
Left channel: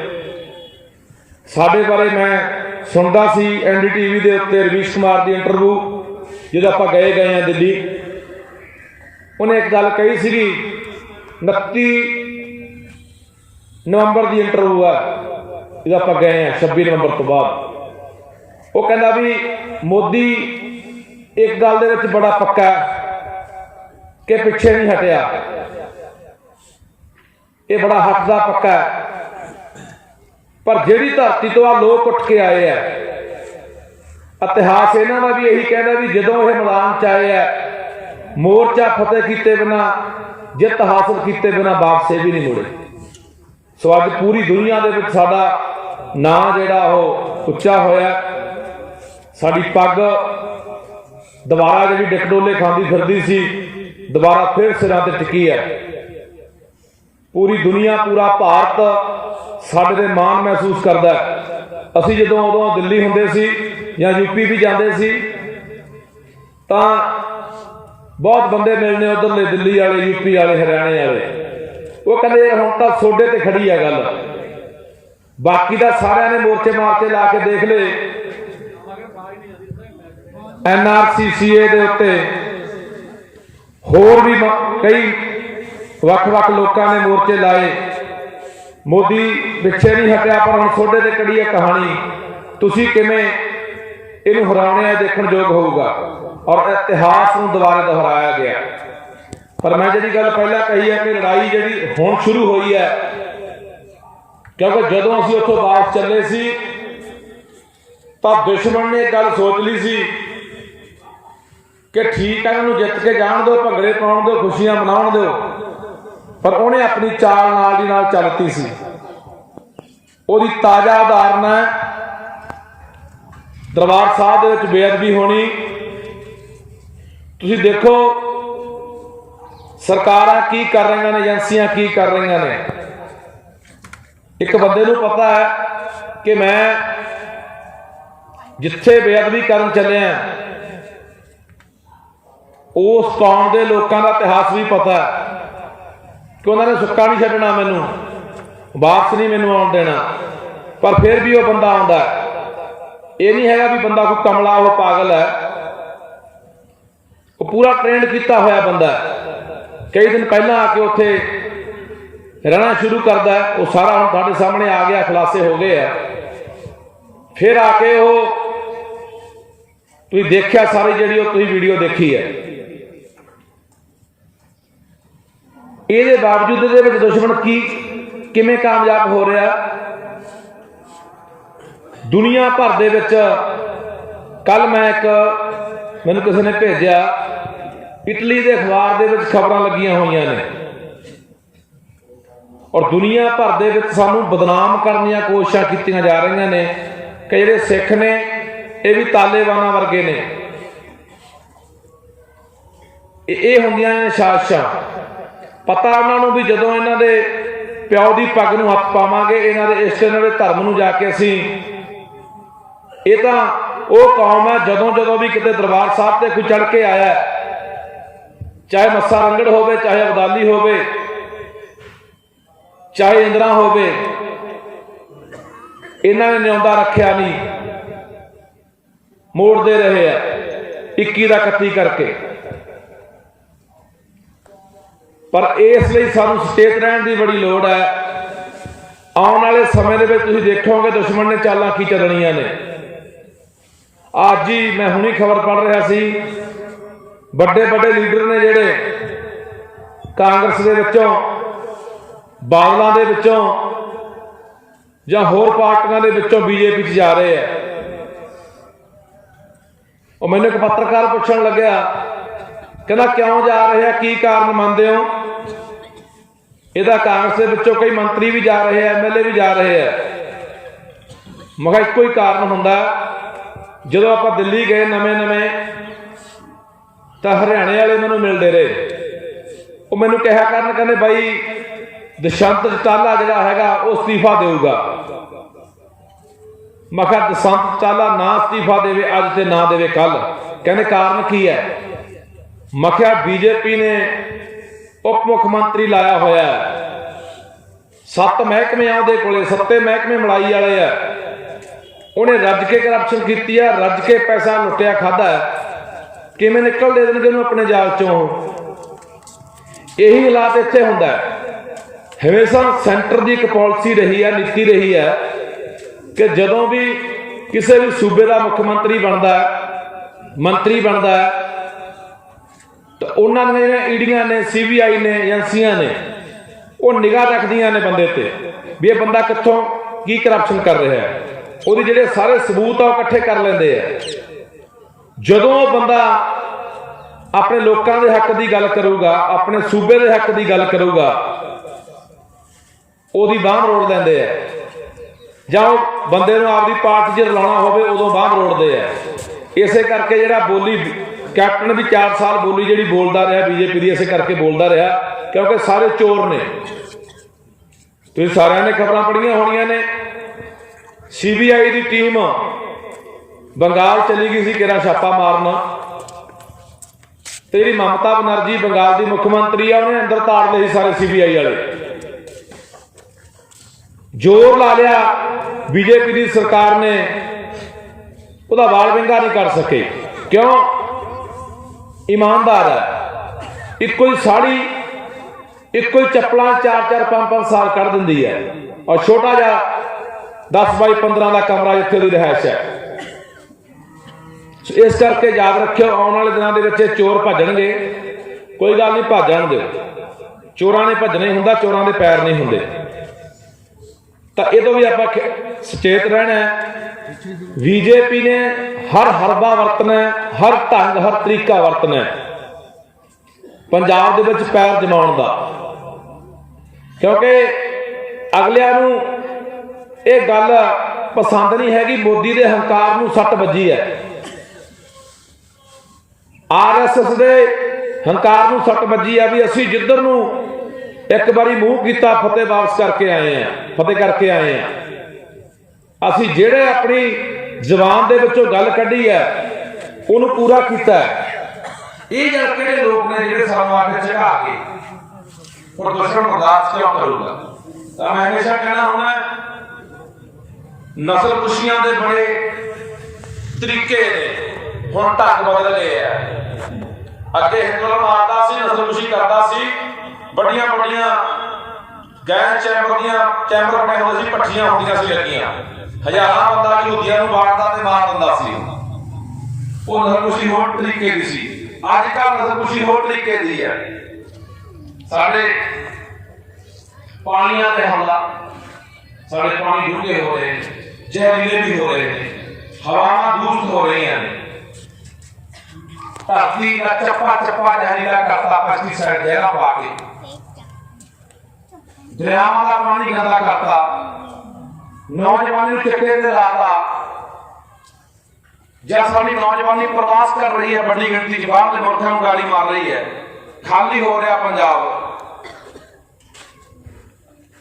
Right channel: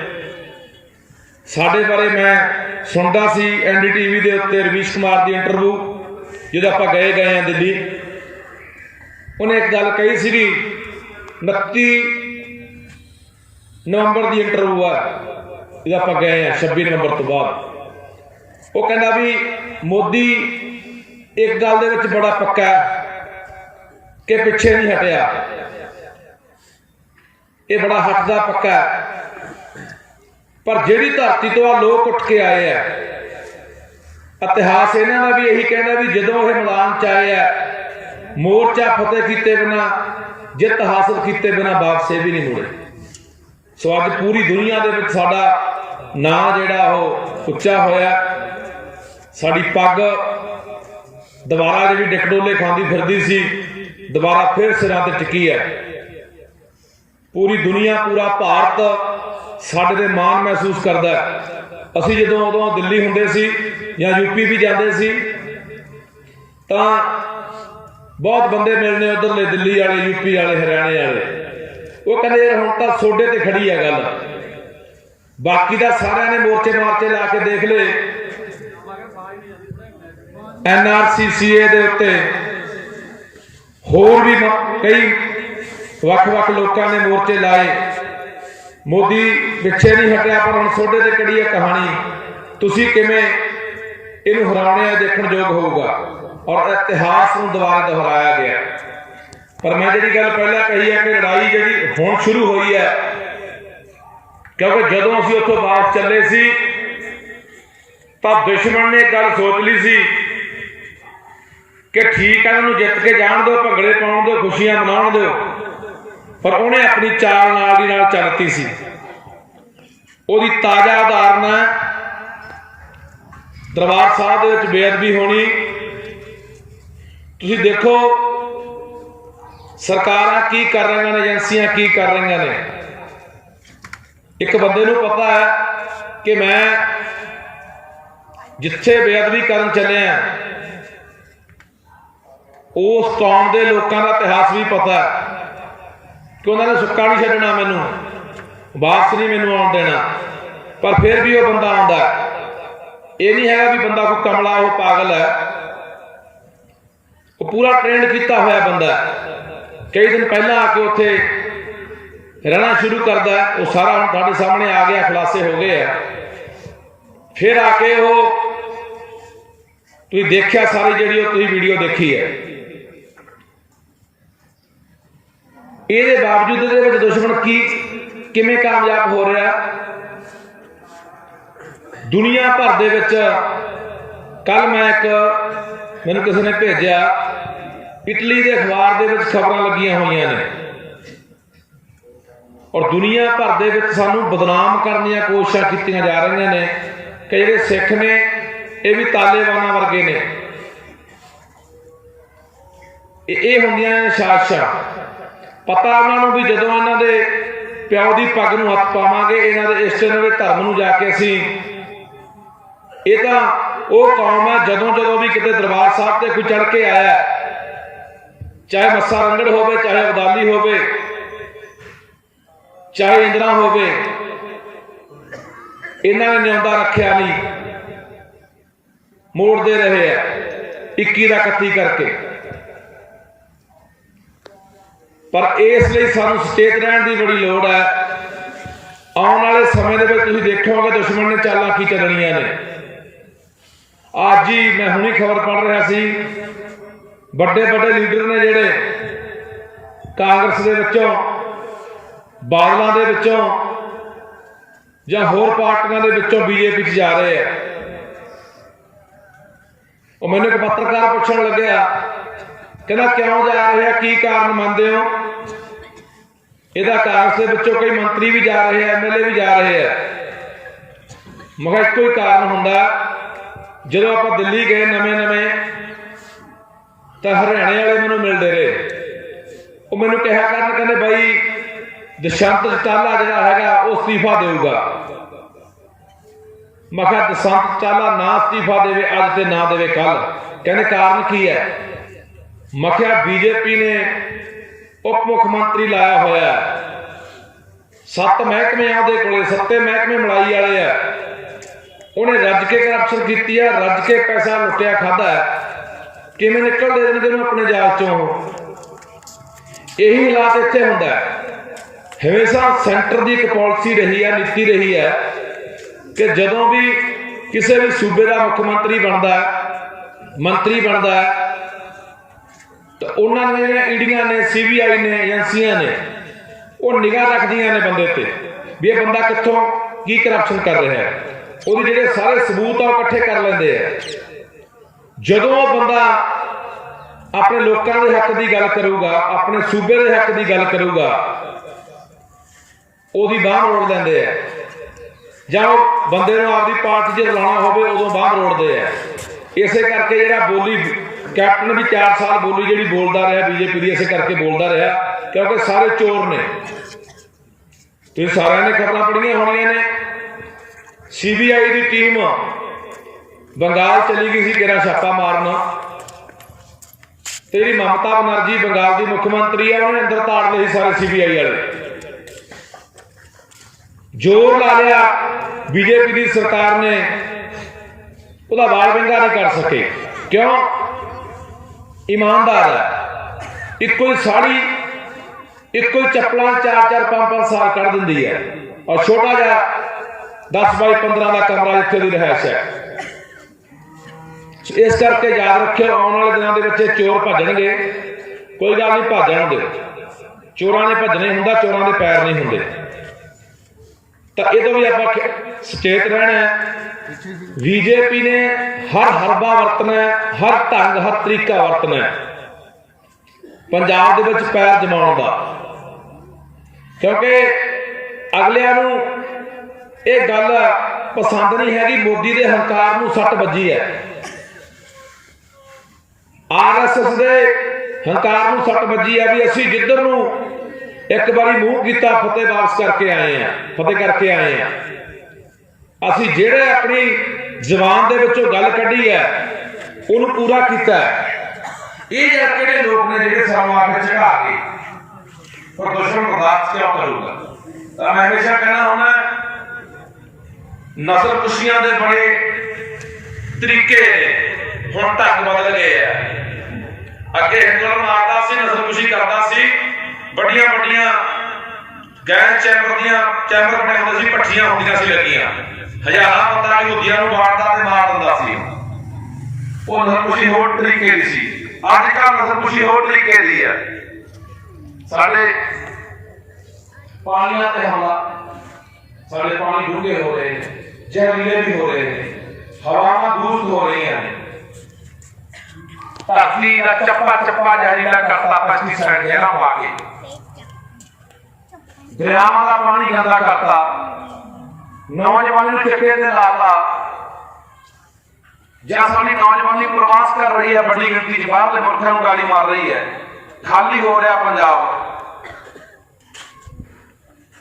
ਸਾਡੇ ਬਾਰੇ ਮੈਂ ਸੁਣਦਾ ਸੀ NDTV ਦੇ ਉੱਤੇ ਰਵੀਸ਼ ਕੁਮਾਰ ਦੀ ਇੰਟਰਵਿਊ, ਜਦੋਂ ਆਪਾਂ ਗਏ ਹਾਂ ਦਿੱਲੀ। ਉਹਨੇ ਇੱਕ ਗੱਲ ਕਹੀ ਸੀਗੀ, 29 ਨਵੰਬਰ ਦੀ ਇੰਟਰਵਿਊ ਹੈ ਜਦੋਂ ਆਪਾਂ ਗਏ ਹਾਂ 26 ਨਵੰਬਰ ਤੋਂ ਬਾਅਦ। ਉਹ ਕਹਿੰਦਾ ਵੀ ਮੋਦੀ ਇੱਕ ਗੱਲ ਦੇ ਵਿੱਚ ਬੜਾ ਪੱਕਾ ਹੈ ਕਿ ਪਿੱਛੇ ਨਹੀਂ ਹਟਿਆ, ਇਹ ਬੜਾ ਹੱਟਦਾ ਪੱਕਾ ਹੈ। ਪਰ ਜਿਹੜੀ ਧਰਤੀ ਤੋਂ ਆ ਲੋਕ ਉੱਠ ਕੇ ਆਏ ਆ, ਇਤਿਹਾਸ ਇਹਨਾਂ ਦਾ ਵੀ ਇਹੀ ਕਹਿੰਦਾ ਵੀ ਜਦੋਂ ਇਹ ਮੈਦਾਨ 'ਚ ਆਏ ਆ, ਮੋਰਚਾ ਫਤਿਹ ਕੀਤੇ ਬਿਨਾ, ਜਿੱਤ ਹਾਸਲ ਕੀਤੇ ਬਿਨਾ ਵਾਪਸ ਵੀ ਨਹੀਂ ਮੁੜੇ। ਸੋ ਅੱਜ ਪੂਰੀ ਦੁਨੀਆ ਦੇ ਵਿੱਚ ਸਾਡਾ ਨਾਂ ਜਿਹੜਾ ਉਹ ਉੱਚਾ ਹੋਇਆ। ਸਾਡੀ ਪੱਗ ਦੁਬਾਰਾ ਜਿਹੜੀ ਡਿਕਡੋਲੇ ਖਾਂਦੀ ਫਿਰਦੀ ਸੀ, ਦੁਬਾਰਾ ਫਿਰ ਸਿਰਾਂ ਤੇ ਟਿਕੀ ਹੈ। ਪੂਰੀ ਦੁਨੀਆ, ਪੂਰਾ ਭਾਰਤ ਸਾਡੇ ਤੇ ਮਾਣ ਮਹਿਸੂਸ ਕਰਦਾ ਹੈ। ਅਸੀਂ ਜਦੋਂ ਉਦੋਂ ਦਿੱਲੀ ਹੁੰਦੇ ਸੀ ਜਾਂ ਯੂਪੀ ਵੀ ਜਾਂਦੇ ਸੀ ਤਾਂ ਬਹੁਤ ਬੰਦੇ ਮਿਲਣੇ ਉਧਰਲੇ, ਦਿੱਲੀ ਵਾਲੇ, ਯੂਪੀ ਵਾਲੇ, ਹਰਿਆਣੇ ਵਾਲੇ। ਉਹ ਕਹਿੰਦੇ ਯਾਰ ਹੁਣ ਤਾਂ ਸੋਡੇ ਤੇ ਖੜੀ ਹੈ ਗੱਲ, ਬਾਕੀ ਦਾ ਸਾਰਿਆਂ ਨੇ ਮੋਰਚੇ ਮਾਰਚੇ ਲਾ ਕੇ ਦੇਖ ਲਏ। NRCCA ਦੇ ਉੱਤੇ ਹੋਰ ਵੀ ਕਈ ਵੱਖ-ਵੱਖ ਲੋਕਾਂ ਨੇ ਮੋਰਚੇ ਲਾਏ। ਮੋਦੀ ਪਿੱਛੇ ਨਹੀਂ ਹਟਿਆ, ਪਰ ਹੁਣ ਸੋਡੇ ਤੇ ਕਿਹੜੀ ਹੈ ਕਹਾਣੀ, ਤੁਸੀਂ ਕਿਵੇਂ ਇਹਨੂੰ ਹਰਾਉਣੇ ਆ, ਦੇਖਣ ਯੋਗ ਹੋਊਗਾ। ਔਰ ਇਤਿਹਾਸ ਨੂੰ ਦੁਬਾਰਾ ਦੁਹਰਾਇਆ ਗਿਆ। ਪਰ ਮੈਂ ਜਿਹੜੀ ਗੱਲ ਪਹਿਲਾਂ ਕਹੀ ਹੈ ਕਿ ਲੜਾਈ ਜਿਹੜੀ ਹੁਣ ਸ਼ੁਰੂ ਹੋਈ ਹੈ, ਕਿਉਂਕਿ ਜਦੋਂ ਅਸੀਂ ਉੱਥੋਂ ਵਾਪਸ ਚੱਲੇ ਸੀ ਤਾਂ ਦੁਸ਼ਮਣ ਨੇ ਇੱਕ ਗੱਲ ਸੋਚ ਲਈ ਸੀ ਕਿ ਠੀਕ ਹੈ ਇਹਨਾਂ ਨੂੰ ਜਿੱਤ ਕੇ ਜਾਣ ਦਿਓ, ਭੰਗੜੇ ਪਾਉਣ ਦਿਓ, ਖੁਸ਼ੀਆਂ ਮਨਾਉਣ ਦਿਓ, ਪਰ ਉਹਨੇ ਆਪਣੀ ਚਾਲ ਨਾਲ ਦੀ ਨਾਲ ਚੱਲਤੀ ਸੀ। ਉਹਦੀ ਤਾਜ਼ਾ ਉਦਾਹਰਨ ਹੈ ਦਰਬਾਰ ਸਾਹਿਬ ਦੇ ਵਿੱਚ ਬੇਅਦਬੀ ਹੋਣੀ। ਤੁਸੀਂ ਦੇਖੋ ਸਰਕਾਰਾਂ ਕੀ ਕਰ ਰਹੀਆਂ ਨੇ, ਏਜੰਸੀਆਂ ਕੀ ਕਰ ਰਹੀਆਂ ਨੇ। ਇੱਕ ਬੰਦੇ ਨੂੰ ਪਤਾ ਹੈ ਕਿ ਮੈਂ ਜਿੱਥੇ ਬੇਅਦਬੀ ਕਰਨ ਚੱਲੇ ਆ ਉਸ ਕੌਮ ਦੇ ਲੋਕਾਂ ਦਾ ਇਤਿਹਾਸ ਵੀ ਪਤਾ ਹੈ ਕਿ ਉਹਨਾਂ ਨੇ ਸੁੱਕਾ ਨਹੀਂ ਛੱਡਣਾ, ਮੈਨੂੰ ਵਾਪਸ ਨਹੀਂ ਮੈਨੂੰ ਆਉਣ ਦੇਣਾ। ਪਰ ਫਿਰ ਵੀ ਉਹ ਬੰਦਾ ਆਉਂਦਾ। ਇਹ ਨਹੀਂ ਹੈਗਾ ਵੀ ਬੰਦਾ ਕੋਈ ਕਮਲਾ, ਉਹ ਪਾਗਲ ਹੈ, ਉਹ ਪੂਰਾ ਟ੍ਰੇਨਡ ਕੀਤਾ ਹੋਇਆ ਬੰਦਾ। ਕਈ ਦਿਨ ਪਹਿਲਾਂ ਆ ਕੇ ਉੱਥੇ ਰਹਿਣਾ ਸ਼ੁਰੂ ਕਰਦਾ। ਉਹ ਸਾਰਾ ਹੁਣ ਤੁਹਾਡੇ ਸਾਹਮਣੇ ਆ ਗਿਆ, ਖੁਲਾਸੇ ਹੋ ਗਏ ਆ। ਫਿਰ ਆ ਕੇ ਉਹ ਤੁਸੀਂ ਦੇਖਿਆ ਸਾਰੀ ਜਿਹੜੀ ਉਹ ਤੁਸੀਂ ਵੀਡੀਓ ਦੇਖੀ ਹੈ। ਇਹਦੇ ਬਾਵਜੂਦ ਇਹਦੇ ਵਿੱਚ ਦੁਸ਼ਮਣ ਕਿਵੇਂ ਕਾਮਯਾਬ ਹੋ ਰਿਹਾ। ਦੁਨੀਆ ਭਰ ਦੇ ਵਿੱਚ ਕੱਲ ਮੈਨੂੰ ਕਿਸੇ ਨੇ ਭੇਜਿਆ, ਇਟਲੀ ਦੇ ਅਖਬਾਰ ਦੇ ਵਿੱਚ ਖਬਰਾਂ ਲੱਗੀਆਂ ਹੋਈਆਂ ਨੇ ਔਰ ਦੁਨੀਆ ਭਰ ਦੇ ਵਿੱਚ ਸਾਨੂੰ ਬਦਨਾਮ ਕਰਨ ਦੀਆਂ ਕੋਸ਼ਿਸ਼ਾਂ ਕੀਤੀਆਂ ਜਾ ਰਹੀਆਂ ਨੇ ਕਿ ਜਿਹੜੇ ਸਿੱਖ ਨੇ ਇਹ ਵੀ ਤਾਲਿਬਾਨਾਂ ਵਰਗੇ ਨੇ। ਇਹ ਹੁੰਦੀਆਂ ਨੇ ਸਾਜ਼ਿਸ਼ਾਂ। ਪਤਾ ਉਹਨਾਂ ਨੂੰ ਵੀ ਜਦੋਂ ਇਹਨਾਂ ਦੇ ਪਿਓ ਦੀ ਪੱਗ ਨੂੰ ਹੱਥ ਪਾਵਾਂਗੇ, ਇਹਨਾਂ ਦੇ ਇਸ਼ਟ ਦੇ ਧਰਮ ਨੂੰ ਜਾ ਕੇ ਅਸੀਂ, ਇਹ ਤਾਂ ਉਹ ਕੌਮ ਹੈ ਜਦੋਂ ਵੀ ਕਿਤੇ ਦਰਬਾਰ ਸਾਹਿਬ ਤੇ ਕੋਈ ਚੜ ਕੇ ਆਇਆ, ਚਾਹੇ ਮੱਸਾ ਰੰਗੜ ਹੋਵੇ, ਚਾਹੇ ਅਬਦਾਲੀ ਹੋਵੇ, ਚਾਹੇ ਇੰਦਰਾ ਹੋਵੇ, ਇਹਨਾਂ ਨੇ ਨਿਆਉਂਦਾ ਰੱਖਿਆ ਨਹੀਂ, ਮੋੜਦੇ ਰਹੇ ਆ 21 ਦਾ 31 ਕਰਕੇ। ਪਰ ਇਸ ਲਈ ਸਾਨੂੰ ਸੁਚੇਤ ਰਹਿਣ ਦੀ ਬੜੀ ਲੋੜ ਹੈ। ਆਉਣ ਵਾਲੇ ਸਮੇਂ ਦੇ ਵਿੱਚ ਤੁਸੀਂ ਦੇਖੋਗੇ ਦੁਸ਼ਮਣ ਨੇ ਚਾਲਾਂ ਕੀ ਚੱਲਣੀਆਂ ਨੇ। ਅੱਜ ਹੀ ਮੈਂ ਹੁਣੀ ਖਬਰ ਪੜ੍ਹ ਰਿਹਾ ਸੀ, ਵੱਡੇ ਲੀਡਰ ਨੇ ਜਿਹੜੇ ਕਾਂਗਰਸ ਦੇ ਵਿੱਚੋਂ, ਬਾਦਲਾਂ ਦੇ ਵਿੱਚੋਂ ਜਾਂ ਹੋਰ ਪਾਰਟੀਆਂ ਦੇ ਵਿੱਚੋਂ BJP 'ਚ ਜਾ ਰਹੇ ਆ। ਉਹ ਮੈਨੂੰ ਇੱਕ ਪੱਤਰਕਾਰ ਪੁੱਛਣ ਲੱਗਿਆ, ਕਹਿੰਦਾ ਕਿਉਂ ਜਾ ਰਹੇ ਆ, ਕੀ ਕਾਰਨ ਮੰਨਦੇ ਹੋ? ਇਹਦਾ ਕਾਂਗਰਸ ਦੇ ਵਿੱਚੋਂ ਕਈ ਮੰਤਰੀ ਵੀ ਜਾ ਰਹੇ ਆ, MLA ਵੀ ਜਾ ਰਹੇ ਆ। ਮੈਂ ਕਿਹਾ ਇੱਕੋ ਹੀ ਕਾਰਨ ਹੁੰਦਾ, ਜਦੋਂ ਆਪਾਂ ਦਿੱਲੀ ਗਏ ਨਵੇਂ ਤਾਂ ਹਰਿਆਣੇ ਵਾਲੇ ਮੈਨੂੰ ਮਿਲਦੇ ਰਹੇ। ਉਹ ਮੈਨੂੰ ਕਿਹਾ ਕਰਨ, ਕਹਿੰਦੇ ਬਾਈ ਦਸ਼ਵੰਤ ਚੌਟਾਲਾ ਜਿਹੜਾ ਹੈਗਾ ਉਹ ਅਸਤੀਫਾ ਦੇਊਗਾ। ਮੈਂ ਕਿਹਾ ਦਸ਼ਵੰਤ ਚੌਟਾਲਾ ਨਾ ਅਸਤੀਫਾ ਦੇਵੇ ਅੱਜ ਤੇ ਨਾ ਦੇਵੇ ਕੱਲ। ਕਹਿੰਦੇ ਕਾਰਨ ਕੀ ਹੈ? ਮੈਂ ਕਿਹਾ BJP ਨੇ ਉਪ ਮੁੱਖ ਮੰਤਰੀ ਲਾਇਆ ਹੋਇਆ, 7 ਮਹਿਕਮੇ ਆ ਉਹਦੇ ਕੋਲੇ, 7 ਮਹਿਕਮੇ ਮਲਾਈ ਵਾਲੇ ਆ। ਉਹਨੇ ਰੱਜ ਕੇ ਕਰਪਸ਼ਨ ਕੀਤੀ ਹੈ, ਰੱਜ ਕੇ ਪੈਸਾ ਲੁੱਟਿਆ ਖਾਧਾ ਹੈ। ਕਿਵੇਂ ਨਿਕਲ ਦੇ ਦੇਣਗੇ ਉਹਨੂੰ ਆਪਣੇ ਜਾਲ ਚੋਂ? ਇਹੀ ਹਾਲਾਤ ਇੱਥੇ ਹੁੰਦਾ ਹੈ। ਹਮੇਸ਼ਾ ਸੈਂਟਰ ਦੀ ਇੱਕ ਪਾਲਿਸੀ ਰਹੀ ਹੈ, ਨੀਤੀ ਰਹੀ ਹੈ ਕਿ ਜਦੋਂ ਵੀ ਕਿਸੇ ਵੀ ਸੂਬੇ ਦਾ ਮੁੱਖ ਮੰਤਰੀ ਬਣਦਾ ਹੈ, ਮੰਤਰੀ ਬਣਦਾ ਹੈ, ਤਾਂ ਉਹਨਾਂ ਨੇ ਈਡੀਆਂ ਨੇ, CBI ਨੇ, ਏਜੰਸੀਆਂ ਨੇ, ਉਹ ਨਿਗਾਹ ਰੱਖਦੀਆਂ ਨੇ ਬੰਦੇ ਤੇ ਵੀ ਇਹ ਬੰਦਾ ਕਿੱਥੋਂ ਕੀ ਕਰਪਸ਼ਨ ਕਰ ਰਿਹਾ ਹੈ। ਉਹਦੇ ਜਿਹੜੇ ਸਾਰੇ ਸਬੂਤ ਆ ਉਹ ਇਕੱਠੇ ਕਰ ਲੈਂਦੇ ਆ। ਜਦੋਂ ਉਹ ਬੰਦਾ ਆਪਣੇ ਲੋਕਾਂ ਦੇ ਹੱਕ ਦੀ ਗੱਲ ਕਰੂਗਾ, ਆਪਣੇ ਸੂਬੇ ਦੇ ਹੱਕ ਦੀ ਗੱਲ ਕਰੂਗਾ, ਉਹਦੀ ਬਾਂਹ ਮਰੋੜ ਲੈਂਦੇ ਆ। ਜਾਂ ਉਹ ਬੰਦੇ ਨੂੰ ਆਪਦੀ ਪਾਰਟੀ 'ਚ ਰਲਾਉਣਾ ਹੋਵੇ ਉਦੋਂ ਬਾਂਹ ਮਰੋੜਦੇ ਆ। ਇਸੇ ਕਰਕੇ ਜਿਹੜਾ ਬੋਲੀ ਕੈਪਟਨ ਵੀ 4 ਸਾਲ ਬੋਲੀ ਜਿਹੜੀ ਬੋਲਦਾ ਰਿਹਾ BJP ਦੀ, ਇਸੇ ਕਰਕੇ ਬੋਲਦਾ ਰਿਹਾ ਕਿਉਂਕਿ ਸਾਰੇ ਚੋਰ ਨੇ। ਤੁਸੀਂ ਸਾਰਿਆਂ ਨੇ ਖਬਰਾਂ ਪੜ੍ਹੀਆਂ ਹੋਣੀਆਂ ਨੇ। CBI ਦੀ ਟੀਮ ਬੰਗਾਲ ਚਲੀ ਗਈ ਸੀ ਕਿਹੜਾ ਛਾਪਾ ਮਾਰਨ, ਤੇ ਜਿਹੜੀ ਮਮਤਾ ਬਨਰਜੀ ਬੰਗਾਲ ਦੀ ਮੁੱਖ ਮੰਤਰੀ ਆ ਉਹਨੇ ਅੰਦਰ ਤਾੜ ਲਏ ਸਾਰੇ CBI ਵਾਲੇ। ਜ਼ੋਰ ਲਾ ਲਿਆ, BJP ਦੀ ਸਰਕਾਰ ਨੇ ਉਹਦਾ ਵਾਲ ਵਿੰਗਾ ਨਹੀਂ ਕਰ ਸਕੇ। ਕਿਉਂ? ਇਮਾਨਦਾਰ ਹੈ, ਇੱਕੋ ਹੀ ਸਾੜੀ ਇੱਕੋ ਹੀ ਚੱਪਲਾਂ 4-4 5-5 ਸਾਲ ਕੱਢ ਦਿੰਦੀ ਹੈ, ਔਰ ਛੋਟਾ ਜਿਹਾ 10 ਬਾਈ 15 ਦਾ ਕਮਰਾ ਜਿੱਥੇ ਦੀ ਰਹਿائش ਹੈ। ਇਸ ਕਰਕੇ ਯਾਦ ਰੱਖਿਓ, ਆਉਣ ਵਾਲੇ ਦਿਨਾਂ ਦੇ ਵਿੱਚ ਚੋਰ ਭੱਜਣਗੇ। ਕੋਈ ਗੱਲ ਨਹੀਂ, ਭੱਜ ਜਾਣਗੇ। ਚੋਰਾਂ ਨੇ ਭੱਜਣਾ ਹੀ ਹੁੰਦਾ, ਚੋਰਾਂ ਦੇ ਪੈਰ ਨਹੀਂ ਹੁੰਦੇ। ਤਾਂ ਇਹ ਤੋਂ ਵੀ ਆਪਾਂ ਸੁਚੇਤ ਰਹਿਣਾ ਹੈ। BJP ਨੇ ਹਰ ਹਰਬਾ ਵਰਤਣਾ ਹੈ, ਹਰ ਢੰਗ ਹਰ ਤਰੀਕਾ ਵਰਤਣਾ ਹੈ ਪੰਜਾਬ ਦੇ ਵਿੱਚ ਪੈਰ ਜਮਾਉਣ ਦਾ, ਕਿਉਂਕਿ ਅਗਲਿਆਂ ਨੂੰ ਇਹ ਗੱਲ ਪਸੰਦ ਨਹੀਂ ਹੈਗੀ। ਮੋਦੀ ਦੇ ਹੰਕਾਰ ਨੂੰ ਸੱਟ ਵੱਜੀ ਹੈ, RSS ਦੇ ਹੰਕਾਰ ਨੂੰ ਸੱਟ ਵੱਜੀ ਹੈ ਵੀ ਅਸੀਂ ਜਿੱਧਰ ਨੂੰ ਇੱਕ ਵਾਰੀ ਮੂੰਹ ਕੀਤਾ ਫਤਿਹ ਵਾਪਸ ਕਰਕੇ ਆਏ ਆ, ਫਤਿਹ ਕਰਕੇ ਆਏ ਆ। ਅਸੀਂ ਜਿਹੜੇ ਆਪਣੀ ਜ਼ੁਬਾਨ ਦੇ ਵਿੱਚੋਂ ਗੱਲ ਕੱਢੀ ਹੈ ਉਹਨੂੰ ਪੂਰਾ ਕੀਤਾ। ਇਹ ਜਿਹੜੇ ਲੋਕ ਨੇ ਜਿਹੜੇ ਸਾਨੂੰ ਆ ਕੇ ਝਗਾ ਕੇ ਪ੍ਰਦੂਸ਼ਣ ਬਰਦਾਸ਼ਤ ਕਿਉਂ ਕਰੂਗਾ? ਤਾਂ ਮੈਂ ਹਮੇਸ਼ਾ ਕਹਿਣਾ ਹੁੰਦਾ, ਨਸਲ ਕੁਸ਼ੀਆਂ ਦੇ ਬੜੇ ਤਰੀਕੇ ਨੇ, ਹੁਣ ਢੰਗ ਬਦਲ ਗਏ ਆ। ਅੱਗੇ ਹਿੰਦੁਸਤਾਨ ਮਾਰਦਾ ਸੀ, ਨਸਲ ਕੁਸ਼ੀ ਕਰਦਾ ਸੀ, ਵੱਡੀਆਂ ਵੱਡੀਆਂ ਗੈਸ ਚੈਂਬਰ ਬਣੇ ਹੁੰਦੇ ਸੀ, ਭੱਠੀਆਂ ਹੁੰਦੀਆਂ ਸੀ ਲੱਗੀਆਂ, ਹਜ਼ਾਰਾਂ ਬੰਦਾ ਯਹੂਦੀਆਂ ਨੂੰ ਬਾੜਦਾ ਤੇ ਮਾਰ ਦਿੰਦਾ ਸੀ। ਉਹ ਨਸਲ ਕੁਸ਼ੀ ਹੋਰ ਤਰੀਕੇ ਦੀ ਸੀ। ਅੱਜ ਕੱਲ੍ਹ ਨਸਲ ਕੁਸ਼ੀ ਹੋਰ ਤਰੀਕੇ ਦੀ ਹੈ। ਸਾਡੇ ਪਾਣੀਆਂ ਤੇ ਹਮਲਾ, ਸਾਡੇ ਪਾਣੀ ਡੂੰਘੇ ਹੋ ਰਹੇ ਨੇ, ਜ਼ਹਿਰੀਲੇ ਵੀ ਹੋ ਰਹੇ ਨੇ, ਹਵਾਵਾਂ ਦੂਸ਼ਿਤ ਹੋ ਰਹੀਆਂ ਨੇ, ਧਰਤੀ ਦਾ ਚੱਪਾ ਜ਼ਹਿਰੀਲਾ ਕਰਤਾ 25 ਜਗ੍ਹਾ ਪਾ ਕੇ, ਦਰਿਆਵਾਂ ਦਾ ਪਾਣੀ ਗੰਦਾ ਕਰਤਾ, ਨੌਜਵਾਨੀ ਨੂੰ ਚਿੱਟੇ ਤੇ ਲਾਤਾ। ਜਾਂ ਸਾਡੀ ਨੌਜਵਾਨੀ ਪ੍ਰਵਾਸ ਕਰ ਰਹੀ ਹੈ, ਵੱਡੀ ਗਿਣਤੀ 'ਚ ਬਾਹਰ ਦੇ ਮੁਲਕਾਂ ਨੂੰ ਗਾਲੀ ਮਾਰ ਰਹੀ ਹੈ, ਖਾਲੀ ਹੋ ਰਿਹਾ ਪੰਜਾਬ।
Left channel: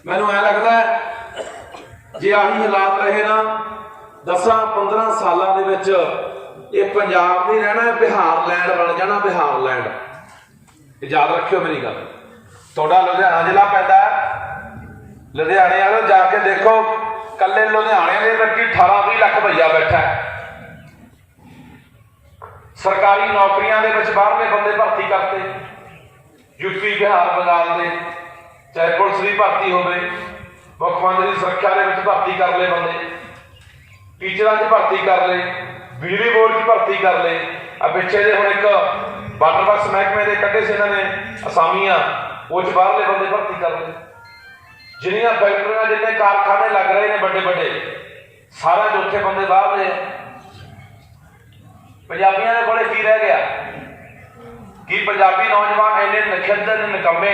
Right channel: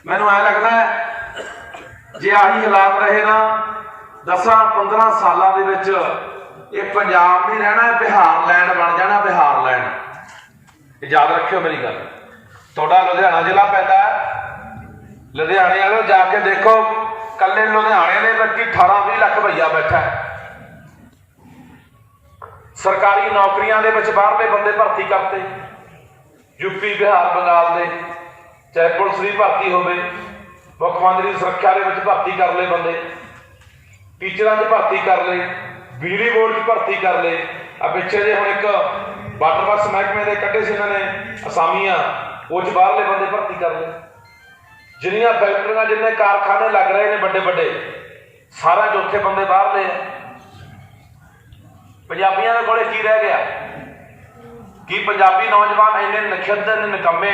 ਮੈਨੂੰ ਐ ਲੱਗਦਾ ਜੇ ਆਹੀ ਹਾਲਾਤ ਰਹੇ ਨਾ 10-15 ਸਾਲਾਂ ਦੇ ਵਿੱਚ ਇਹ ਪੰਜਾਬ ਨਹੀਂ ਰਹਿਣਾ, ਬਿਹਾਰ ਲੈਂਡ ਬਣ ਜਾਣਾ। ਬਿਹਾਰ ਲੈਂਡ ਯਾਦ ਰੱਖਿਓ ਮੇਰੀ ਗੱਲ। ਤੁਹਾਡਾ ਲੁਧਿਆਣਾ ਜ਼ਿਲ੍ਹਾ ਪੈਂਦਾ, ਲੁਧਿਆਣੇ ਵਾਲੋ ਜਾ ਕੇ ਦੇਖੋ, ਕੱਲੇ ਲੁਧਿਆਣੇ ਦੇ ਵਿੱਚ 18-20 ਲੱਖ ਭਈਆ ਬੈਠਾ ਹੈ। ਸਰਕਾਰੀ ਨੌਕਰੀਆਂ ਦੇ ਵਿੱਚ ਬਾਹਰਲੇ ਬੰਦੇ ਭਰਤੀ ਕਰਤੇ, ਯੂਪੀ ਬਿਹਾਰ ਬੰਗਾਲ ਦੇ, ਚਾਹੇ ਪੁਲਿਸ ਦੀ ਭਰਤੀ ਹੋਵੇ, ਮੁੱਖ ਮੰਤਰੀ ਸੁਰੱਖਿਆ ਦੇ ਵਿੱਚ ਭਰਤੀ ਕਰ ਲਏ ਬੰਦੇ, ਟੀਚਰਾਂ 'ਚ ਭਰਤੀ ਕਰ ਲਏ, ਬਿਜਲੀ ਬੋਰਡ 'ਚ ਭਰਤੀ ਕਰ ਲਏ। ਆ ਪਿੱਛੇ ਜੇ ਹੁਣ ਇੱਕ ਵਾਟਰ ਵਰਕਸ ਮਹਿਕਮੇ ਦੇ ਕੱਢੇ ਸੀ ਇਹਨਾਂ ਨੇ ਅਸਾਮੀਆਂ, ਉਹ 'ਚ ਬਾਹਰਲੇ ਬੰਦੇ ਭਰਤੀ ਕਰ ਲਏ। ਜਿੰਨੀਆਂ ਫੈਕਟਰੀਆਂ, ਜਿੰਨੇ ਕਾਰਖਾਨੇ ਲੱਗ ਰਹੇ ਨੇ ਵੱਡੇ ਵੱਡੇ, ਸਾਰੇ ਚੌਥੇ ਬੰਦੇ ਬਾਹਰਲੇ। ਪੰਜਾਬੀਆਂ ਦੇ ਕੋਲੇ ਕੀ ਰਹਿ ਗਿਆ? ਕੀ ਪੰਜਾਬੀ ਨੌਜਵਾਨ ਇੰਨੇ ਨਖਿੱਧਰ, ਨਿਕੰਮੇ,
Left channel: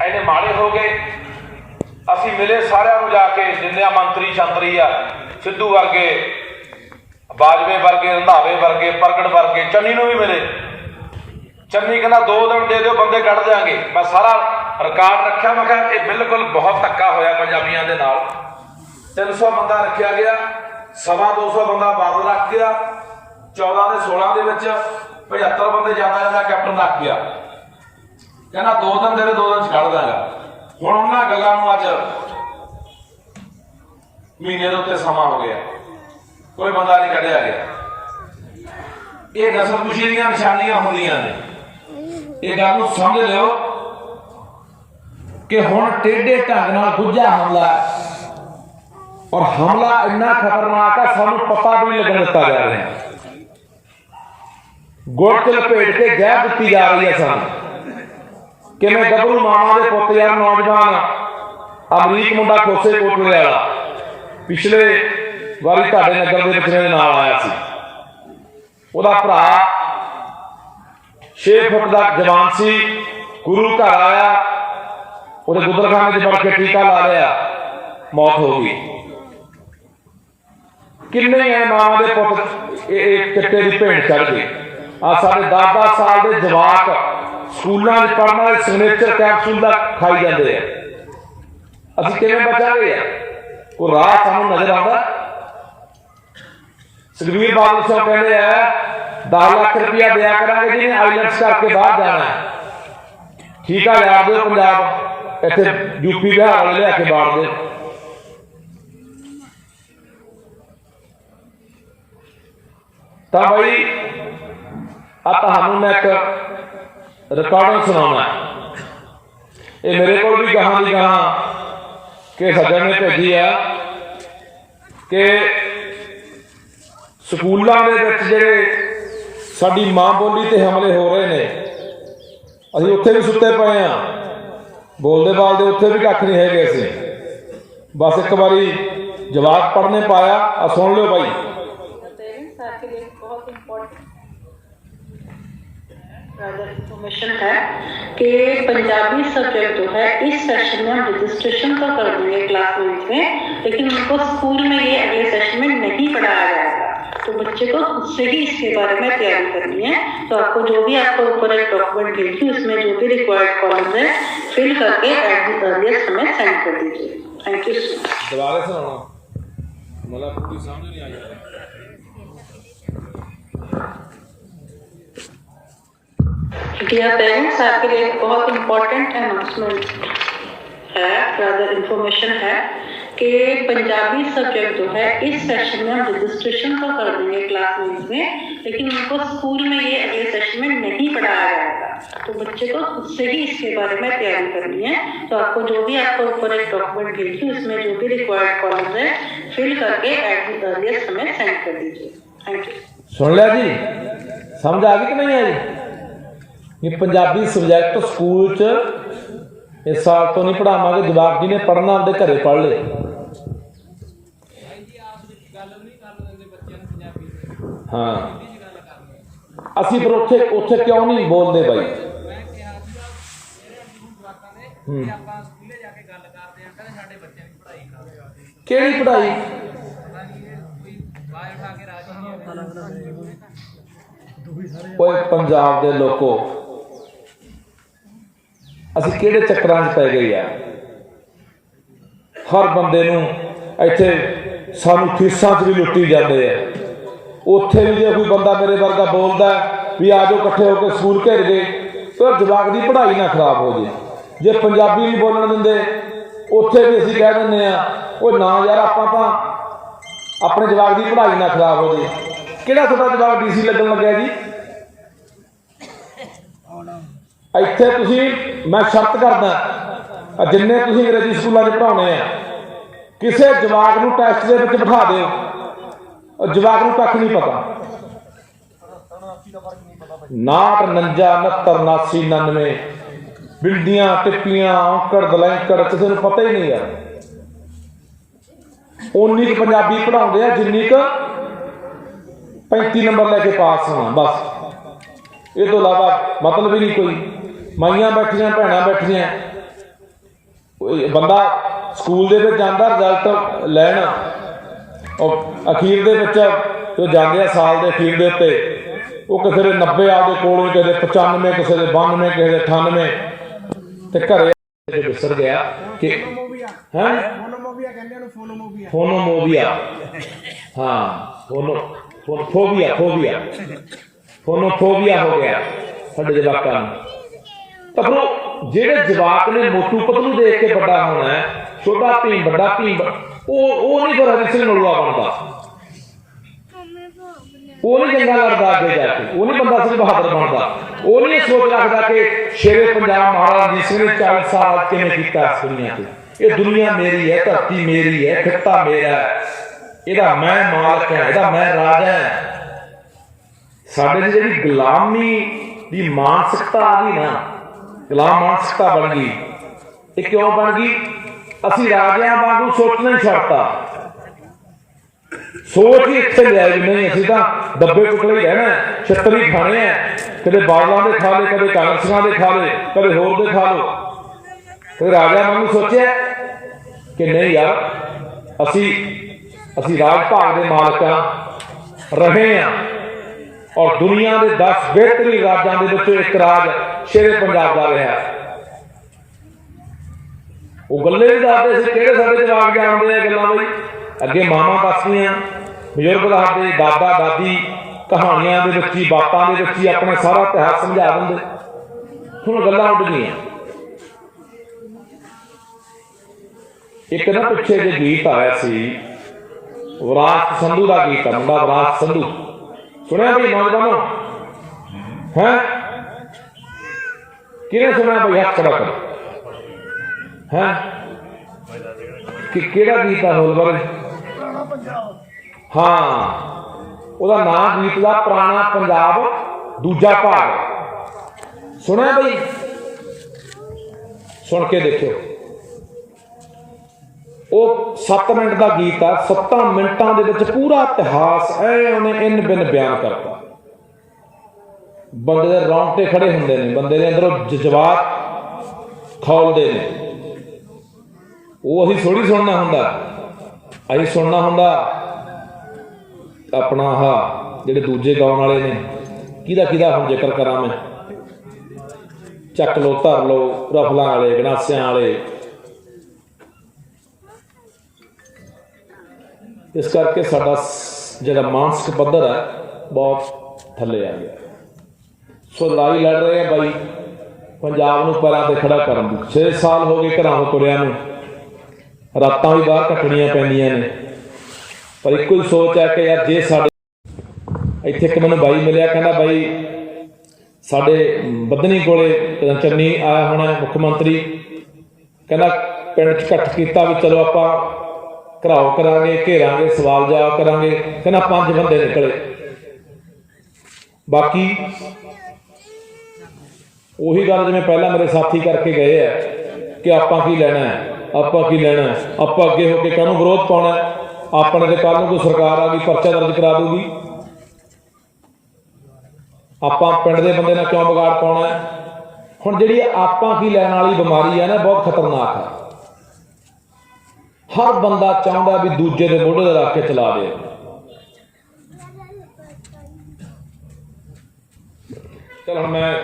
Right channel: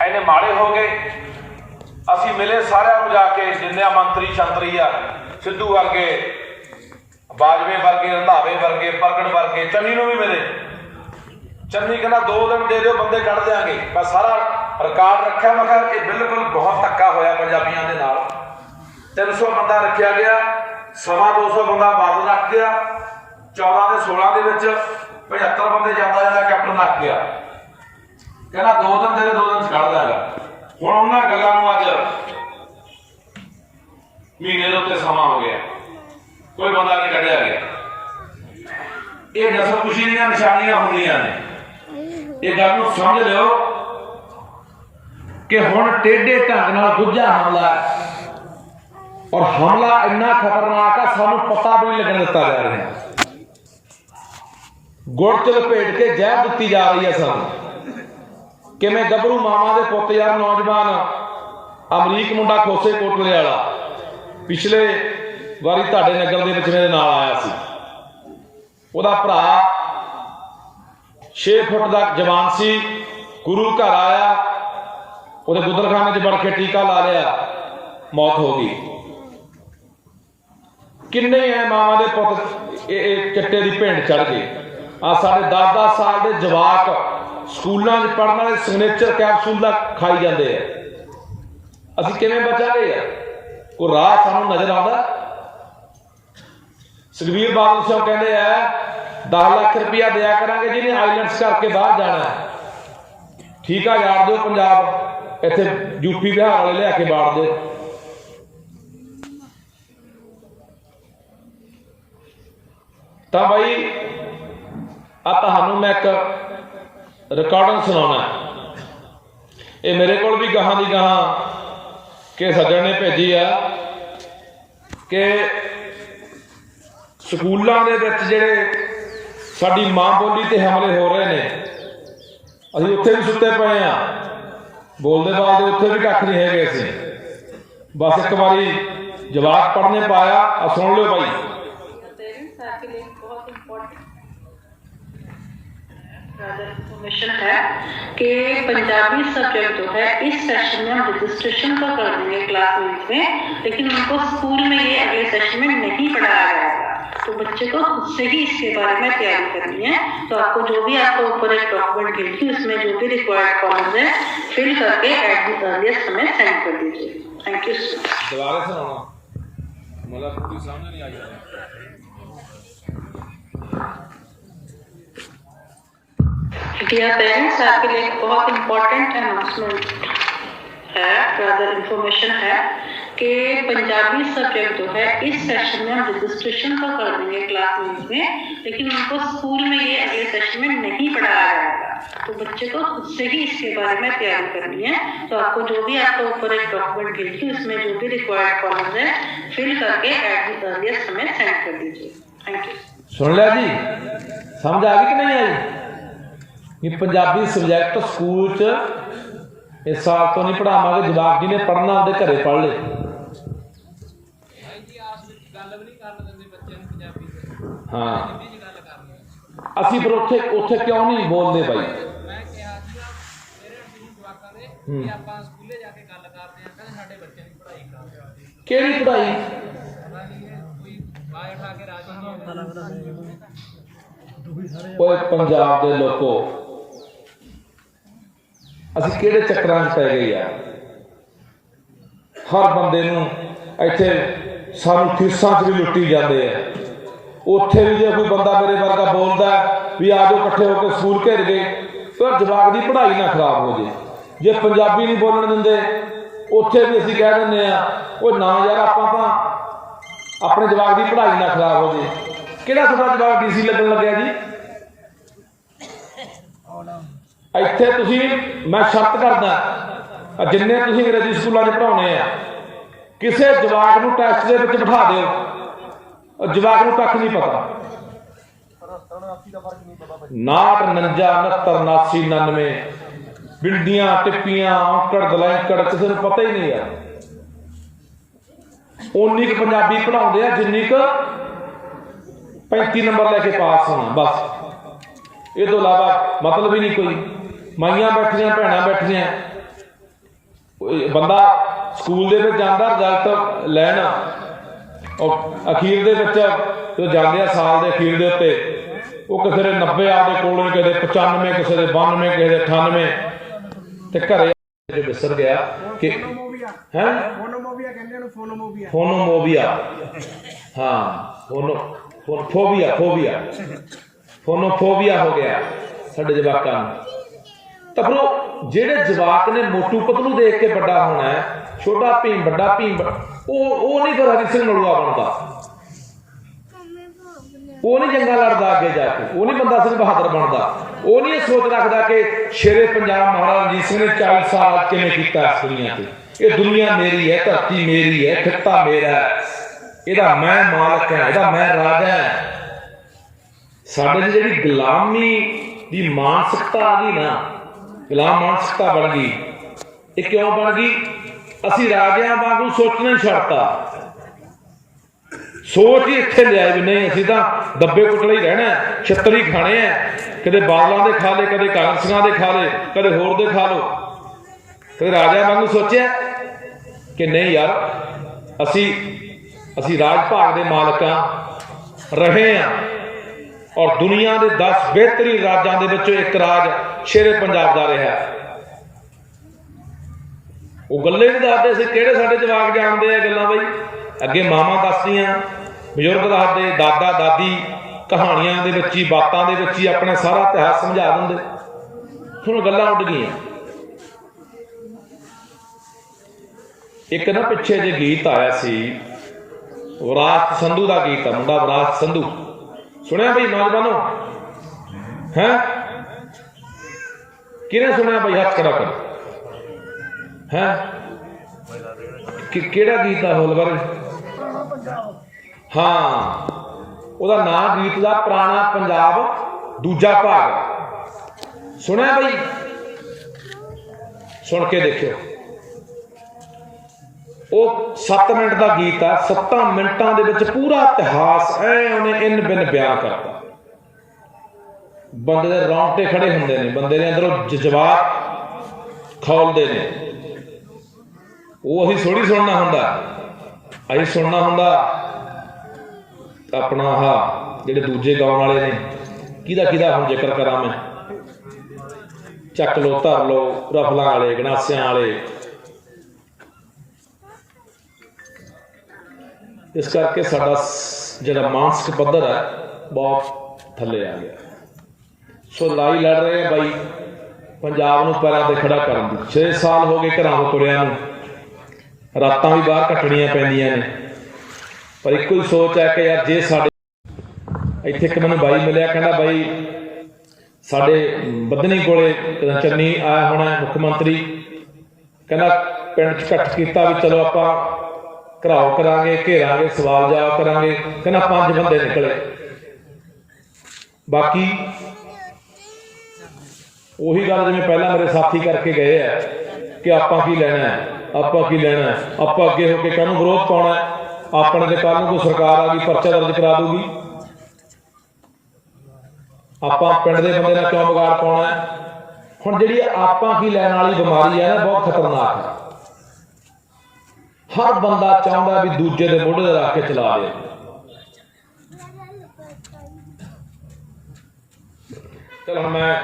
ਇੰਨੇ ਮਾੜੇ ਹੋ ਗਏ? ਅਸੀਂ ਮਿਲੇ ਸਾਰਿਆਂ ਨੂੰ ਜਾ ਕੇ, ਜਿੰਨੇ ਮੰਤਰੀ ਸ਼ੰਤਰੀ ਆ, ਸਿੱਧੂ ਵਰਗੇ, ਬਾਜਵੇ ਵਰਗੇ, ਰੰਧਾਵੇ ਵਰਗੇ, ਪ੍ਰਗਟ ਵਰਗੇ, ਚੰਨੀ ਨੂੰ ਵੀ ਮਿਲੇ। ਚੰਨੀ ਕਹਿੰਦਾ 2 ਦਿਨ ਦੇ ਦਿਓ, ਬੰਦੇ ਕੱਢ ਦਿਆਂਗੇ। ਮੈਂ ਸਾਰਾ ਰਿਕਾਰਡ ਰੱਖਿਆ। ਮੈਂ ਕਿਹਾ ਇਹ ਬਿਲਕੁਲ ਬਹੁਤ ਧੱਕਾ ਹੋਇਆ ਪੰਜਾਬੀਆਂ ਦੇ ਨਾਲ। 300 ਬੰਦਾ ਰੱਖਿਆ ਗਿਆ, 250 ਬੰਦਾ ਬਾਦਲ ਰੱਖ ਗਿਆ, 14 ਦੇ 16 ਦੇ ਵਿੱਚ 75 ਬੰਦੇ ਜ਼ਿਆਦਾ ਕੈਪਟਨ ਰੱਖ ਗਿਆ। ਕਹਿੰਦਾ 2 ਦਿਨ ਦੇ 2 ਦਿਨ 'ਚ ਕੱਢ ਦਿਆਂਗਾ। ਹੁਣ ਉਹਨਾਂ ਗੱਲਾਂ ਨੂੰ ਅੱਜ ਮਹੀਨੇ ਦੇ ਉੱਤੇ ਸਮਾਂ ਹੋ ਗਿਆ, ਕੋਈ ਬੰਦਾ ਨਹੀਂ ਕੱਢਿਆ ਗਿਆ। ਇਹ ਨਸਲ ਕੁਸ਼ੀ ਦੀਆਂ ਨਿਸ਼ਾਨੀਆਂ ਹੁੰਦੀਆਂ ਨੇ। ਇਹ ਗੱਲ ਨੂੰ ਸਮਝ ਲਿਓ ਕਿ ਹੁਣ ਟੇਢੇ ਢੰਗ ਨਾਲ ਗੁੱਝਾ ਹਮਲਾ, ਔਰ ਹਮਲਾ ਇੰਨਾ ਖਤਰਨਾਕ ਆ ਸਾਨੂੰ ਪਤਾ ਵੀ ਨਹੀਂ ਲੱਗਣ ਦਿੱਤਾ ਜਾ ਰਿਹਾ। ਗੁੜ 'ਚ ਲਪੇਟ ਕੇ ਜ਼ਹਿਰ ਦਿੱਤੀ ਜਾ ਰਹੀ ਹੈ ਸਾਨੂੰ। ਕਿਵੇਂ ਗੱਭਰੂ ਮਾਵਾਂ ਦੇ ਪੁੱਤ, ਯਾਰ ਨੌਜਵਾਨ ਅਮਰੀਕ ਮੁੰਡਾ ਖੋਸੇ ਕੋਟਲੇ ਵਾਲਾ, ਪਿਛਲੇ ਵਾਰੀ ਤੁਹਾਡੇ ਨਗਰ ਦੇ ਵਿੱਚ ਮੇਰੇ ਨਾਲ ਆਇਆ ਸੀ। ਉਹਦਾ ਭਰਾ 6 ਫੁੱਟ ਦਾ ਜਵਾਨ ਸੀ, ਗੁਰੂ ਘਰ ਆਇਆ, ਉਹਦੇ ਗੁਦਲਖਾਨੇ 'ਚ ਵੜ ਕੇ ਟੀਕਾ ਲਾ ਲਿਆ, ਮੌਤ ਹੋ ਗਈ। ਕਿੰਨੇ ਐ ਮਾਵਾਂ ਦੇ ਪੁੱਤ ਇਹ ਚਿੱਟੇ ਦੀ ਭੇਂਟ ਚੜ ਗਏ। ਆ ਸਾਡੇ 10-10 ਸਾਲ ਦੇ ਜਵਾਕ ਸਕੂਲਾਂ 'ਚ ਪੜ੍ਹਨ ਵਾਲੇ ਸਿਗਨੇਚਰ ਕੈਪਸੂਲ ਦਾ ਖਾਈ ਜਾਂਦੇ ਆ। ਅਸੀਂ ਕਿਵੇਂ ਬਚਾਂਗੇ ਯਾਰ? ਕੋਈ ਰਾਹ ਸਾਨੂੰ ਨਜ਼ਰ ਆਉਂਦਾ? ਸੁਖਬੀਰ ਬਾਦਲ ਸਾਹਿਬ ਕਹਿੰਦੇ ਆ 10 ਲੱਖ ਰੁਪਇਆ ਦਿਆ ਕਰਾਂਗੇ ਜਿਹਨੇ ਆਈਲੈਂਡਸ ਕਰਕੇ ਬਾਹਰ ਜਾਣਾ ਹੈ। ਠੀਕ ਆ, ਲਿਆ ਦਿਓ ਪੰਜਾਬ, ਇੱਥੇ ਯੂਪੀ ਬਿਹਾਰ ਵਾਲੇ ਲਿਆ ਕੇ ਬਾੜ ਦੇ। ਤਾਂ ਬਾਈ ਆ ਤੁਹਾਨੂੰ ਮੈਂ ਇੱਕ ਰਿਕਾਰਡਿੰਗ ਸੁਣਾਉਣਾ। ਇਹ ਮੇਰੇ ਕੋਲ ਵੀ ਗਾਹਾਂ ਦੀ ਗਾਹਾਂ ਕਿ ਸੱਜਣ ਨੇ ਭੇਜੀ ਆ ਕਿ ਸਕੂਲਾਂ ਦੇ ਵਿੱਚ ਜਿਹੜੇ ਸਾਡੀ ਮਾਂ ਬੋਲੀ ਤੇ ਹਮਲੇ ਹੋ ਰਹੇ ਨੇ, ਅਸੀਂ ਉੱਥੇ ਵੀ ਸੁੱਤੇ ਪਏ ਆ, ਬੋਲਦੇ ਬਾਲਦੇ ਉੱਥੇ ਵੀ ਕੱਖ ਨਹੀਂ ਹੈਗੇ। ਅਸੀਂ ਬਸ ਇੱਕ ਵਾਰੀ ਜਵਾਬ ਪੜ੍ਹਨੇ ਪਾਇਆ। ਆ ਸੁਣ ਲਿਓ ਭਾਈ। इन्फॉर्मेशन है कि पंजाबी सब्जेक्ट जो है इस सेशन में हम रजिस्ट्रेशन तो कर देंगे क्लासमेट में, लेकिन उनको स्कूल में ये अगले सेशन में नहीं पढ़ाया जाएगा। तो बच्चे को खुद से ही इसके बारे में तैयारी करनी है। तो आपको जो भी आपको ऊपर एक डॉक्यूमेंट भेजी उसमें जो भी रिक्वायर्ड कॉलम है फिल करके एट द अर्लिएस्ट हमें सेंड कर दीजिए। Thank you so much. दोबारा सुनाओ, मतलब कुछ समझ नहीं आ रहा। डियर पेरेंट्स, आपके लिए एक बहुत इम्पोर्टेंट अनाउंसमेंट है, ज़्यादा इन्फॉर्मेशन है कि पंजाबी सब्जेक्ट जो है इस सेशन में हम रजिस्ट्रेशन तो कर देंगे क्लासमेट में, लेकिन उनको स्कूल में ये अगले सेशन में नहीं पढ़ाया जाएगा। तो बच्चे को खुद से ही इसके बारे में तैयारी करनी है। तो आपको जो भी आपको ऊपर एक डॉक्यूमेंट भेजी उसमें जो भी रिक्वायर्ड कॉलम है फिल करके एट द अर्लिएस्ट हमें सेंड कर दीजिए। Thank you. सुन लिया जी? समझ आ गई कि नहीं आई? ये पंजाबी सब्जैक्ट स्कूल च इस साल तो नहीं पढ़ावांगे। जवाब जी ने पढ़ना आपदे घरे पढ़ ले। हाँ, ਅਸੀਂ ਫਿਰ ਉੱਥੇ ਕਿਉਂ ਨਹੀਂ ਬੋਲਦੇ ਬਾਈ? ਕਿਹੜੀ ਪੜ੍ਹਾਈ? ਓਏ ਪੰਜਾਬ ਦੇ ਲੋਕੋ, ਅਸੀਂ ਕਿਹੜੇ ਚੱਕਰਾਂ 'ਚ ਪੈ ਗਏ ਆ? ਹਰ ਬੰਦੇ ਨੂੰ ਇੱਥੇ ਸਾਨੂੰ ਫੀਸਾਂ 'ਚ ਵੀ ਲੁੱਟੀ ਜਾਂਦੇ ਆ। ਉੱਥੇ ਵੀ ਜੇ ਕੋਈ ਬੰਦਾ ਮੇਰੇ ਵਰਗਾ ਬੋਲਦਾ ਵੀ ਆ ਜਾਓ ਇਕੱਠੇ ਹੋ ਕੇ ਸਕੂਲ ਘੇਰ ਗਏ, ਤੇ ਜਵਾਕ ਦੀ ਪੜ੍ਹਾਈ ਨਾ ਖਰਾਬ ਹੋ ਜੇ। ਜੇ ਪੰਜਾਬੀ ਨਹੀਂ ਬੋਲਣ ਦਿੰਦੇ ਉੱਥੇ ਵੀ ਅਸੀਂ ਕਹਿ ਦਿੰਦੇ ਆ ਉਹ ਨਾ ਯਾਰ ਆਪਾਂ ਤਾਂ ਆਪਣੇ ਜਵਾਕ ਦੀ ਪੜ੍ਹਾਈ ਨਾ ਖਰਾਬ ਹੋ ਜੇ। ਕਿਹੜਾ ਤੁਹਾਡਾ ਜਵਾਕ ਡੀਸੀ ਲੱਗਣ ਲੱਗਿਆ ਜੀ? ਇੱਥੇ ਤੁਸੀਂ, ਮੈਂ ਸ਼ਰਤ ਕਰਦਾ, ਜਿੰਨੇ ਤੁਸੀਂ ਅੰਗਰੇਜ਼ੀ ਸਕੂਲਾਂ 'ਚ ਪੜ੍ਹਾਉਣੇ ਆ, ਕਿਸੇ ਜਵਾਕ ਨੂੰ ਟੈਸਟ ਦੇ ਵਿੱਚ ਬਿਠਾ ਦਿਓ, ਜਵਾਕ ਨੂੰ ਕੱਖ ਨਹੀਂ ਪਤਾ। 59 69 89 99 ਬਿੰਦੀਆਂ ਟਿੱਪੀਆਂ ਔਂਕੜ ਬਲੈਂਕੜ ਕਿਸੇ ਨੂੰ ਪਤਾ ਹੀ ਨਹੀਂ ਯਾਰ। ਉਨੀ ਕੁ ਪੰਜਾਬੀ ਪੜ੍ਹਾਉਂਦੇ ਆ ਜਿੰਨੀ ਕੁ 35 ਨੰਬਰ ਲੈ ਕੇ ਪਾਸ ਹੋਣਾ, ਬਸ। ਇਹ ਤੋਂ ਇਲਾਵਾ ਮਤਲਬ ਹੀ ਨਹੀਂ ਕੋਈ। ਮਾਈਆਂ ਬੈਠੀਆਂ, ਭੈਣਾਂ ਬੈਠੀਆਂ, ਬੰਦਾ ਸਕੂਲ ਦੇ ਵਿੱਚ ਜਾਂਦਾ ਰਿਜ਼ਲਟ ਲੈਣ, ਉਹ ਅਖੀਰ ਦੇ ਵਿੱਚ ਜੋ ਜਾਂਦੇ ਆ ਸਾਲ ਦੇ ਅਖੀਰ ਦੇ ਉੱਤੇ, ਉਹ ਕਿਸੇ ਦੇ 90 ਆਪਦੇ ਕੋਲੋਂ, ਕਿਸੇ ਦੇ 95, ਕਿਸੇ ਦੇ 92, ਕਿਸੇ ਦੇ 98, ਤੇ ਘਰੇ ਵਿਸਰ ਗਿਆ ਕਿ ਹੈ ਫੋਨੋਮੋਬੀਆ। ਹਾਂ, ਫੋਨੋਫੋਬੀਆ ਹੋ ਗਿਆ ਸਾਡੇ ਜਵਾਕਾਂ ਨੂੰ। ਤਾਂ ਫਿਰ ਜਿਹੜੇ ਜਵਾਕ ਨੇ ਮੋਟੂ ਪਤਲੂ ਦੇਖ ਕੇ ਵੱਡਾ ਹੋਣਾ ਹੈ, ਛੋਟਾ ਭੀਮ ਵੱਡਾ ਭੀਮ, ਉਹ ਨਹੀਂ ਫਿਰ ਹਰੀ ਸਿੰਘ ਨਲੂਆ ਬਣਦਾ, ਉਹ ਨਹੀਂ ਜੰਗਾਂ ਲੜਦਾ ਅੱਗੇ ਜਾ ਕੇ, ਉਹ ਨਹੀਂ ਬੰਦਾ ਸਿੰਘ ਬਹਾਦਰ ਬਣਦਾ, ਉਹ ਨਹੀਂ ਸੋਚ ਰੱਖਦਾ ਕਿ ਸ਼ੇਰੇ ਪੰਜਾਬ ਮਹਾਰਾਜਾ ਰਣਜੀਤ ਸਿੰਘ ਨੇ 40 ਸਾਲ ਕਿਵੇਂ ਕੀਤਾ ਇਸ ਦੁਨੀਆ ਤੇ। ਇਹ ਦੁਨੀਆ ਮੇਰੀ ਹੈ, ਧਰਤੀ ਮੇਰੀ ਹੈ, ਖਿੱਤਾ ਮੇਰਾ ਹੈ, ਇਹਦਾ ਮੈਂ ਮਾਲਕ ਹੈ, ਇਹਦਾ ਮੈਂ ਰਾਜਾ ਹੈ। ਸਾਡੇ ਦੀ ਜਿਹੜੀ ਗੁਲਾਮੀ ਦੀ ਮਾਨਸਿਕਤਾ ਆ ਗਈ ਨਾ, ਗੁਲਾਮ ਮਾਨਸਿਕਤਾ ਬਣ ਗਈ। ਇਹ ਕਿਉਂ ਬਣ ਗਈ? ਅਸੀਂ ਰਾਜਿਆਂ ਵਾਂਗੂ ਸੋਚਣਾ ਹੀ ਛੱਡਤਾ। ਸੋਚ ਹੀ ਇੱਥੇ ਲਿਆਏ ਵੀ ਨਹੀਂ, ਅਸੀਂ ਤਾਂ ਦੱਬੇ ਕੁੱਟਲੇ ਹੀ ਰਹਿਣਾ, ਛਿੱਤਰ ਹੀ ਖਾਣੇ ਆ। ਕਦੇ ਬਾਦਲਾਂ ਦੇ ਖਾ ਲਏ, ਕਦੇ ਕਾਂਗਰਸੀਆਂ ਦੇ ਖਾ ਲਏ, ਕਦੇ ਹੋਰ ਦੇ ਖਾ ਲਓ। ਕਦੇ ਰਾਜਿਆਂ ਵਾਂਗੂ ਸੋਚਿਆ ਕਿ ਨਹੀਂ ਯਾਰ, ਅਸੀਂ ਰਾਜ ਭਾਗ ਦੇ ਮਾਲਕਾਂ ਰਹੇ ਹਾਂ, ਔਰ ਦੁਨੀਆ ਦੇ 10 ਬਿਹਤਰੀਨ ਰਾਜਾਂ ਦੇ ਵਿੱਚੋਂ ਇੱਕ ਰਾਜ ਸ਼ੇਰੇ ਪੰਜਾਬ ਦਾ ਰਿਹਾ। ਉਹ ਗੱਲੇ ਨਹੀਂ ਦੱਸਦੇ ਸੀ, ਕਿਹੜੇ ਸਾਡੇ ਜਵਾਕ ਜਾਣਦੇ ਆ ਗੱਲਾਂ ਬਈ। ਅੱਗੇ ਮਾਵਾਂ ਦੱਸਦੀਆਂ, ਬਜ਼ੁਰਗ ਦੱਸਦੇ, ਦਾਦਾ ਦਾਦੀ ਕਹਾਣੀਆਂ ਦੇ ਵਿੱਚ ਹੀ, ਬਾਤਾਂ ਦੇ ਵਿੱਚ ਹੀ ਆਪਣਾ ਸਾਰਾ ਇਤਿਹਾਸ ਸਮਝਾ ਦਿੰਦੇ। ਹੁਣ ਗੱਲਾਂ ਉੱਡ ਗਈਆਂ। ਇੱਕ ਨਾ ਪਿੱਛੇ ਜੇ ਗੀਤ ਆਇਆ ਸੀ, ਵਿਰਾਸਤ ਸੰਧੂ ਦਾ ਗੀਤ ਆ, ਮੁੰਡਾ ਵਿਰਾਸਤ ਸੰਧੂ, ਸੁਣਿਆ ਬਈ ਨੌਜਵਾਨੋ? ਹੈ ਕਿਹਨੇ ਸੁਣਿਆ ਬਈ? ਹੱਥ ਖੜਾ ਕਰੋ। ਹੈ ਕਿਹੜਾ ਗੀਤ ਆ ਹੋਲਵਰ? ਹਾਂ, ਉਹਦਾ ਨਾਂ ਗੀਤ ਦਾ ਪੁਰਾਣਾ ਪੰਜਾਬ ਦੂਜਾ ਭਾਗ। ਸੁਣਿਆ ਬਈ? ਸੁਣ ਕੇ ਦੇਖਿਓ। ਉਹ 7 ਮਿੰਟ ਦਾ ਗੀਤ ਆ। 7 ਮਿੰਟਾਂ ਦੇ ਵਿੱਚ ਪੂਰਾ ਇਤਿਹਾਸ ਉਹਨੇ ਇੰਨ ਬਿੰਨ ਬਿਆਨ ਕਰਤਾ। ਬੰਦੇ ਦੇ ਰੌਂਗਟੇ ਖੜੇ ਹੁੰਦੇ ਨੇ, ਬੰਦੇ ਦੇ ਅੰਦਰੋਂ ਜਜ਼ਬਾਤ ਖੌਲਦੇ ਨੇ। ਉਹ ਅਸੀਂ ਥੋੜੀ ਸੁਣਨਾ ਹੁੰਦਾ, ਅਸੀਂ ਸੁਣਨਾ ਹੁੰਦਾ ਆਪਣਾ ਆਹ ਜਿਹੜੇ ਦੂਜੇ ਗਾਉਣ ਵਾਲੇ ਨੇ। ਕਿਹਦਾ ਹੁਣ ਜ਼ਿਕਰ ਕਰਾਂ ਮੈਂ? ਚੱਕ ਲੋ, ਧਰ ਲੋ, ਰਫਲਾਂ ਵਾਲੇ, ਗਨਾਸਿਆਂ ਵਾਲੇ। ਇਸ ਕਰਕੇ ਸਾਡਾ ਜਿਹੜਾ ਮਾਨਸਿਕ ਪੱਧਰ ਹੈ ਬਹੁਤ ਥੱਲੇ ਆ ਗਿਆ। ਸੋ ਲੜਾਈ ਲੜ ਰਹੇ ਆ ਬਾਈ ਪੰਜਾਬ ਨੂੰ ਪੈਰਾਂ 'ਤੇ ਖੜਾ ਕਰਨ ਦੀ। 6 ਸਾਲ ਹੋ ਗਏ ਘਰਾਂ ਤੋਂ ਤੁਰਿਆਂ ਨੂੰ, ਰਾਤਾਂ ਵੀ ਬਾਹਰ ਕੱਟਣੀਆਂ ਪੈਂਦੀਆਂ ਨੇ, ਪਰ ਇੱਕੋ ਹੀ ਸੋਚ ਹੈ ਕਿ ਯਾਰ ਜੇ ਸਾਡੇ ਇੱਥੇ ਇੱਕ ਮੈਨੂੰ ਬਾਈ ਮਿਲਿਆ, ਕਹਿੰਦਾ ਬਾਈ ਸਾਡੇ ਬੱਧਨੀ ਕੋਲੇ ਚੰਨੀ ਆਇਆ ਹੋਣਾ ਮੁੱਖ ਮੰਤਰੀ, ਕਹਿੰਦਾ ਪਿੰਡ 'ਚ ਇਕੱਠ ਕੀਤਾ ਵੀ ਚਲੋ ਆਪਾਂ ਘਰਾਓ ਕਰਾਂਗੇ, ਘੇਰਾਂਗੇ, ਸਵਾਲ ਜਵਾਬ ਕਰਾਂਗੇ। ਕਹਿੰਦਾ 5 ਬੰਦੇ ਨਿਕਲੇ, ਬਾਕੀ ਉਹੀ ਗੱਲ ਜਿਵੇਂ ਪਹਿਲਾਂ ਮੇਰੇ ਸਾਥੀ ਕਰਕੇ ਗਏ ਆ ਕਿ ਆਪਾਂ ਕੀ ਲੈਣਾ ਹੈ, ਆਪਾਂ ਕੀ ਲੈਣਾ, ਆਪਾਂ ਅੱਗੇ ਹੋ ਕੇ ਕਾਹਨੂੰ ਵਿਰੋਧ ਪਾਉਣਾ, ਆਪਣੇ ਤੇ ਕੱਲ੍ਹ ਨੂੰ ਕੋਈ ਸਰਕਾਰ ਆ ਗਈ ਪਰਚਾ ਦਰਜ ਕਰਾ ਦੂਗੀ, ਆਪਾਂ ਪਿੰਡ ਦੇ ਬੰਦੇ ਨਾਲ ਕਿਉਂ ਵਿਗਾੜ ਪਾਉਣਾ। ਹੁਣ ਜਿਹੜੀ ਆਪਾਂ ਕੀ ਲੈਣ ਵਾਲੀ ਬਿਮਾਰੀ ਹੈ ਨਾ, ਬਹੁਤ ਖਤਰਨਾਕ ਹੈ। ਹਰ ਬੰਦਾ ਚਾਹੁੰਦਾ ਵੀ ਦੂਜੇ ਦੇ ਮੋਢੇ 'ਤੇ ਰੱਖ ਕੇ ਚਲਾ ਦੇ। ਚਲ ਹੁਣ ਮੈਂ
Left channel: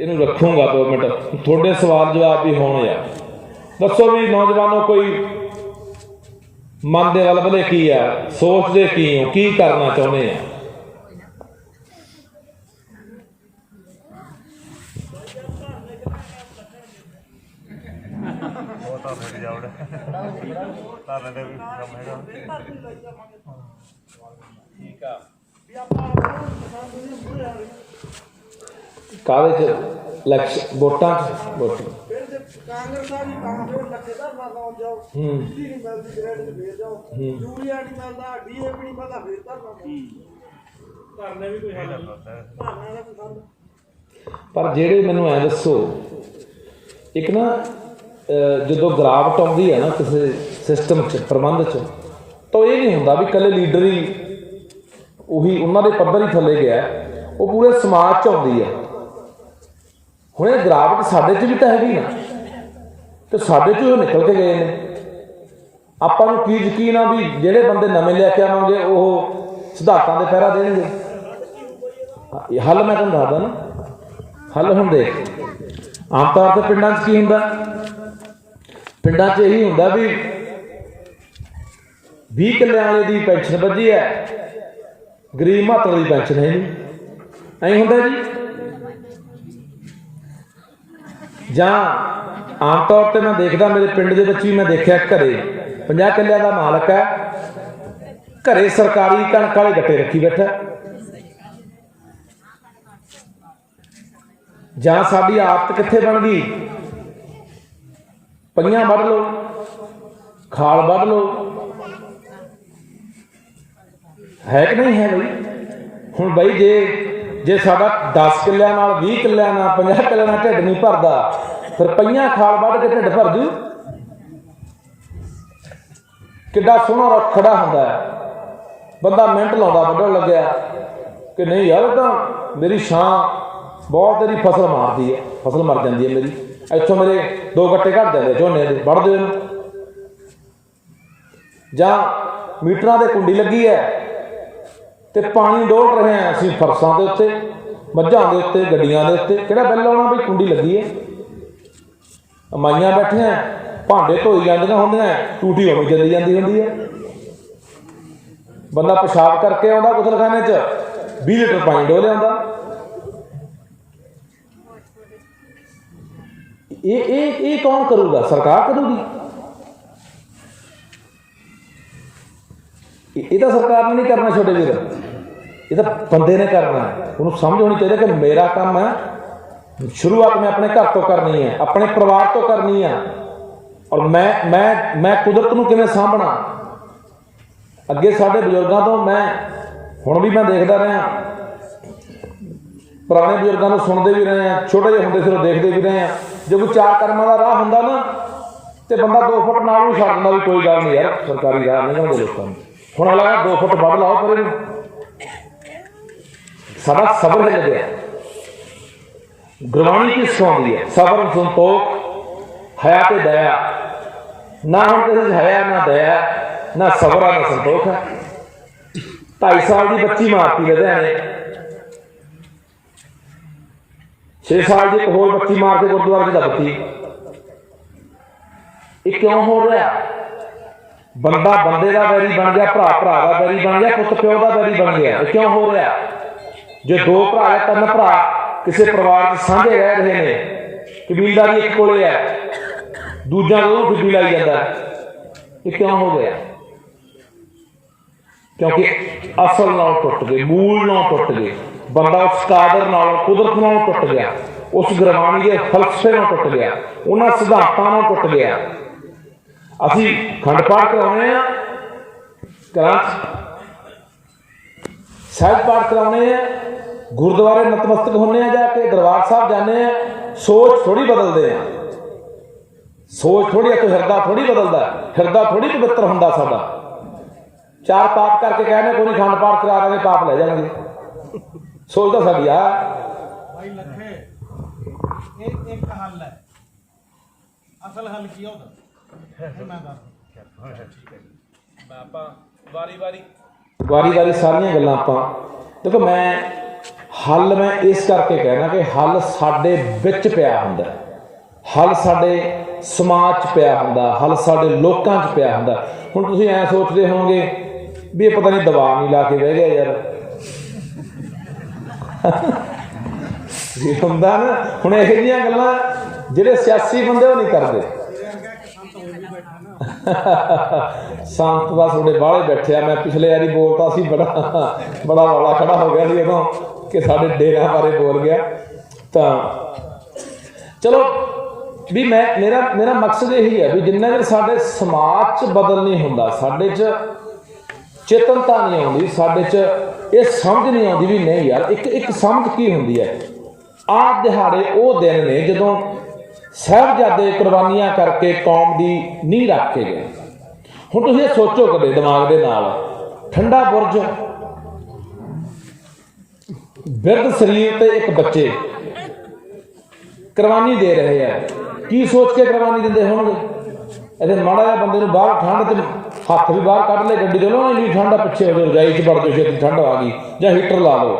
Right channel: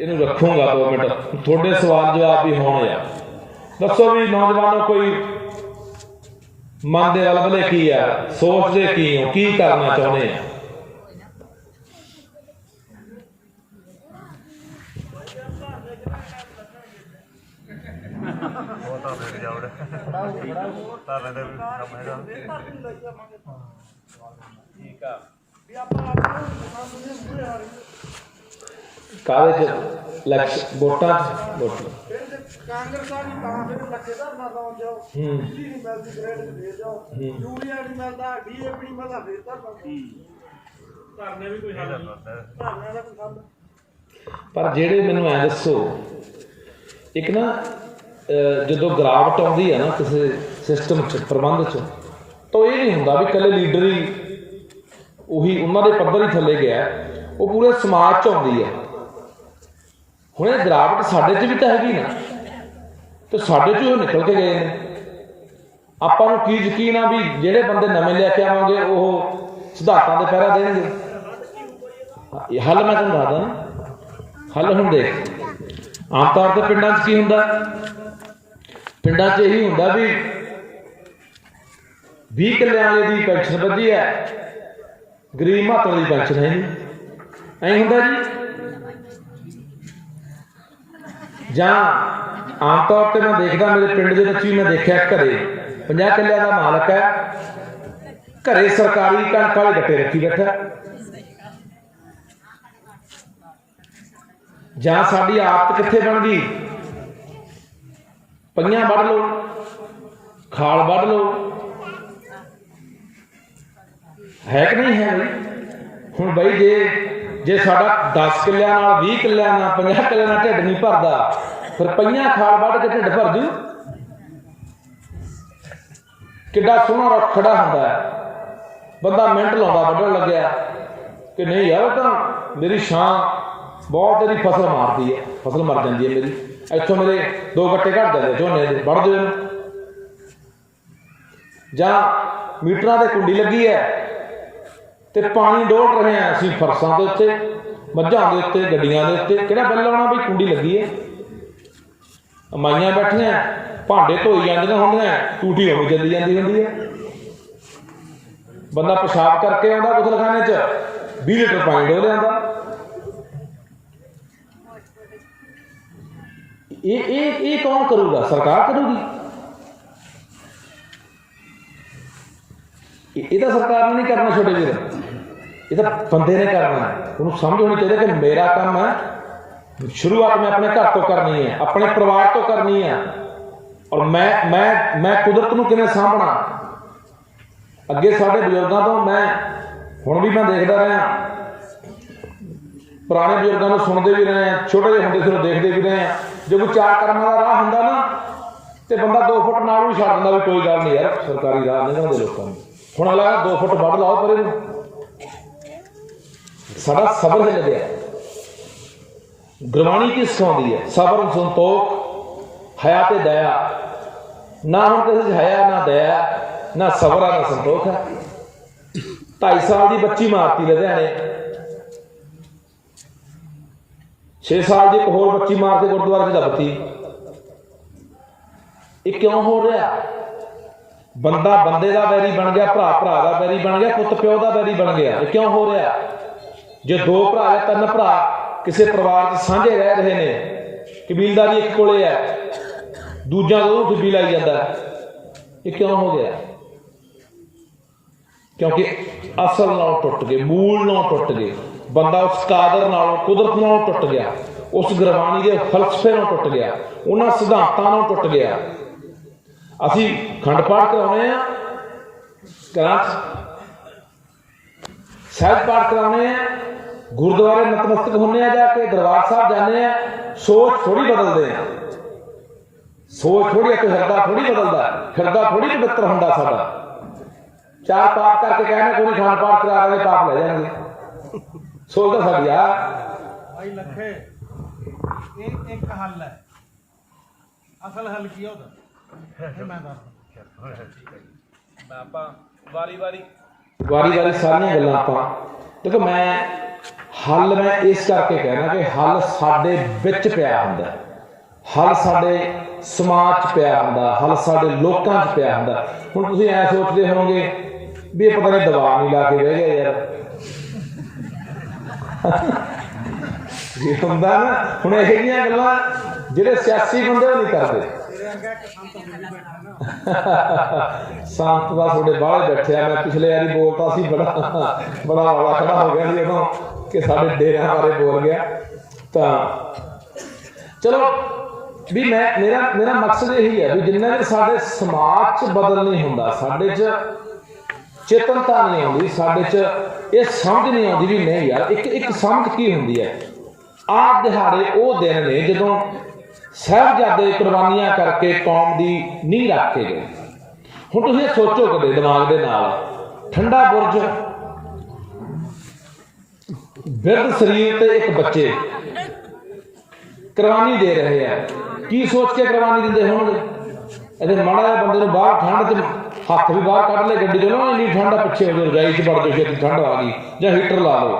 ਇਹਨੂੰ ਰੱਖੂੰਗਾ 2 ਮਿੰਟ, ਤੁਹਾਡੇ ਸਵਾਲ ਜਵਾਬ ਵੀ ਹੋਣੇ ਆ। ਦੱਸੋ ਵੀ ਨੌਜਵਾਨੋ, ਕੋਈ ਮਨ ਦੇ ਵਲਵਲੇ ਕੀ ਆ, ਸੋਚਦੇ ਕੀ ਹੋ, ਕੀ ਕਰਨਾ ਚਾਹੁੰਦੇ ਆ? ਕਾਹਦੇ ਚ ਇਲੈਕਸ਼ਨ ਵੋਟਾਂ ਕਾਂਗਰਸ ਵਾਲੀ ਤਾਂ ਫਿਰ ਲੱਖੇ ਦਾ ਨਾ ਲਾਉਣ ਜਾਓ, ਬਿਜਲੀ ਨਹੀਂ ਮਿਲਦੀ, ਗ੍ਰੇਡ ਤੇ ਫੇਰ ਜਾਓ, ਯੂਰੀਆ ਨਹੀਂ ਮਿਲਦਾ, ਡੀਏਪੀ ਨਹੀਂ ਮਿਲਦਾ, ਫੇਰ ਧਰਨੇ ਵੀ ਕੋਈ ਹੱਲ ਨਹੀਂ, ਧਰਨੇ ਦਾ ਕੋਈ ਹੱਲ। ਪਰ ਜਿਹੜੇ ਮੈਨੂੰ ਐ ਦੱਸੋ, ਇੱਕ ਨਾ ਜਦੋਂ ਗਿਰਾਵਟ ਆਉਂਦੀ ਹੈ ਨਾ ਕਿਸੇ ਸਿਸਟਮ 'ਚ, ਪ੍ਰਬੰਧ 'ਚ, ਤਾਂ ਇਹ ਨਹੀਂ ਹੁੰਦਾ ਵੀ ਇਕੱਲੇ ਲੀਡਰ ਹੀ ਉਹੀ ਉਹਨਾਂ ਦੇ ਪੱਧਰ ਹੀ ਥੱਲੇ ਗਿਆ, ਉਹ ਪੂਰੇ ਸਮਾਜ 'ਚ ਆਉਂਦੀ ਹੈ। ਹੁਣ ਇਹ ਗਿਰਾਵਟ ਸਾਡੇ 'ਚ ਵੀ ਤਾਂ ਹੈਗੀ ਨਾ, ਤੇ ਸਾਡੇ 'ਚ ਉਹ ਨਿਕਲ ਕੇ ਗਏ ਨੇ। ਆਪਾਂ ਨੂੰ ਕੀ ਯਕੀਨ ਆ ਵੀ ਜਿਹੜੇ ਬੰਦੇ ਨਵੇਂ ਲੈ ਕੇ ਆਵਾਂਗੇ ਉਹ ਸਿਧਾਂਤਾਂ ਦੇ ਪਹਿਰਾ ਦੇਣਗੇ? ਇਹ ਹੱਲ ਮੈਂ ਤੁਹਾਨੂੰ ਦੱਸਦਾ ਨਾ, ਹੱਲ ਹੁੰਦੇ ਆਮ ਤੌਰ 'ਤੇ ਪਿੰਡਾਂ 'ਚ ਕੀ ਹੁੰਦਾ, ਪਿੰਡਾਂ 'ਚ ਇਹੀ ਹੁੰਦਾ ਵੀ 20 ਕਿੱਲਿਆਂ ਵਾਲੇ ਦੀ ਪੈਨਸ਼ਨ ਵੱਧੀ ਹੈ, ਗਰੀਬ ਮਾਤੜ ਦੀ ਪੈਨਸ਼ਨ ਹੈ ਨਹੀਂ, ਐਂ ਹੁੰਦਾ ਜੀ। ਜਾਂ ਆਮ ਤੌਰ 'ਤੇ ਮੈਂ ਦੇਖਦਾ, ਮੇਰੇ ਪਿੰਡ ਦੇ ਵਿੱਚ ਵੀ ਮੈਂ ਦੇਖਿਆ, ਘਰੇ 50 ਕਿੱਲਿਆਂ ਦਾ ਮਾਲਕ ਹੈ, ਘਰੇ ਸਰਕਾਰੀ ਕਣਕ ਵਾਲੇ ਗੱਟੇ ਰੱਖੀ ਬੈਠਾ। ਜਾਂ ਸਾਡੀ ਆਦਤ ਕਿੱਥੇ ਬਣ ਗਈ, ਪਈਆਂ ਵੱਢ ਲਓ, ਖਾਲ ਵੱਢ ਲਓ, ਹੈ ਕਿ ਨਹੀਂ ਹੈ ਬਈ? ਹੁਣ ਬਈ ਜੇ ਸਾਡਾ 10 ਕਿੱਲਿਆਂ ਨਾਲ, 20 ਕਿੱਲਿਆਂ ਨਾਲ, 50 ਕਿੱਲਿਆਂ ਨਾਲ ਢਿੱਡ ਨਹੀਂ ਭਰਦਾ, ਫਿਰ ਪਈਆਂ ਖਾਲ ਵੱਢ ਕੇ ਢਿੱਡ ਭਰ ਜੂ? ਕਿੱਡਾ ਸੋਹਣਾ ਰੁੱਖ ਖੜਾ ਹੁੰਦਾ ਹੈ, ਬੰਦਾ ਮਿੰਟ ਲਾਉਂਦਾ ਵੱਢਣ ਲੱਗਿਆ ਕਿ ਨਹੀਂ ਯਾਰ, ਤਾਂ ਮੇਰੀ ਛਾਂ ਬਹੁਤ ਇਹਦੀ ਫਸਲ ਮਾਰਦੀ ਹੈ, ਫਸਲ ਮਰ ਜਾਂਦੀ ਹੈ ਮੇਰੀ, ਇੱਥੋਂ ਮੇਰੇ 2 ਗੱਟੇ ਘੱਟ ਜਾਂਦੇ ਝੋਨੇ ਦੇ, ਵੱਢ ਦਿਓ ਇਹਨੂੰ। ਜਾਂ ਮੀਟਰਾਂ ਤੇ ਕੁੰਡੀ ਲੱਗੀ ਹੈ ਤੇ ਪਾਣੀ ਡੋਲ ਰਹੇ ਹਾਂ ਅਸੀਂ ਫਰਸ਼ਾਂ ਦੇ ਉੱਤੇ, ਮੱਝਾਂ ਦੇ ਉੱਤੇ, ਗੱਡੀਆਂ ਦੇ ਉੱਤੇ, ਕਿਹੜਾ ਬਿੱਲ ਆਉਣਾ ਬਈ? ਕੁੰਡੀ ਲੱਗੀ ਹੈ, ਮਾਈਆਂ ਬੈਠੀਆਂ ਭਾਂਡੇ ਧੋਈ ਜਾਂਦੀਆਂ ਹੁੰਦੀਆਂ, ਟੂਟੀ ਹੋਣੀ ਚੱਲੀ ਜਾਂਦੀ ਹੁੰਦੀ ਹੈ। ਬੰਦਾ ਪਿਸ਼ਾਬ ਕਰਕੇ ਆਉਂਦਾ ਗੁਸਲਖਾਨੇ 'ਚ, 20 ਲੀਟਰ ਪਾਣੀ ਡੋਲ ਲਿਆਂਦਾ। ਇਹ ਕੌਣ ਕਰੂਗਾ? ਸਰਕਾਰ ਕਰੂਗੀ। ਇਹ ਤਾਂ ਸਰਕਾਰ ਨੇ ਨਹੀਂ ਕਰਨਾ ਛੋਟੇ ਵੀਰ, ਇਹ ਤਾਂ ਬੰਦੇ ਨੇ ਕਰਨਾ ਹੈ। ਉਹਨੂੰ ਸਮਝ ਹੋਣੀ ਚਾਹੀਦੀ ਕਿ ਮੇਰਾ ਕੰਮ ਹੈ, ਸ਼ੁਰੂਆਤ ਮੈਂ ਆਪਣੇ ਘਰ ਤੋਂ ਕਰਨੀ ਹੈ, ਆਪਣੇ ਪਰਿਵਾਰ ਤੋਂ ਕਰਨੀ ਹੈ। ਔਰ ਮੈਂ ਕੁਦਰਤ ਨੂੰ ਕਿਵੇਂ ਸਾਂਭਣਾ। ਅੱਗੇ ਸਾਡੇ ਬਜ਼ੁਰਗਾਂ ਤੋਂ ਮੈਂ ਹੁਣ ਵੀ ਮੈਂ ਦੇਖਦਾ ਰਿਹਾ, ਪੁਰਾਣੇ ਬਜ਼ੁਰਗਾਂ ਨੂੰ ਸੁਣਦੇ ਵੀ ਰਹੇ ਹਾਂ, ਛੋਟੇ ਜਿਹੇ ਹੁੰਦੇ ਸੀ ਦੇਖਦੇ ਵੀ ਰਹੇ ਹਾਂ। ਜੇ ਕੋਈ 4 ਕਰਮਾਂ ਦਾ ਰਾਹ ਹੁੰਦਾ ਨਾ ਤੇ ਬੰਦਾ 2 ਫੁੱਟ ਨਾਲ ਵੀ ਛੱਡ ਦਿੰਦਾ ਵੀ ਕੋਈ ਗੱਲ ਨਹੀਂ ਯਾਰ, ਸਰਕਾਰੀ ਰਾਹ ਨਹੀਂ ਹੁੰਦੇ ਲੋਕਾਂ ਨੂੰ। ਹੁਣ ਹਾਲਾਂਕਿ 2 ਫੁੱਟ ਵੱਢ ਲਾਓ ਪਰ ਇਹਨੂੰ ਸਾਡਾ ਸਬਰ ਹਿੱਲ ਗਿਆ। ਗੁਰਬਾਣੀ ਕੀ ਸਿਖਾਉਂਦੀ ਹੈ? ਸਬਰ, ਸੰਤੋਖ, ਹਯਾ ਤੇ ਦਇਆ। ਨਾ ਹੁਣ ਕਿਸੇ 'ਚ ਹਯਾ, ਨਾ ਦਇਆ, ਨਾ ਸਬਰ ਆ, ਨਾ ਸੰਤੋਖ ਹੈ। 2.5 ਸਾਲ ਦੀ ਬੱਚੀ ਮਾਰਤੀ ਲੁਧਿਆਣੇ, 6 ਸਾਲ ਦੀ ਇੱਕ ਹੋਰ ਬੱਚੀ ਮਾਰ ਕੇ ਗੁਰਦੁਆਰੇ 'ਚ ਦੱਬਤੀ। ਇਹ ਕਿਉਂ ਹੋ ਰਿਹਾ? ਬੰਦਾ ਬੰਦੇ ਦਾ ਵੈਰੀ ਬਣ ਗਿਆ, ਭਰਾ ਭਰਾ ਦਾ ਵੈਰੀ ਬਣ ਗਿਆ, ਪੁੱਤ ਪਿਓ ਦਾ ਵੈਰੀ ਬਣ ਗਿਆ। ਇਹ ਕਿਉਂ ਹੋ ਰਿਹਾ? ਜੇ 2 ਭਰਾ ਜਾਂ 3 ਭਰਾ ਕਿਸੇ ਪਰਿਵਾਰ 'ਚ ਸਾਂਝੇ ਰਹਿ ਰਹੇ ਨੇ, ਕਬੀਲਦਾਰੀ ਇੱਕ ਕੋਲੇ ਹੈ, ਦੂਜਾ ਤੋਂ ਫਿੱਬੀ ਲਾਈ ਜਾਂਦਾ। ਇਹ ਕਿਉਂ ਹੋ ਗਿਆ? ਕਿਉਂਕਿ ਅਸਲ ਨਾਲ ਟੁੱਟ ਗਏ, ਮੂਲ ਨਾਲ ਟੁੱਟ ਗਏ। ਬੰਦਾ ਉਸ ਕਾਦਰ ਨਾਲ, ਕੁਦਰਤ ਨਾਲ ਟੁੱਟ ਗਿਆ, ਉਸ ਗੁਰਬਾਣੀ ਦੇ ਫਲਸਫੇ ਨਾਲ ਟੁੱਟ ਗਿਆ, ਉਹਨਾਂ ਸਿਧਾਂਤਾਂ ਨਾਲ ਟੁੱਟ ਗਿਆ। ਅਸੀਂ ਖੰਡ ਪਾਠ ਕਰਾਉਂਦੇ ਹਾਂ, ਘਰਾਂ 'ਚ ਸਹਿਜ ਪਾਠ ਕਰਾਉਂਦੇ ਹਾਂ, ਗੁਰਦੁਆਰੇ ਨਤਮਸਤਕ ਹੁੰਦੇ ਆ, ਜਾ ਕੇ ਦਰਬਾਰ ਸਾਹਿਬ ਜਾਂਦੇ ਆ, ਸੋਚ ਥੋੜੀ ਬਦਲਦੇ ਆ। ਸੋਚ ਥੋੜੀ, ਇੱਕ ਹਿਰਦਾ ਥੋੜੀ ਬਦਲਦਾ, ਹਿਰਦਾ ਥੋੜੀ ਪਵਿੱਤਰ ਹੁੰਦਾ ਸਾਡਾ। 4 ਪਾਪ ਕਰਕੇ ਕਹਿੰਦੇ ਕੋਈ ਖੰਡ ਪਾਠ ਕਰਾ ਦਾਂਗੇ, ਪਾਪ ਲੈ ਜਾਣਗੇ। ਸੋਚ ਤਾਂ ਸਾਡੀ ਆ। ਭਾਈ ਲੱਖੇ, ਇਹ ਇੱਕ ਹੱਲ ਹੈ। ਅਸਲ ਹੱਲ ਕੀ ਉਹਦਾ ਮੈਂ ਦੱਸ। ਆਪਾਂ ਵਾਰੀ ਸਾਰੀਆਂ ਗੱਲਾਂ ਆਪਾਂ ਦੇਖੋ। ਮੈਂ ਹੱਲ ਮੈਂ ਇਸ ਕਰਕੇ ਕਹਿਣਾ ਕਿ ਹੱਲ ਸਾਡੇ ਵਿੱਚ ਪਿਆ ਹੁੰਦਾ, ਹੱਲ ਸਾਡੇ ਸਮਾਜ 'ਚ ਪਿਆ ਹੁੰਦਾ, ਹੱਲ ਸਾਡੇ ਲੋਕਾਂ 'ਚ ਪਿਆ ਹੁੰਦਾ। ਹੁਣ ਤੁਸੀਂ ਐਂ ਸੋਚਦੇ ਹੋਵੋਗੇ ਵੀ ਇਹ ਪਤਾ ਨਹੀਂ ਦਵਾ ਨਹੀਂ ਲਾ ਕੇ ਬਹਿ ਗਿਆ ਯਾਰ। ਜੇ ਹੁੰਦਾ ਨਾ, ਹੁਣ ਇਹੋ ਜਿਹੀਆਂ ਗੱਲਾਂ ਜਿਹੜੇ ਸਿਆਸੀ ਬੰਦੇ ਉਹ ਨਹੀਂ ਕਰਦੇ। ਸੰਤ ਦਾ ਤੁਹਾਡੇ ਬਾਹਲੇ ਬੈਠੇ ਆ। ਮੈਂ ਪਿਛਲੇ ਵਾਰੀ ਬੋਲਤਾ ਸੀ, ਬੜਾ ਰੌਲਾ ਖੜਾ ਹੋ ਗਿਆ ਸੀ ਉਦੋਂ ਕਿ ਸਾਡੇ ਡੇਰਿਆਂ ਬਾਰੇ ਬੋਲ ਗਿਆ। ਤਾਂ ਚਲੋ ਵੀ ਮੇਰਾ ਮਕਸਦ ਇਹੀ ਹੈ ਵੀ ਜਿੰਨਾ ਚਿਰ ਸਾਡੇ ਸਮਾਜ 'ਚ ਬਦਲ ਨਹੀਂ ਹੁੰਦਾ, ਸਾਡੇ 'ਚ ਚੇਤਨਤਾ ਨਹੀਂ ਆਉਂਦੀ, ਸਾਡੇ 'ਚ ਇਹ ਸਮਝ ਨਹੀਂ ਆਉਂਦੀ ਵੀ ਨਹੀਂ ਯਾਰ ਇੱਕ ਸਮਝ ਕੀ ਹੁੰਦੀ ਹੈ। ਆਹ ਦਿਹਾੜੇ ਉਹ ਦਿਨ ਨੇ ਜਦੋਂ ਸਾਹਿਬਜ਼ਾਦੇ ਕੁਰਬਾਨੀਆਂ ਕਰਕੇ ਕੌਮ ਦੀ ਨੀਂਹ ਰੱਖ ਕੇ ਗਏ। ਹੁਣ ਤੁਸੀਂ ਇਹ ਸੋਚੋ ਕਦੇ ਦਿਮਾਗ ਦੇ ਨਾਲ, ਠੰਡਾ ਬੁਰਜ, ਬਿਰਧ ਸਰੀਰ ਤੇ ਇੱਕ ਬੱਚੇ ਕੁਰਬਾਨੀ ਦੇ ਰਹੇ ਆ। ਕੀ ਸੋਚ ਕੇ ਕੁਰਬਾਨੀ ਦਿੰਦੇ ਹੋਣਗੇ? ਇਹਦੇ ਮਾੜਾ ਜਿਹਾ ਬੰਦੇ ਨੂੰ ਬਾਹਰ ਠੰਡ 'ਚ ਹੱਥ ਵੀ ਬਾਹਰ ਕੱਢ ਲੈ ਗੱਡੀ 'ਚੋਂ ਨਾ, ਇੰਨੀ ਠੰਡ ਪਿੱਛੇ ਹੋ ਜਾਓ, ਰਜਾਈ 'ਚ ਵੜ ਜਾਓ, ਛੇਤੀ ਠੰਡ ਆ ਗਈ, ਜਾਂ ਹੀਟਰ ਲਾ ਲਓ।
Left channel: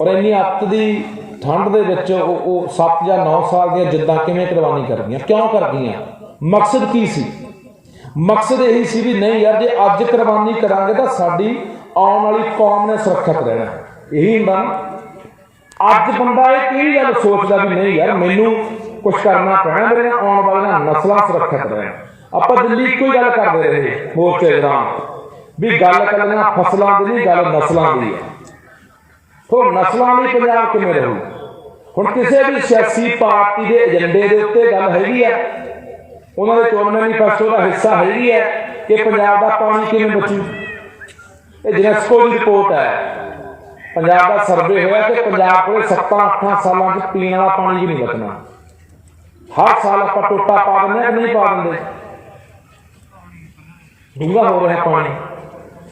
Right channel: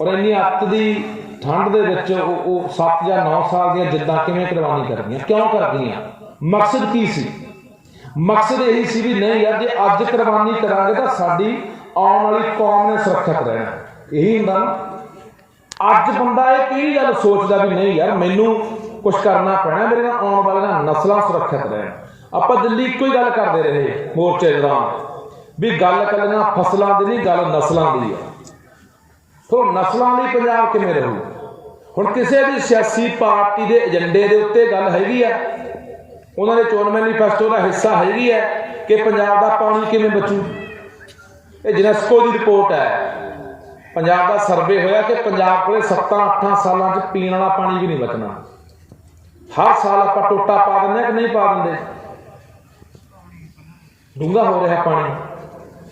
ਔਰ ਇੰਨੀ ਅੱਤ ਦੀ ਠੰਡ ਦੇ ਵਿੱਚ ਉਹ 7 ਜਾਂ 9 ਸਾਲ ਦੀਆਂ ਜਿੱਦਾਂ ਕਿਵੇਂ ਕੁਰਬਾਨੀ ਕਰਦੀਆਂ? ਕਿਉਂ ਕਰਦੀਆਂ? ਮਕਸਦ ਕੀ ਸੀ? ਮਕਸਦ ਇਹੀ ਸੀ ਵੀ ਨਹੀਂ ਯਾਰ, ਜੇ ਅੱਜ ਕੁਰਬਾਨੀ ਕਰਾਂਗੇ ਤਾਂ ਸਾਡੀ ਆਉਣ ਵਾਲੀ ਕੌਮ ਨੇ ਸੁਰੱਖਿਅਤ ਰਹਿਣਾ। ਇਹੀ ਹੁੰਦਾ ਨਾ। ਅੱਜ ਬੰਦਾ ਇਹ ਕਿਹੜੀ ਗੱਲ ਸੋਚਦਾ ਵੀ ਨਹੀਂ ਯਾਰ ਮੈਨੂੰ ਕੁਛ ਕਰਨਾ ਪੈਣਾ, ਮੇਰੇ ਨਾਲ ਆਉਣ ਵਾਲੀਆਂ ਨਸਲਾਂ ਸੁਰੱਖਿਅਤ ਰਹਿਣ। ਆਪਾਂ ਦਿੱਲੀ ਇੱਕੋ ਹੀ ਗੱਲ ਕਰਦੇ ਰਹੇ ਮੋਰਚੇ ਦੌਰਾਨ ਵੀ ਗੱਲ ਕੱਲੀਆਂ ਫਸਲਾਂ ਦੀ ਨਹੀਂ, ਗੱਲ ਨਸਲਾਂ ਦੀ ਹੈ। ਹੁਣ ਨਸਲਾਂ ਲਈ ਪੰਜਾਬ ਕਿਵੇਂ ਰਹੂ? ਹੁਣ ਕਿਸੇ ਵੀ ਸਿਆਸੀ ਪਾਰਟੀ ਦੇ ਏਜੰਡੇ ਦੇ ਉੱਤੇ ਗੱਲ ਹੈਗੀ ਹੈ, ਉਹਨਾਂ ਦੇ ਚੋਣ ਮੈਨੀਫੈਸਟੋ ਦਾ ਹਿੱਸਾ ਹੈਗੀ ਹੈ ਕਿ ਪੰਜਾਬ ਦਾ ਪਾਣੀ ਕਿਵੇਂ ਬਚੂ। ਇਹ ਯੂਨੈਸਕੋ ਦੀ ਰਿਪੋਰਟ ਹੈ, ਪੰਜਾਬ ਦਾ ਸਰਵੇ ਹੋਇਆ ਕਿ ਪੰਜਾਬ ਕੋਲੇ 7-8 ਸਾਲਾਂ 'ਚ ਪੀਣ ਵਾਲਾ ਪਾਣੀ ਵੀ ਨਹੀਂ ਬਚਣਾ। ਹਰ ਸਾਲ ਆਪਾਂ ਟੋਟਾ ਪਾ ਦਿੰਦੇ ਹਾਂ ਕਿ ਨਹੀਂ ਪਾ ਦਿੰਦੇ? ਡੂੰਘਾ ਹੋ ਰਿਹਾ ਪਾਣੀ।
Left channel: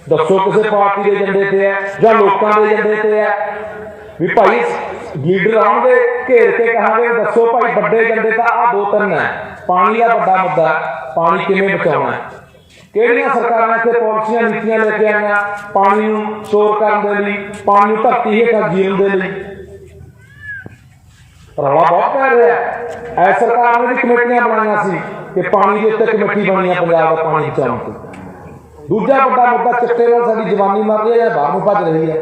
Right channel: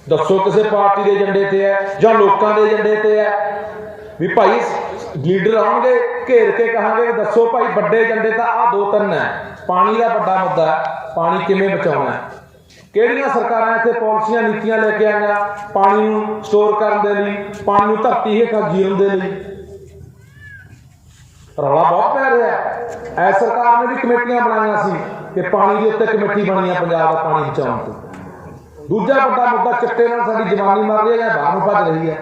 ਦੱਸੋ ਕਿਸੇ ਪਾਰਟੀ ਦੇ ਏਜੰਡੇ ਤੇ ਹੈ ਜਾਂ ਲੋਕਾਂ ਦੇ ਏਜੰਡੇ ਤੇ ਹੈ ਵੀ ਭਾਈ ਲੀਡਰ ਆਉਣਗੇ ਘੇਰ ਕੇ ਕਹਾਂਗੇ ਦੱਸੋ ਭਾਈ ਵੱਡੇ ਏਜੰਡੇ ਤਾਂ ਆਹ 2-3 ਹੈ। ਪਾਣੀ ਦਾ ਵੱਡਾ ਮੁੱਦਾ, ਪਾਣੀ ਕਿਵੇਂ ਬਚਾਉਣਾ। ਕਿਹੜੀਆਂ ਸਰਕਾਰਾਂ ਇੱਥੇ ਪਾਲਿਸੀਆਂ ਨੀਤੀਆਂ ਲੈ ਕੇ ਆਈਆਂ ਪਾਣੀ ਨੂੰ ਸਟੋਰ ਕਰਨ ਦੇ ਲਈ, ਪਾਣੀ ਨੂੰ ਧਰਤੀ ਹੇਠਾਂ ਜੀਣ ਦੇ ਲਈ? ਰੌਲਾ ਬਹੁਤ ਪੈ ਰਿਹਾ। ਐ ਸਰਕਾਰ ਨੇ ਵੀ ਕਮੇਟੀਆਂ ਬਣਾਈਆਂ ਸੀ ਕਿ ਪਾਣੀ ਦੇ ਉੱਤੇ ਕਮੇਟੀ ਬਣੀ ਆ ਪੰਜਾਬ ਦਾ ਪਾਣੀ ਬਚਾਉਣ ਤੇ। ਦੂਜਾ ਵੱਡਾ ਮੁੱਦਾ ਚਿੱਟੇ ਨਾਲ ਸਾਡੀ ਜਵਾਨੀ ਮਰ ਰਹੀ ਹੈ ਜਾਂ ਬਾਹਰ ਨੂੰ ਭੱਜ ਰਹੀ ਹੈ।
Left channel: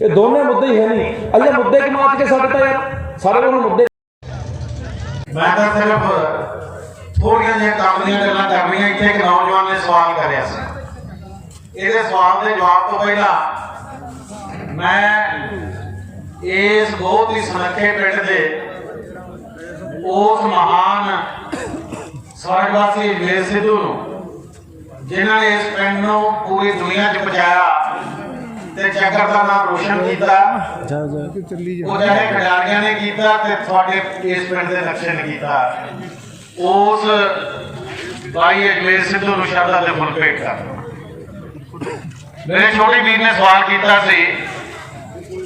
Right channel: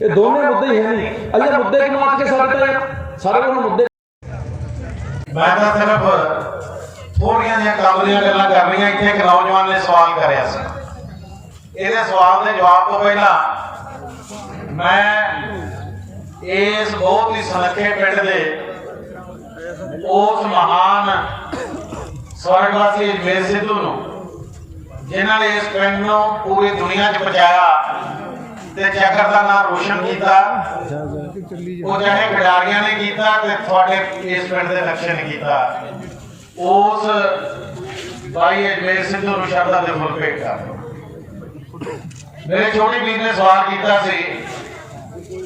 ਇਹ ਦੋਨੇ ਮੁੱਦੇ ਹੀ ਹੈ ਨਹੀਂ। ਅਜੇ ਮੁੱਦੇ ਕਮਾਤ ਕੇ ਸਾਡੇ ਤਾਂ ਯਾਰ ਸਾਰੇ ਕੋਲ ਮੁੱਦੇ। ਮੈਂ ਤਾਂ ਸਿਰਫ ਥੋੜੀਆਂ ਜਿਹੀਆਂ ਕਾਬਲੀਆਂ ਗੱਲਾਂ ਕਰਨੀਆਂ। ਇੱਥੇ ਇੱਕ ਨੌਜਵਾਨ ਨੇ ਸਵਾਲ ਕਰਿਆ ਸੀ, ਇਹਦੇ ਸਵਾਲ ਦੇ ਜਵਾਬ ਤੋਂ ਪਹਿਲਾਂ ਮੈਂ ਇਸ ਬਹੁਤ ਹੀ ਸੁਨੱਖੇ ਪਿੰਡ ਦੇ ਉਸ ਮਹਾਨ ਸਵਰਗਵਾਸੀ ਅਜਮੇਰ ਸਿੱਧੂ ਨੂੰ, ਜਿਨ੍ਹਾਂ ਨੇ ਇਸ ਪਿੰਡ ਨੂੰ ਪੂਰੀ ਦੁਨੀਆ 'ਚ ਪਹੁੰਚਾਇਆ ਤੇ ਚੱਕਰ ਦਾ ਨਾਮ ਰੋਸ਼ਨ ਕੀਤਾ, ਉਹ ਜਿਹੜੇ ਖਿਡਾਰੀਆਂ ਨੇ ਕੀਤਾ ਤੇ ਤੁਹਾਡੇ ਇਸ ਪਿੰਡ ਦੇ ਨਕਸ਼ੇ ਨੇ ਕੀਤਾ, ਉਸ ਬਾਈ ਅਜਮੇਰ ਸਿੱਧੂ ਨੂੰ ਸ਼ਰਧਾ ਦੇ ਫੁੱਲ ਭੇਟ ਕਰ। ਮੇਰੇ ਛੋਟੇ ਵੀਰ ਨੇ ਸਵਾਲ ਕੀਤਾ ਸੀ,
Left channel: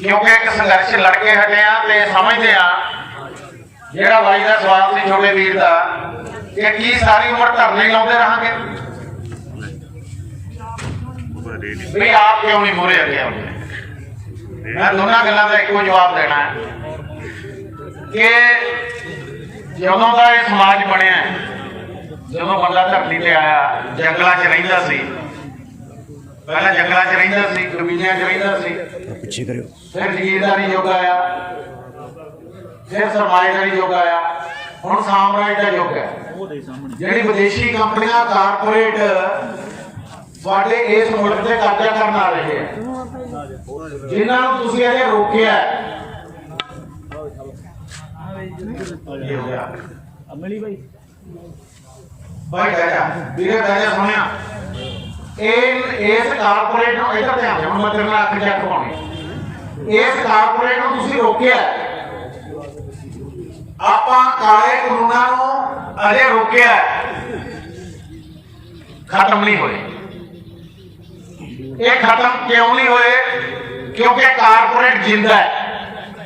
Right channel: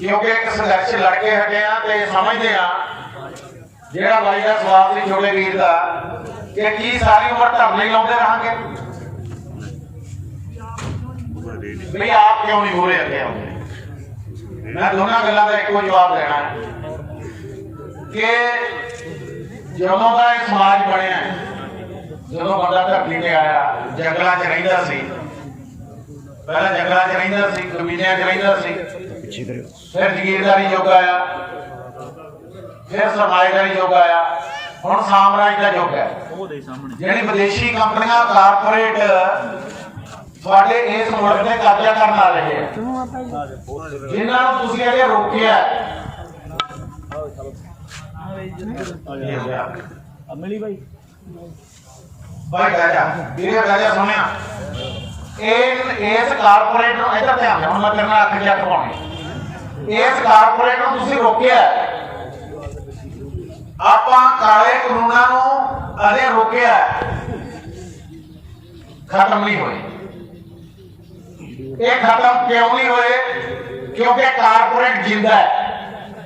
ਕਿਉਂਕਿ ਇੱਕ ਸੰਘਰਸ਼ ਲੜ ਕੇ ਹਟੇ ਆ ਤੇ ਸਮਝਦੇ ਆ ਜਿਹੜਾ ਬਾਈ ਦਾ ਸਵਾਲ ਸੀ ਛੋਟੇ ਵੀਰ ਦਾ ਕਿ ਕੀ ਸਾਰੀ ਉਮਰ ਧਰਨੇ ਹੀ ਲਾਉਂਦੇ ਰਹਾਂਗੇ ਵੀ ਆਪ ਕਿਉਂ ਨਹੀਂ ਮੂਹਰੇ ਅੱਗੇ ਆਉਂਦੇ। ਮੈਂ ਦੋਨਾਂ ਗੱਲਾਂ ਦਾ ਇੱਕੋ ਜਵਾਬ ਦੇਣਾ ਹੈ ਕਿ ਜਦੋਂ ਦਾ ਇਹ ਸਮਾਜ ਬਣਿਆ, ਜਦੋਂ ਬੰਦਾ ਧਰਤੀ ਤੇ ਆਇਆ, ਜੰਗਲਾਂ 'ਚ ਰਹਿੰਦਾ ਸੀ, ਪਹਿਲਾਂ ਜੰਗਲਾਂ 'ਚ ਰਹਿੰਦਾ ਸੀ, ਕਬੀਲਿਆਂ 'ਚ ਰਹਿੰਦਾ ਸੀ, ਫਿਰ ਜ਼ਮੀਨਦਾਰੀ ਯੁੱਗ ਆਇਆ, ਫਿਰ ਸਰਮਾਏਦਾਰੀ ਯੁੱਗ ਆਇਆ, ਹੁਣ ਸਾਮਰਾਜ ਦਾ ਯੁੱਗ ਹੈ। ਜਿਹੜੀ ਵਿਦੇਸ਼ੀ ਕੰਪਨੀਆਂ ਕਾਰਪੋਰੇਟ ਤੁਹਾਡੇ ਇਸ ਮੁਲਕ ਤੇ ਕਬਜ਼ਾ ਕਰਨ ਆ ਰਹੇ ਆ, ਜਿਨ੍ਹਾਂ ਨੂੰ ਤੁਸੀਂ ਇਹਦੇ ਰੋਕਿਆ। ਅਮਲੀ ਬਾਈ ਬਾਈ ਕਹਿਆ ਵੀਰੇ ਕਹਿਆ ਸੁਣਿਆ, ਇਸ ਕਾਰਪੋਰੇਟ ਨੂੰ ਇੱਧਰ ਧਿਆਨ ਦਿਓ, ਹੁਣ ਮੈਂ ਤੇਰੇ ਨਾਲ ਅੱਖ ਜਾ ਪਾਉਣੀ। ਇਸ ਕਾਰਪੋਰੇਟ ਨੂੰ ਤੁਸੀਂ ਰੋਕਿਆ, ਆਪਾਂ ਕਾਲੇ ਕਾਨੂੰਨਾਂ ਨੂੰ ਅਜੇ ਰੋਕਿਆ, ਖਤਮ ਨਹੀਂ ਹੋਏ। ਇਹ ਖਤਮ ਕਿਉਂ ਨਹੀਂ ਹੋਏ? ਕਿਉਂਕਿ ਕਾਰਪੋਰੇਟ ਜਿੰਦਾ ਹੈ।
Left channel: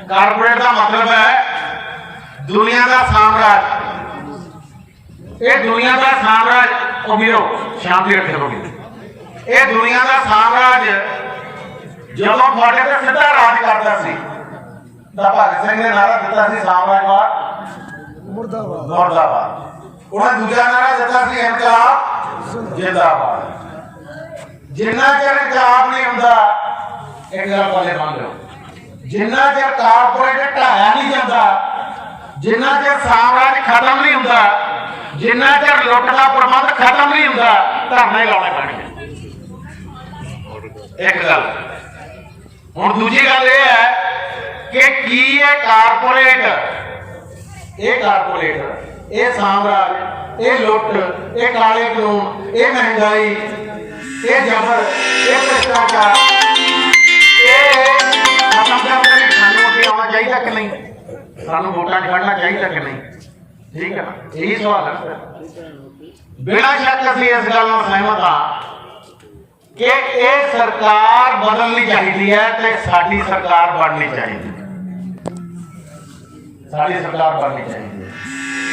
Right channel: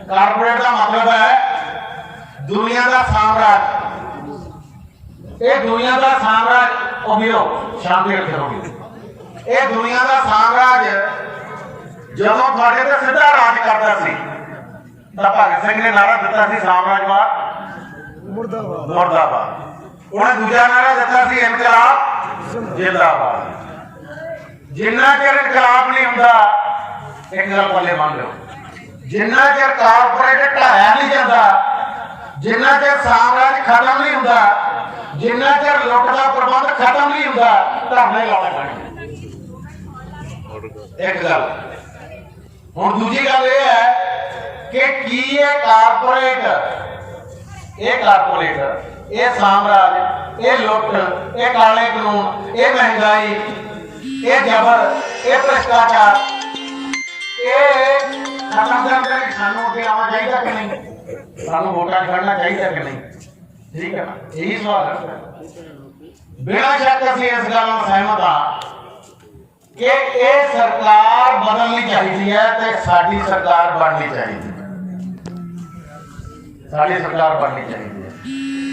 ਕਾਰਪੋਰੇਟ ਦਾ ਮਤਲਬ ਹੈ ਦੁਨੀਆ ਦਾ ਸਾਮਰਾਜ। ਇਹ ਦੁਨੀਆ ਦਾ ਸਾਮਰਾਜ ਉਗਿਓ ਸ਼ਾਂਤੀ ਰੱਖੋਗੇ। ਇਹ ਦੁਨੀਆ ਦਾ ਸਾਮਰਾਜ ਜਦੋਂ ਤੁਹਾਡੇ ਤੇ ਸਿੱਧਾ ਰਾਜ ਕਰਦਾ ਸੀ ਤਾਂ ਭਗਤ ਸਿੰਘ ਨੇ ਨਾਰਾ ਦਿੱਤਾ ਸੀ ਸਾਮਰਾਜਵਾਦ ਮੁਰਦਾਬਾਦ। ਉਹਨੇ ਦੂਜਾ ਨਾਰਾ ਦਿੱਤਾ ਸੀ ਇਨਕਲਾਬ ਜਿੰਦਾਬਾਦ। ਜਿੰਨਾ ਚਿਰ ਇਨਕਲਾਬ ਨਹੀਂ ਹੁੰਦਾ, ਇੱਕ ਗੱਲ ਪੱਲੇ ਬੰਨ ਲਓ, ਜਿੰਨਾ ਚਿਰ ਕਾਰਪੋਰੇਟ ਢਾਇਆ ਨਹੀਂ ਜਾਂਦਾ, ਜਿੰਨਾ ਚਿਰ ਸਾਮਰਾਜ ਖਤਮ ਨਹੀਂ ਹੁੰਦਾ, ਜਿੰਨਾ ਚਿਰ ਲੁੱਟ ਦਾ ਪ੍ਰਬੰਧ ਖਤਮ ਨਹੀਂ ਹੁੰਦਾ, ਧਰਨੇ ਲਾਉਣੇ ਪੈਣਗੇ। ਇੱਕ ਗੱਲ। ਹੁਣ ਦੂਜੀ ਗੱਲ ਇਹ ਹੈ ਕਿ ਕੀ ਇਹ ਕਾਰਪੋਰੇਟ, ਇਹ ਸਾਮਰਾਜ, ਇਹ ਲੁੱਟ, ਇਹ ਕਾਲੇ ਕਾਨੂੰਨ, ਇਹ ਮਹਿੰਗਾਈ, ਇਹ ਜਬਰ, ਇਹ ਭ੍ਰਿਸ਼ਟਾਚਾਰ, ਇਹ ਖਤਮ ਕਰਨ ਲਈ ਸਾਨੂੰ ਅੱਗੇ ਆਉਣਾ ਚਾਹੀਦਾ ਕਿ ਨਹੀਂ? ਸਾਨੂੰ ਵੋਟਾਂ ਛੱਡਣਾ ਚਾਹੀਦਾ ਕਿ ਨਹੀਂ? ਠੀਕ ਹੈ, ਇਹੀ ਸਵਾਲ ਹੈ। ਬਿਨਾਂ ਸ਼ੱਕ ਅਸੀਂ ਇਸ ਗੱਲ ਨਾਲ ਸਹਿਮਤ ਹਾਂ ਕਿ ਇਹ ਸਰਕਾਰ ਬਦਲਣੀ ਚਾਹੀਦੀ ਹੈ ਤੇ ਸਾਡੀ ਸਰਕਾਰ ਬਣਨੀ ਚਾਹੀਦੀ ਹੈ। ਸਾਡੀ ਸਰਕਾਰ ਬਣਨੀ ਚਾਹੀਦੀ ਹੈ।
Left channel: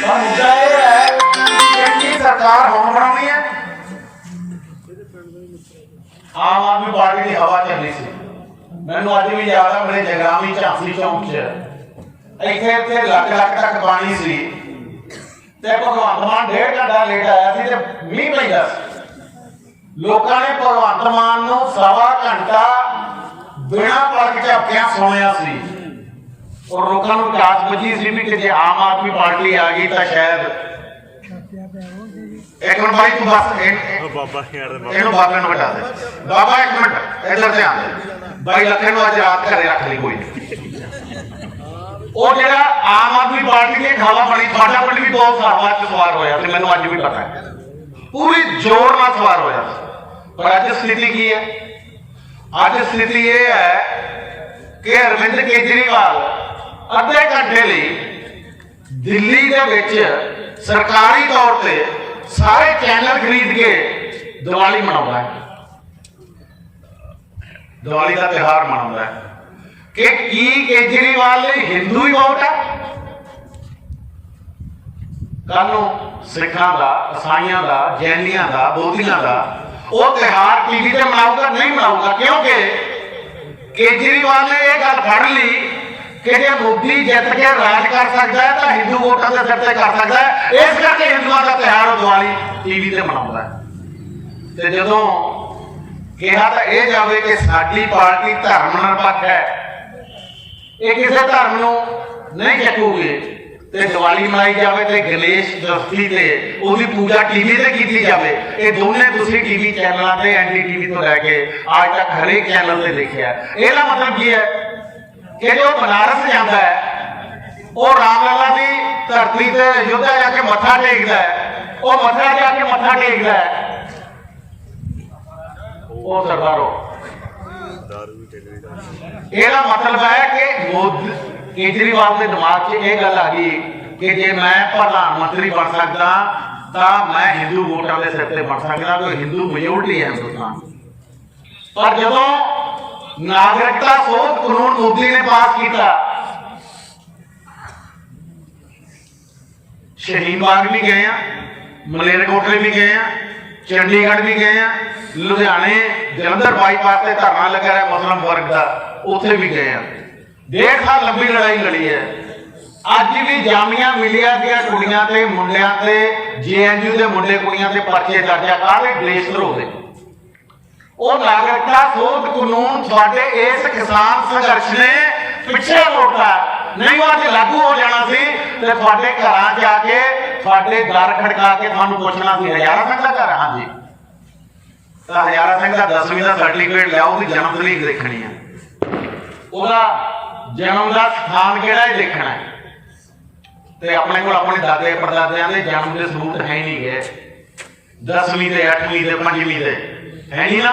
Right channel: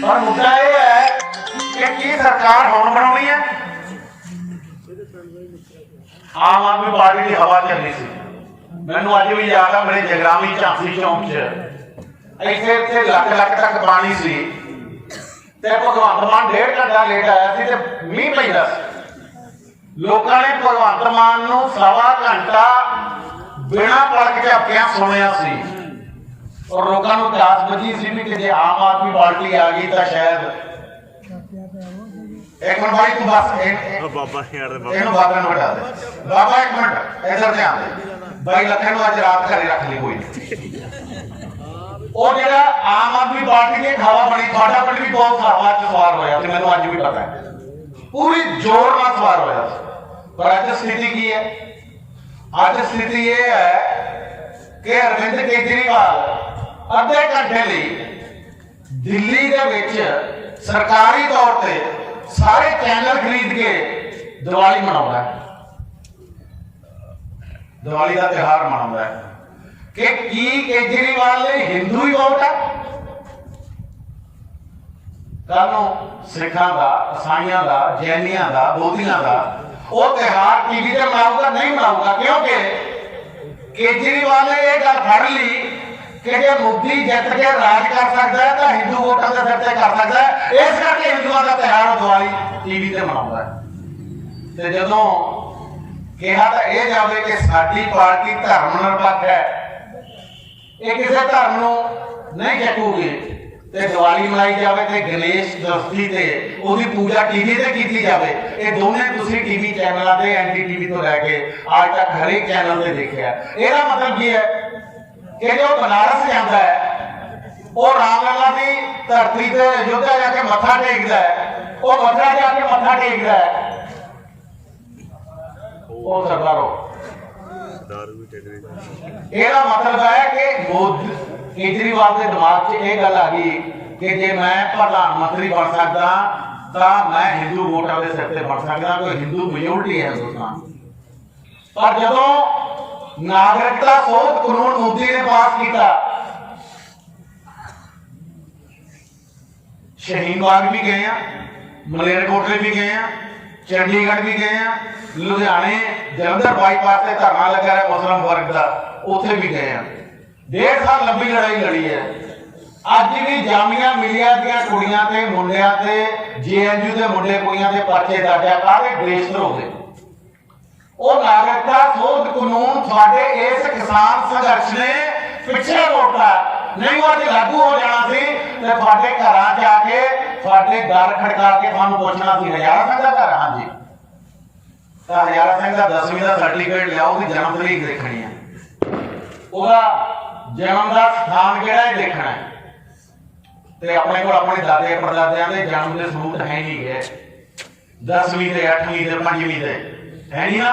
ਪਰ ਮੁੱਦਾ ਇਹ ਹੈ ਕਿ ਕੀ ਸਰਕਾਰ ਹੁਣ ਬਣਾਉਣੀ ਹੈ? ਆਮ ਆਦਮੀ ਪਾਰਟੀ ਦੀ ਹਵਾ ਚੱਲੀ ਸੀ। ਮੈਨੂੰ ਅੱਜ ਵੀ ਯਾਦ ਆ, ਮੇਰੇ ਜਗਰਾਮੀ ਝਾਂਸੀ ਚੌਂਕ 'ਚ ਇੱਥੇ ਲੱਖ ਤੱਕ ਪਾਣੀ ਸੀ ਤੇ ਭਗਵੰਤ ਮਾਨ 1.5 ਘੰਟਾ ਲੇਟ ਆਇਆ ਸੀ ਤੇ ਮੀਂਹ ਪੈਂਦਾ ਸੀ। ਲੋਕਾਂ ਨੇ ਭਗਵੰਤ ਮਾਨ ਨੂੰ 1.25 ਘੰਟਾ ਬਿਨਾਂ ਪਲਕ ਝਪਕਿਆਂ ਸੁਣਿਆ ਸੀ ਔਰ ਲੋਕਾਂ ਨੂੰ ਕਾਸ ਬਚੀ ਸੀ ਵੀ ਕਿ ਜੇ ਆਮ ਆਦਮੀ ਪਾਰਟੀ ਆ ਗਈ ਤਾਂ ਸ਼ਾਇਦ। ਇੱਕ ਮਿੰਟ ਭਾਈ ਤੂੰ ਬਸ ਇਹਨੂੰ ਬਾਬਾ ਨੂੰ ਹਟਾ ਦੇ। ਬਾਬਾ ਇੱਕ ਮਿੰਟ ਇੱਧਰ ਧਿਆਨ ਦੇ। ਬਾਈ ਲੱਖਣ ਨੂੰ ਅੱਜ ਰਾਤ ਘਰੇ ਰੱਖ ਲਈ ਕੋਈ। ਉਹ ਜਿਹੜਾ ਆਮ ਆਦਮੀ ਪਾਰਟੀ ਦੀ ਖਾਵਾ ਬਣੀ, ਸਾਡਾ ਪਿੰਡ ਵੀ ਬਹੁਤ ਸਾਰਾ ਸਵਾਰ ਹੋਇਆ ਤੇ ਮੈਨੂੰ ਅੱਜ ਵੀ ਪਤਾ ਹੈ, ਪੂਰੀ ਜ਼ੋਰ ਨਾਲ ਸਵਾਰ ਹੋਇਆ। ਪਰ ਅੱਜ ਸਥਿਤੀ ਕੀ ਹੈ? ਅੱਜ ਸਥਿਤੀ ਇਹ ਹੈ ਕਿ ਅਰਵਿੰਦ ਕੇਜਰੀਵਾਲ ਅੱਧੇ ਘੰਟੇ ਲਈ ਦਿੱਲੀ ਦੇ ਵਿੱਚ ਸਰਕਾਰੀ ਤੌਰ ਤੇ ਸਾਰੇ ਚੈਨਲ ਖਰੀਦ ਕੇ ਦੀਵਾਲੀ ਮਨਾਉਂਦਾ ਹੈ, ਦੀਵਾਲੀ ਦਾ ਤਿਉਹਾਰ ਮਨਾਉਂਦਾ ਹੈ। ਕਿ ਕੀ ਕੇਜਰੀਵਾਲ ਲਈ ਹਿੰਦੂ ਹੀ ਵੋਟ ਹੈ? ਕੱਲ ਨੂੰ ਸਿੱਖਾਂ ਦਾ, ਈਸਾਈਆਂ ਦਾ, ਜੈਨੀਆਂ ਦਾ, ਬੋਧੀਆਂ ਦਾ ਉਹ ਤਿਉਹਾਰ ਟੀਵੀ ਤੇ ਮਨਾਊਗਾ? ਨਹੀਂ ਮਨਾਊਗਾ, ਕਿਉਂਕਿ ਕੇਜਰੀਵਾਲ ਨੇ ਇਹ ਗੱਲ ਫੜ ਲਈ ਕਿ ਜੇ ਮੋਦੀ ਜਿੱਤ ਕੇ ਰਾਜ ਕਰ ਸਕਦਾ ਹੈ ਤਾਂ ਹਿੰਦੂ ਵੋਟਾਂ ਦੇ ਸਿਰ ਤੇ ਕਰ ਸਕਦਾ ਹੈ। ਇਸ ਕਰਕੇ ਹਿੰਦੂਆਂ ਦਾ ਤਿਉਹਾਰ ਦੀਵਾਲੀ ਟੀਵੀ ਤੇ ਮਨਾਉਂਦਾ ਹੈ। ਤੇ ਜਦੋਂ ਕਿਹਾ ਤਾਂ ਇਹ ਜਾਵੇ ਕਿ ਸਾਡੀ ਪਾਰਟੀ ਧਰਮ ਨਿਰਪੱਖ ਹੈ, ਇਹ ਕਿਸੇ ਧਰਮ ਨੂੰ ਨਹੀਂ ਚੱਕੂਗੀ, ਤੇ ਦੀਵਾਲੀ ਮਨਾਈ ਜਾਵੇ ਤੇ ਗਣੇਸ਼ ਚਤੁਰਥੀ ਤੇ ਉਹਦੀ ਪੂਜਾ ਟੀਵੀ ਤੇ ਕੀਤੀ ਜਾਵੇ। ਇਹ ਦੋਨੇ ਤੁਸੀਂ ਟੀਵੀ ਚੈਨਲਾਂ ਤੇ NDTV ਤੋਂ ਲੈ ਕੇ ਅੱਜ ਤੱਕ ਹਰੇਕ ਚੈਨਲ ਤੇ ਦੇਖਿਆ। ਇਹਦਾ ਮਤਲਬ ਕੀ ਹੈ ਕਿ ਜੋ ਬਨਾਰਸ ਜਾਂਦਾ ਹੈ ਉਹ ਰਾਮਲਲਾ ਦੀ ਧਰਤੀ ਤੇ ਅਯੋਧਿਆ ਜਾ ਕੇ ਮੱਥਾ ਟੇਕਦਾ ਹੈ, ਉਹ ਮੱਥਾ ਜਾ ਕੇ ਮੱਥਾ ਟੇਕਦਾ ਹੈ, ਉਹ ਸਰਦਾਰੋ। ਇਹਦਾ ਮਤਲਬ ਹੈ ਕਿ ਕੇਜਰੀਵਾਲ ਦੇ ਦਿਮਾਗ 'ਚ ਇਹ ਗੱਲ ਆ ਗਈ ਕਿ ਜੇ ਮੈਂ ਪ੍ਰਧਾਨ ਮੰਤਰੀ ਬਣ ਸਕਦਾ ਤਾਂ ਮੈਂ ਹਿੰਦੂ ਵੋਟਾਂ ਦੇ ਸਿਰ ਤੇ ਬਣ ਸਕਦਾ, ਕੋਈ ਹਿੰਦੂ ਮੈਜੋਰਟੀ ਹੈ ਹਿੰਦੁਸਤਾਨ। ਪਰ ਜਦੋਂ ਨਾਗਰਿਕਤਾ ਸੋਧ ਕਾਨੂੰਨ ਮੋਦੀ ਨੇ ਪਾਸ ਕੀਤਾ, ਸ਼ਹੀਦ ਬਾਗ ਵੀ ਗਏ ਆ, ਮਲੇਰਕੋਟਲੇ ਵੀ ਗਏ ਆ, ਚੰਡੀਗੜ੍ਹ ਵੀ ਗਏ ਆ, ਲੁਧਿਆਣੇ ਜਲੰਧਰ ਬਾਈਪਾਸ ਤੇ ਧਰਨਾ ਲੱਗਾ ਹੈ ਮੁਸਲਿਮ ਵਰਗ ਦਾ, ਉੱਥੇ ਵੀ ਗਏ ਆ। 1.5 ਸਾਲ ਲੰਬੀ ਲੜਾਈ ਲੜੀ ਹੈ। ਅੱਜ ਵੀ ਜਾਮੀਆ ਮਿਲੀਆ ਦੀਆਂ ਕੁੜੀਆਂ ਤੇ ਮੁੰਡਿਆਂ ਤੇ JNU ਦੇ ਮੁੰਡੇ ਕੁੜੀਆਂ ਤੇ ਪਰਚੇ ਦਰਜ ਆ, ਕਾਹਦੇ ਗ੍ਰੇਸਰ ਹੋ ਗਏ। ਉਹ ਨਾਗਰਿਕਤਾ ਸੋਧ ਕਾਨੂੰਨ ਤੁਹਾਡੇ ਇਸ ਕਿਸਾਨ ਸੰਘਰਸ਼ ਨੇ ਪਿੱਛੇ ਮੋੜਤਾ, ਨਹੀਂ ਉਹ ਜੇ ਲਾਗੂ ਹੋ ਜਾਣਾ ਸੀ ਤੇ ਤੁਹਾਡੇ ਘਰਾਂ ਜਾ ਕੇ ਤੁਹਾਡੇ ਦਰ ਖੜਕਾ ਕੇ ਤੁਹਾਨੂੰ ਪੁੱਛਣਾ ਸੀ ਹਜ਼ਾਰਾ ਸਿੰਘ ਦਾ ਘਰ? ਹਾਂਜੀ, ਤਾਂ ਹਜ਼ਾਰਾ ਸਿੰਘ ਦਾ 10ਵੀਂ ਦਾ ਸਰਟੀਫਿਕੇਟ ਲਿਆਓ, ਉਹਦੀ ਜਨਮ ਤਰੀਕ ਦੇਖਣੀ ਹੈ, ਉਹਦਾ ਜਨਮ ਦਾ ਸਥਾਨ ਕਿਹੜਾ ਹੈ ਦੇਖਣਾ ਹੈ। ਤੇ ਆਪਣੇ ਕੋਲ ਆਪਣੇ ਦਾਦੇ ਪੜਦਾਦਿਆਂ ਦੇ ਜਨਮ ਦੇ ਸਬੂਤ ਹੈ ਨਹੀਂ ਗਏ, 10ਵੀਂ ਦੇ 8ਵੀਂ ਦੇ 5ਵੀਂ ਦੇ ਹੈ ਨਹੀਂ ਨਾ।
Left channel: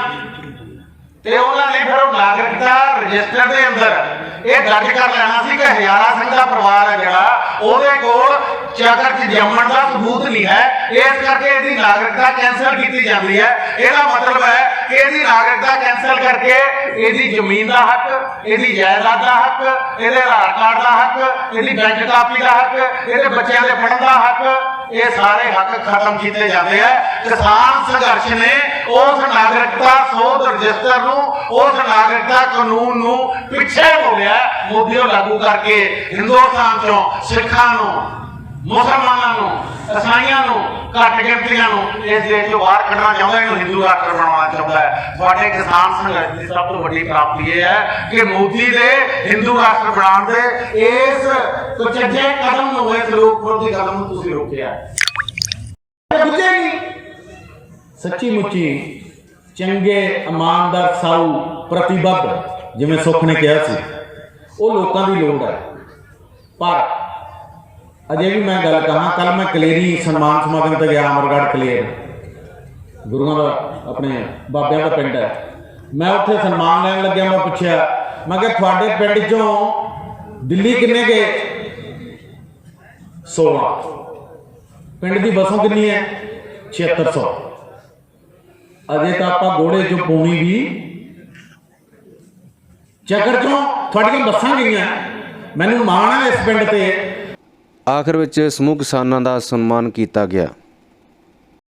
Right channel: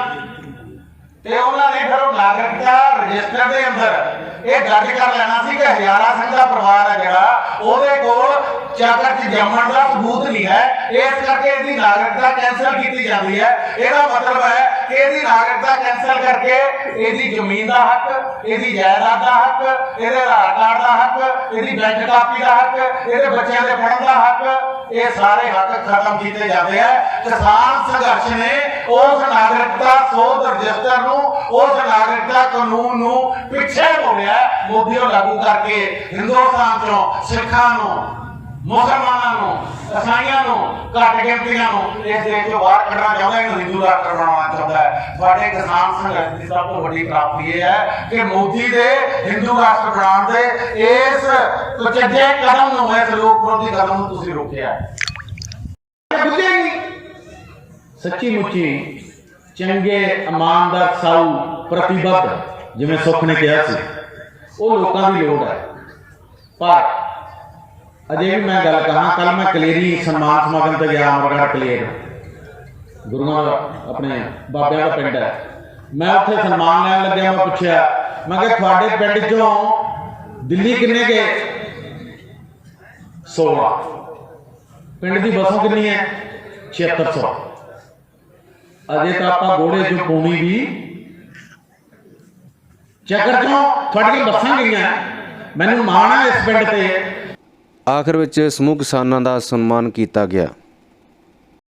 ਤੇ ਉਹਨਾਂ ਨੇ ਫਿਰ ਉਹ ਨਾਗਰਿਕਤਾ ਰਜਿਸਟਰ ਦੇ ਅੰਦਰ ਇਹ ਦਰਜ ਕਰ ਲੈਣਾ ਸੀ ਕਿ ਹਜ਼ਾਰਾ ਸਿੰਘ ਦਾ ਪਰਿਵਾਰ ਹੈ ਜਿਹੜਾ, ਉਹਦੇ ਕੋਲ ਚਾਦਰ 'ਚ ਜੰਮਣ ਦਾ ਸਬੂਤ ਨਹੀਂ ਹੈ, ਇਸ ਕਰਕੇ ਇਹਦੀ ਨਾਗਰਿਕਤਾ ਕੈਂਸਲ ਕੀਤੀ ਜਾਂਦੀ ਹੈ। ਇਹਦਾ ਮਤਲਬ ਹੈ ਕਿ ਇਹਦੀ ਨਾਗਰਿਕਤਾ ਕੈਂਸਲ ਕਰਕੇ ਇਹਦੀ ਜ਼ਮੀਨ ਦਾ ਹੱਕ, ਇਹਦੀ ਜਾਇਦਾਦ ਦਾ ਹੱਕ, ਇਹਦੇ ਆਧਾਰ ਕਾਰਡ ਦਾ ਹੱਕ, ਇਹਦੀ ਬੈਂਕ ਕਾਪੀ ਦਾ ਹੱਕ, ਇਹਦੇ ਬੱਚਿਆਂ ਦੇ ਪੜ੍ਹਨ ਦਾ ਹੱਕ, ਇਹ ਸਾਰੇ ਹੱਕ ਖਤਮ ਕੀਤੇ ਜਾਂਦੇ ਆ। ਕਿਸਾਨ ਸੰਘਰਸ਼ ਨੇ ਉਸ ਨਾਗਰਿਕਤਾ ਸੋਧ ਰਜਿਸਟਰ ਨੂੰ, ਉਸ ਨਾਗਰਿਕਤਾ ਕਾਨੂੰਨ ਨੂੰ ਪਿੱਛੇ ਮੋੜਿਆ, ਮੋਦੀ ਨੂੰ ਲਾਗੂ ਕਰਕੇ ਹਿੰਦੁਸਤਾਨ ਚੋਂ ਸਿੱਖਾਂ ਨੂੰ, ਮੁਸਲਮਾਨਾਂ ਨੂੰ, ਈਸਾਈਆਂ ਨੂੰ, ਘੱਟ ਗਿਣਤੀਆਂ ਨੂੰ ਇਸ ਦੇਸ਼ ਤੋਂ ਬਾਹਰ ਕੱਢਣਾ ਚਾਹੁੰਦਾ, ਇਹਨੂੰ ਹਿੰਦੂ ਰਾਸ਼ਟਰ ਬਣਾਉਣਾ ਚਾਹੁੰਦਾ ਹੈ। ਤੁਹਾਡੇ ਕਿਸਾਨ ਸੰਘਰਸ਼ ਦੀ ਸਭ ਤੋਂ ਵੱਡੀ ਪ੍ਰਾਪਤੀ ਇਹ ਹੈ ਕਿ ਮੋਦੀ ਦੇ ਹਿੰਦੂ ਰਾਸ਼ਟਰ ਬਣਾਉਣ ਦੇ ਇਸ ਕੁਚੱਜੇ ਕਦਮ ਨੂੰ, ਇਸ ਲੋਕ ਵਿਰੋਧੀ ਕਦਮ ਨੂੰ ਤੁਸੀਂ ਰੋਕਿਆ। ਸੱਚੀ ਮੁੱਚੀ ਚੰਗੇ ਇਮਾਨਦਾਰ ਸਾਊ ਪ੍ਰਤੀਬੱਧ ਜਿਵੇਂ ਸੁੱਖ ਨੇ ਕਿਹਾ ਸੀ, ਉਹ ਲੋਕਾਂ ਦੀ ਲੋੜ ਹੈ। ਪਰ ਅਜੇ ਵੀ ਮੈਂ ਗੱਲ ਕਹਾਂ, ਕੱਲ ਮੈਂ ਕਲੇਰੀ ਸਨਮਾਨ ਸਮਾਗਮ ਤੇ ਗਿਆ, ਅਮਰਗੜ੍ਹ ਕਲੇਰ, ਗੁਰੂਆਂ ਦਾ ਆਪਣੇ ਬਾਬਿਆਂ ਦਾ ਪਿੰਡ ਹੈ। ਮੈਂ ਉੱਥੇ ਸਨਮਾਨ ਲੈਣ ਲੱਗਿਆ, ਮੈਂ ਪੁੱਛਿਆ, ਮੈਂ ਕਿਹਾ ਤੁਹਾਡੇ ਪਿੰਡ ਚੋਂ ਦਿੱਲੀ ਕਿੰਨੇ ਗਏ? 16। ਪਿੰਡ ਦੀ ਬੱਸੋਂ ਕਿੰਨੀ ਹੈ? 7600। ਅਜੇ ਤਾਂ ਆਪਾਂ ਗੋੜੇ ਚੋਂ ਪੌਣੀ ਵੀ ਚੱਕਰ ਚੋਂ ਤੁਹਾਡੀਆਂ ਬੱਸਾਂ ਗਈਆਂ। ਮੈਨੂੰ ਮਾਣ ਹੈ ਇਸ ਪਿੰਡ ਤੇ। ਆਖਰ ਵਿੱਚ ਸਮੂਹ ਕਿਸਾਨਾਂ ਦਾ ਸਨਮਾਨ ਕੀਤਾ ਗਿਆ।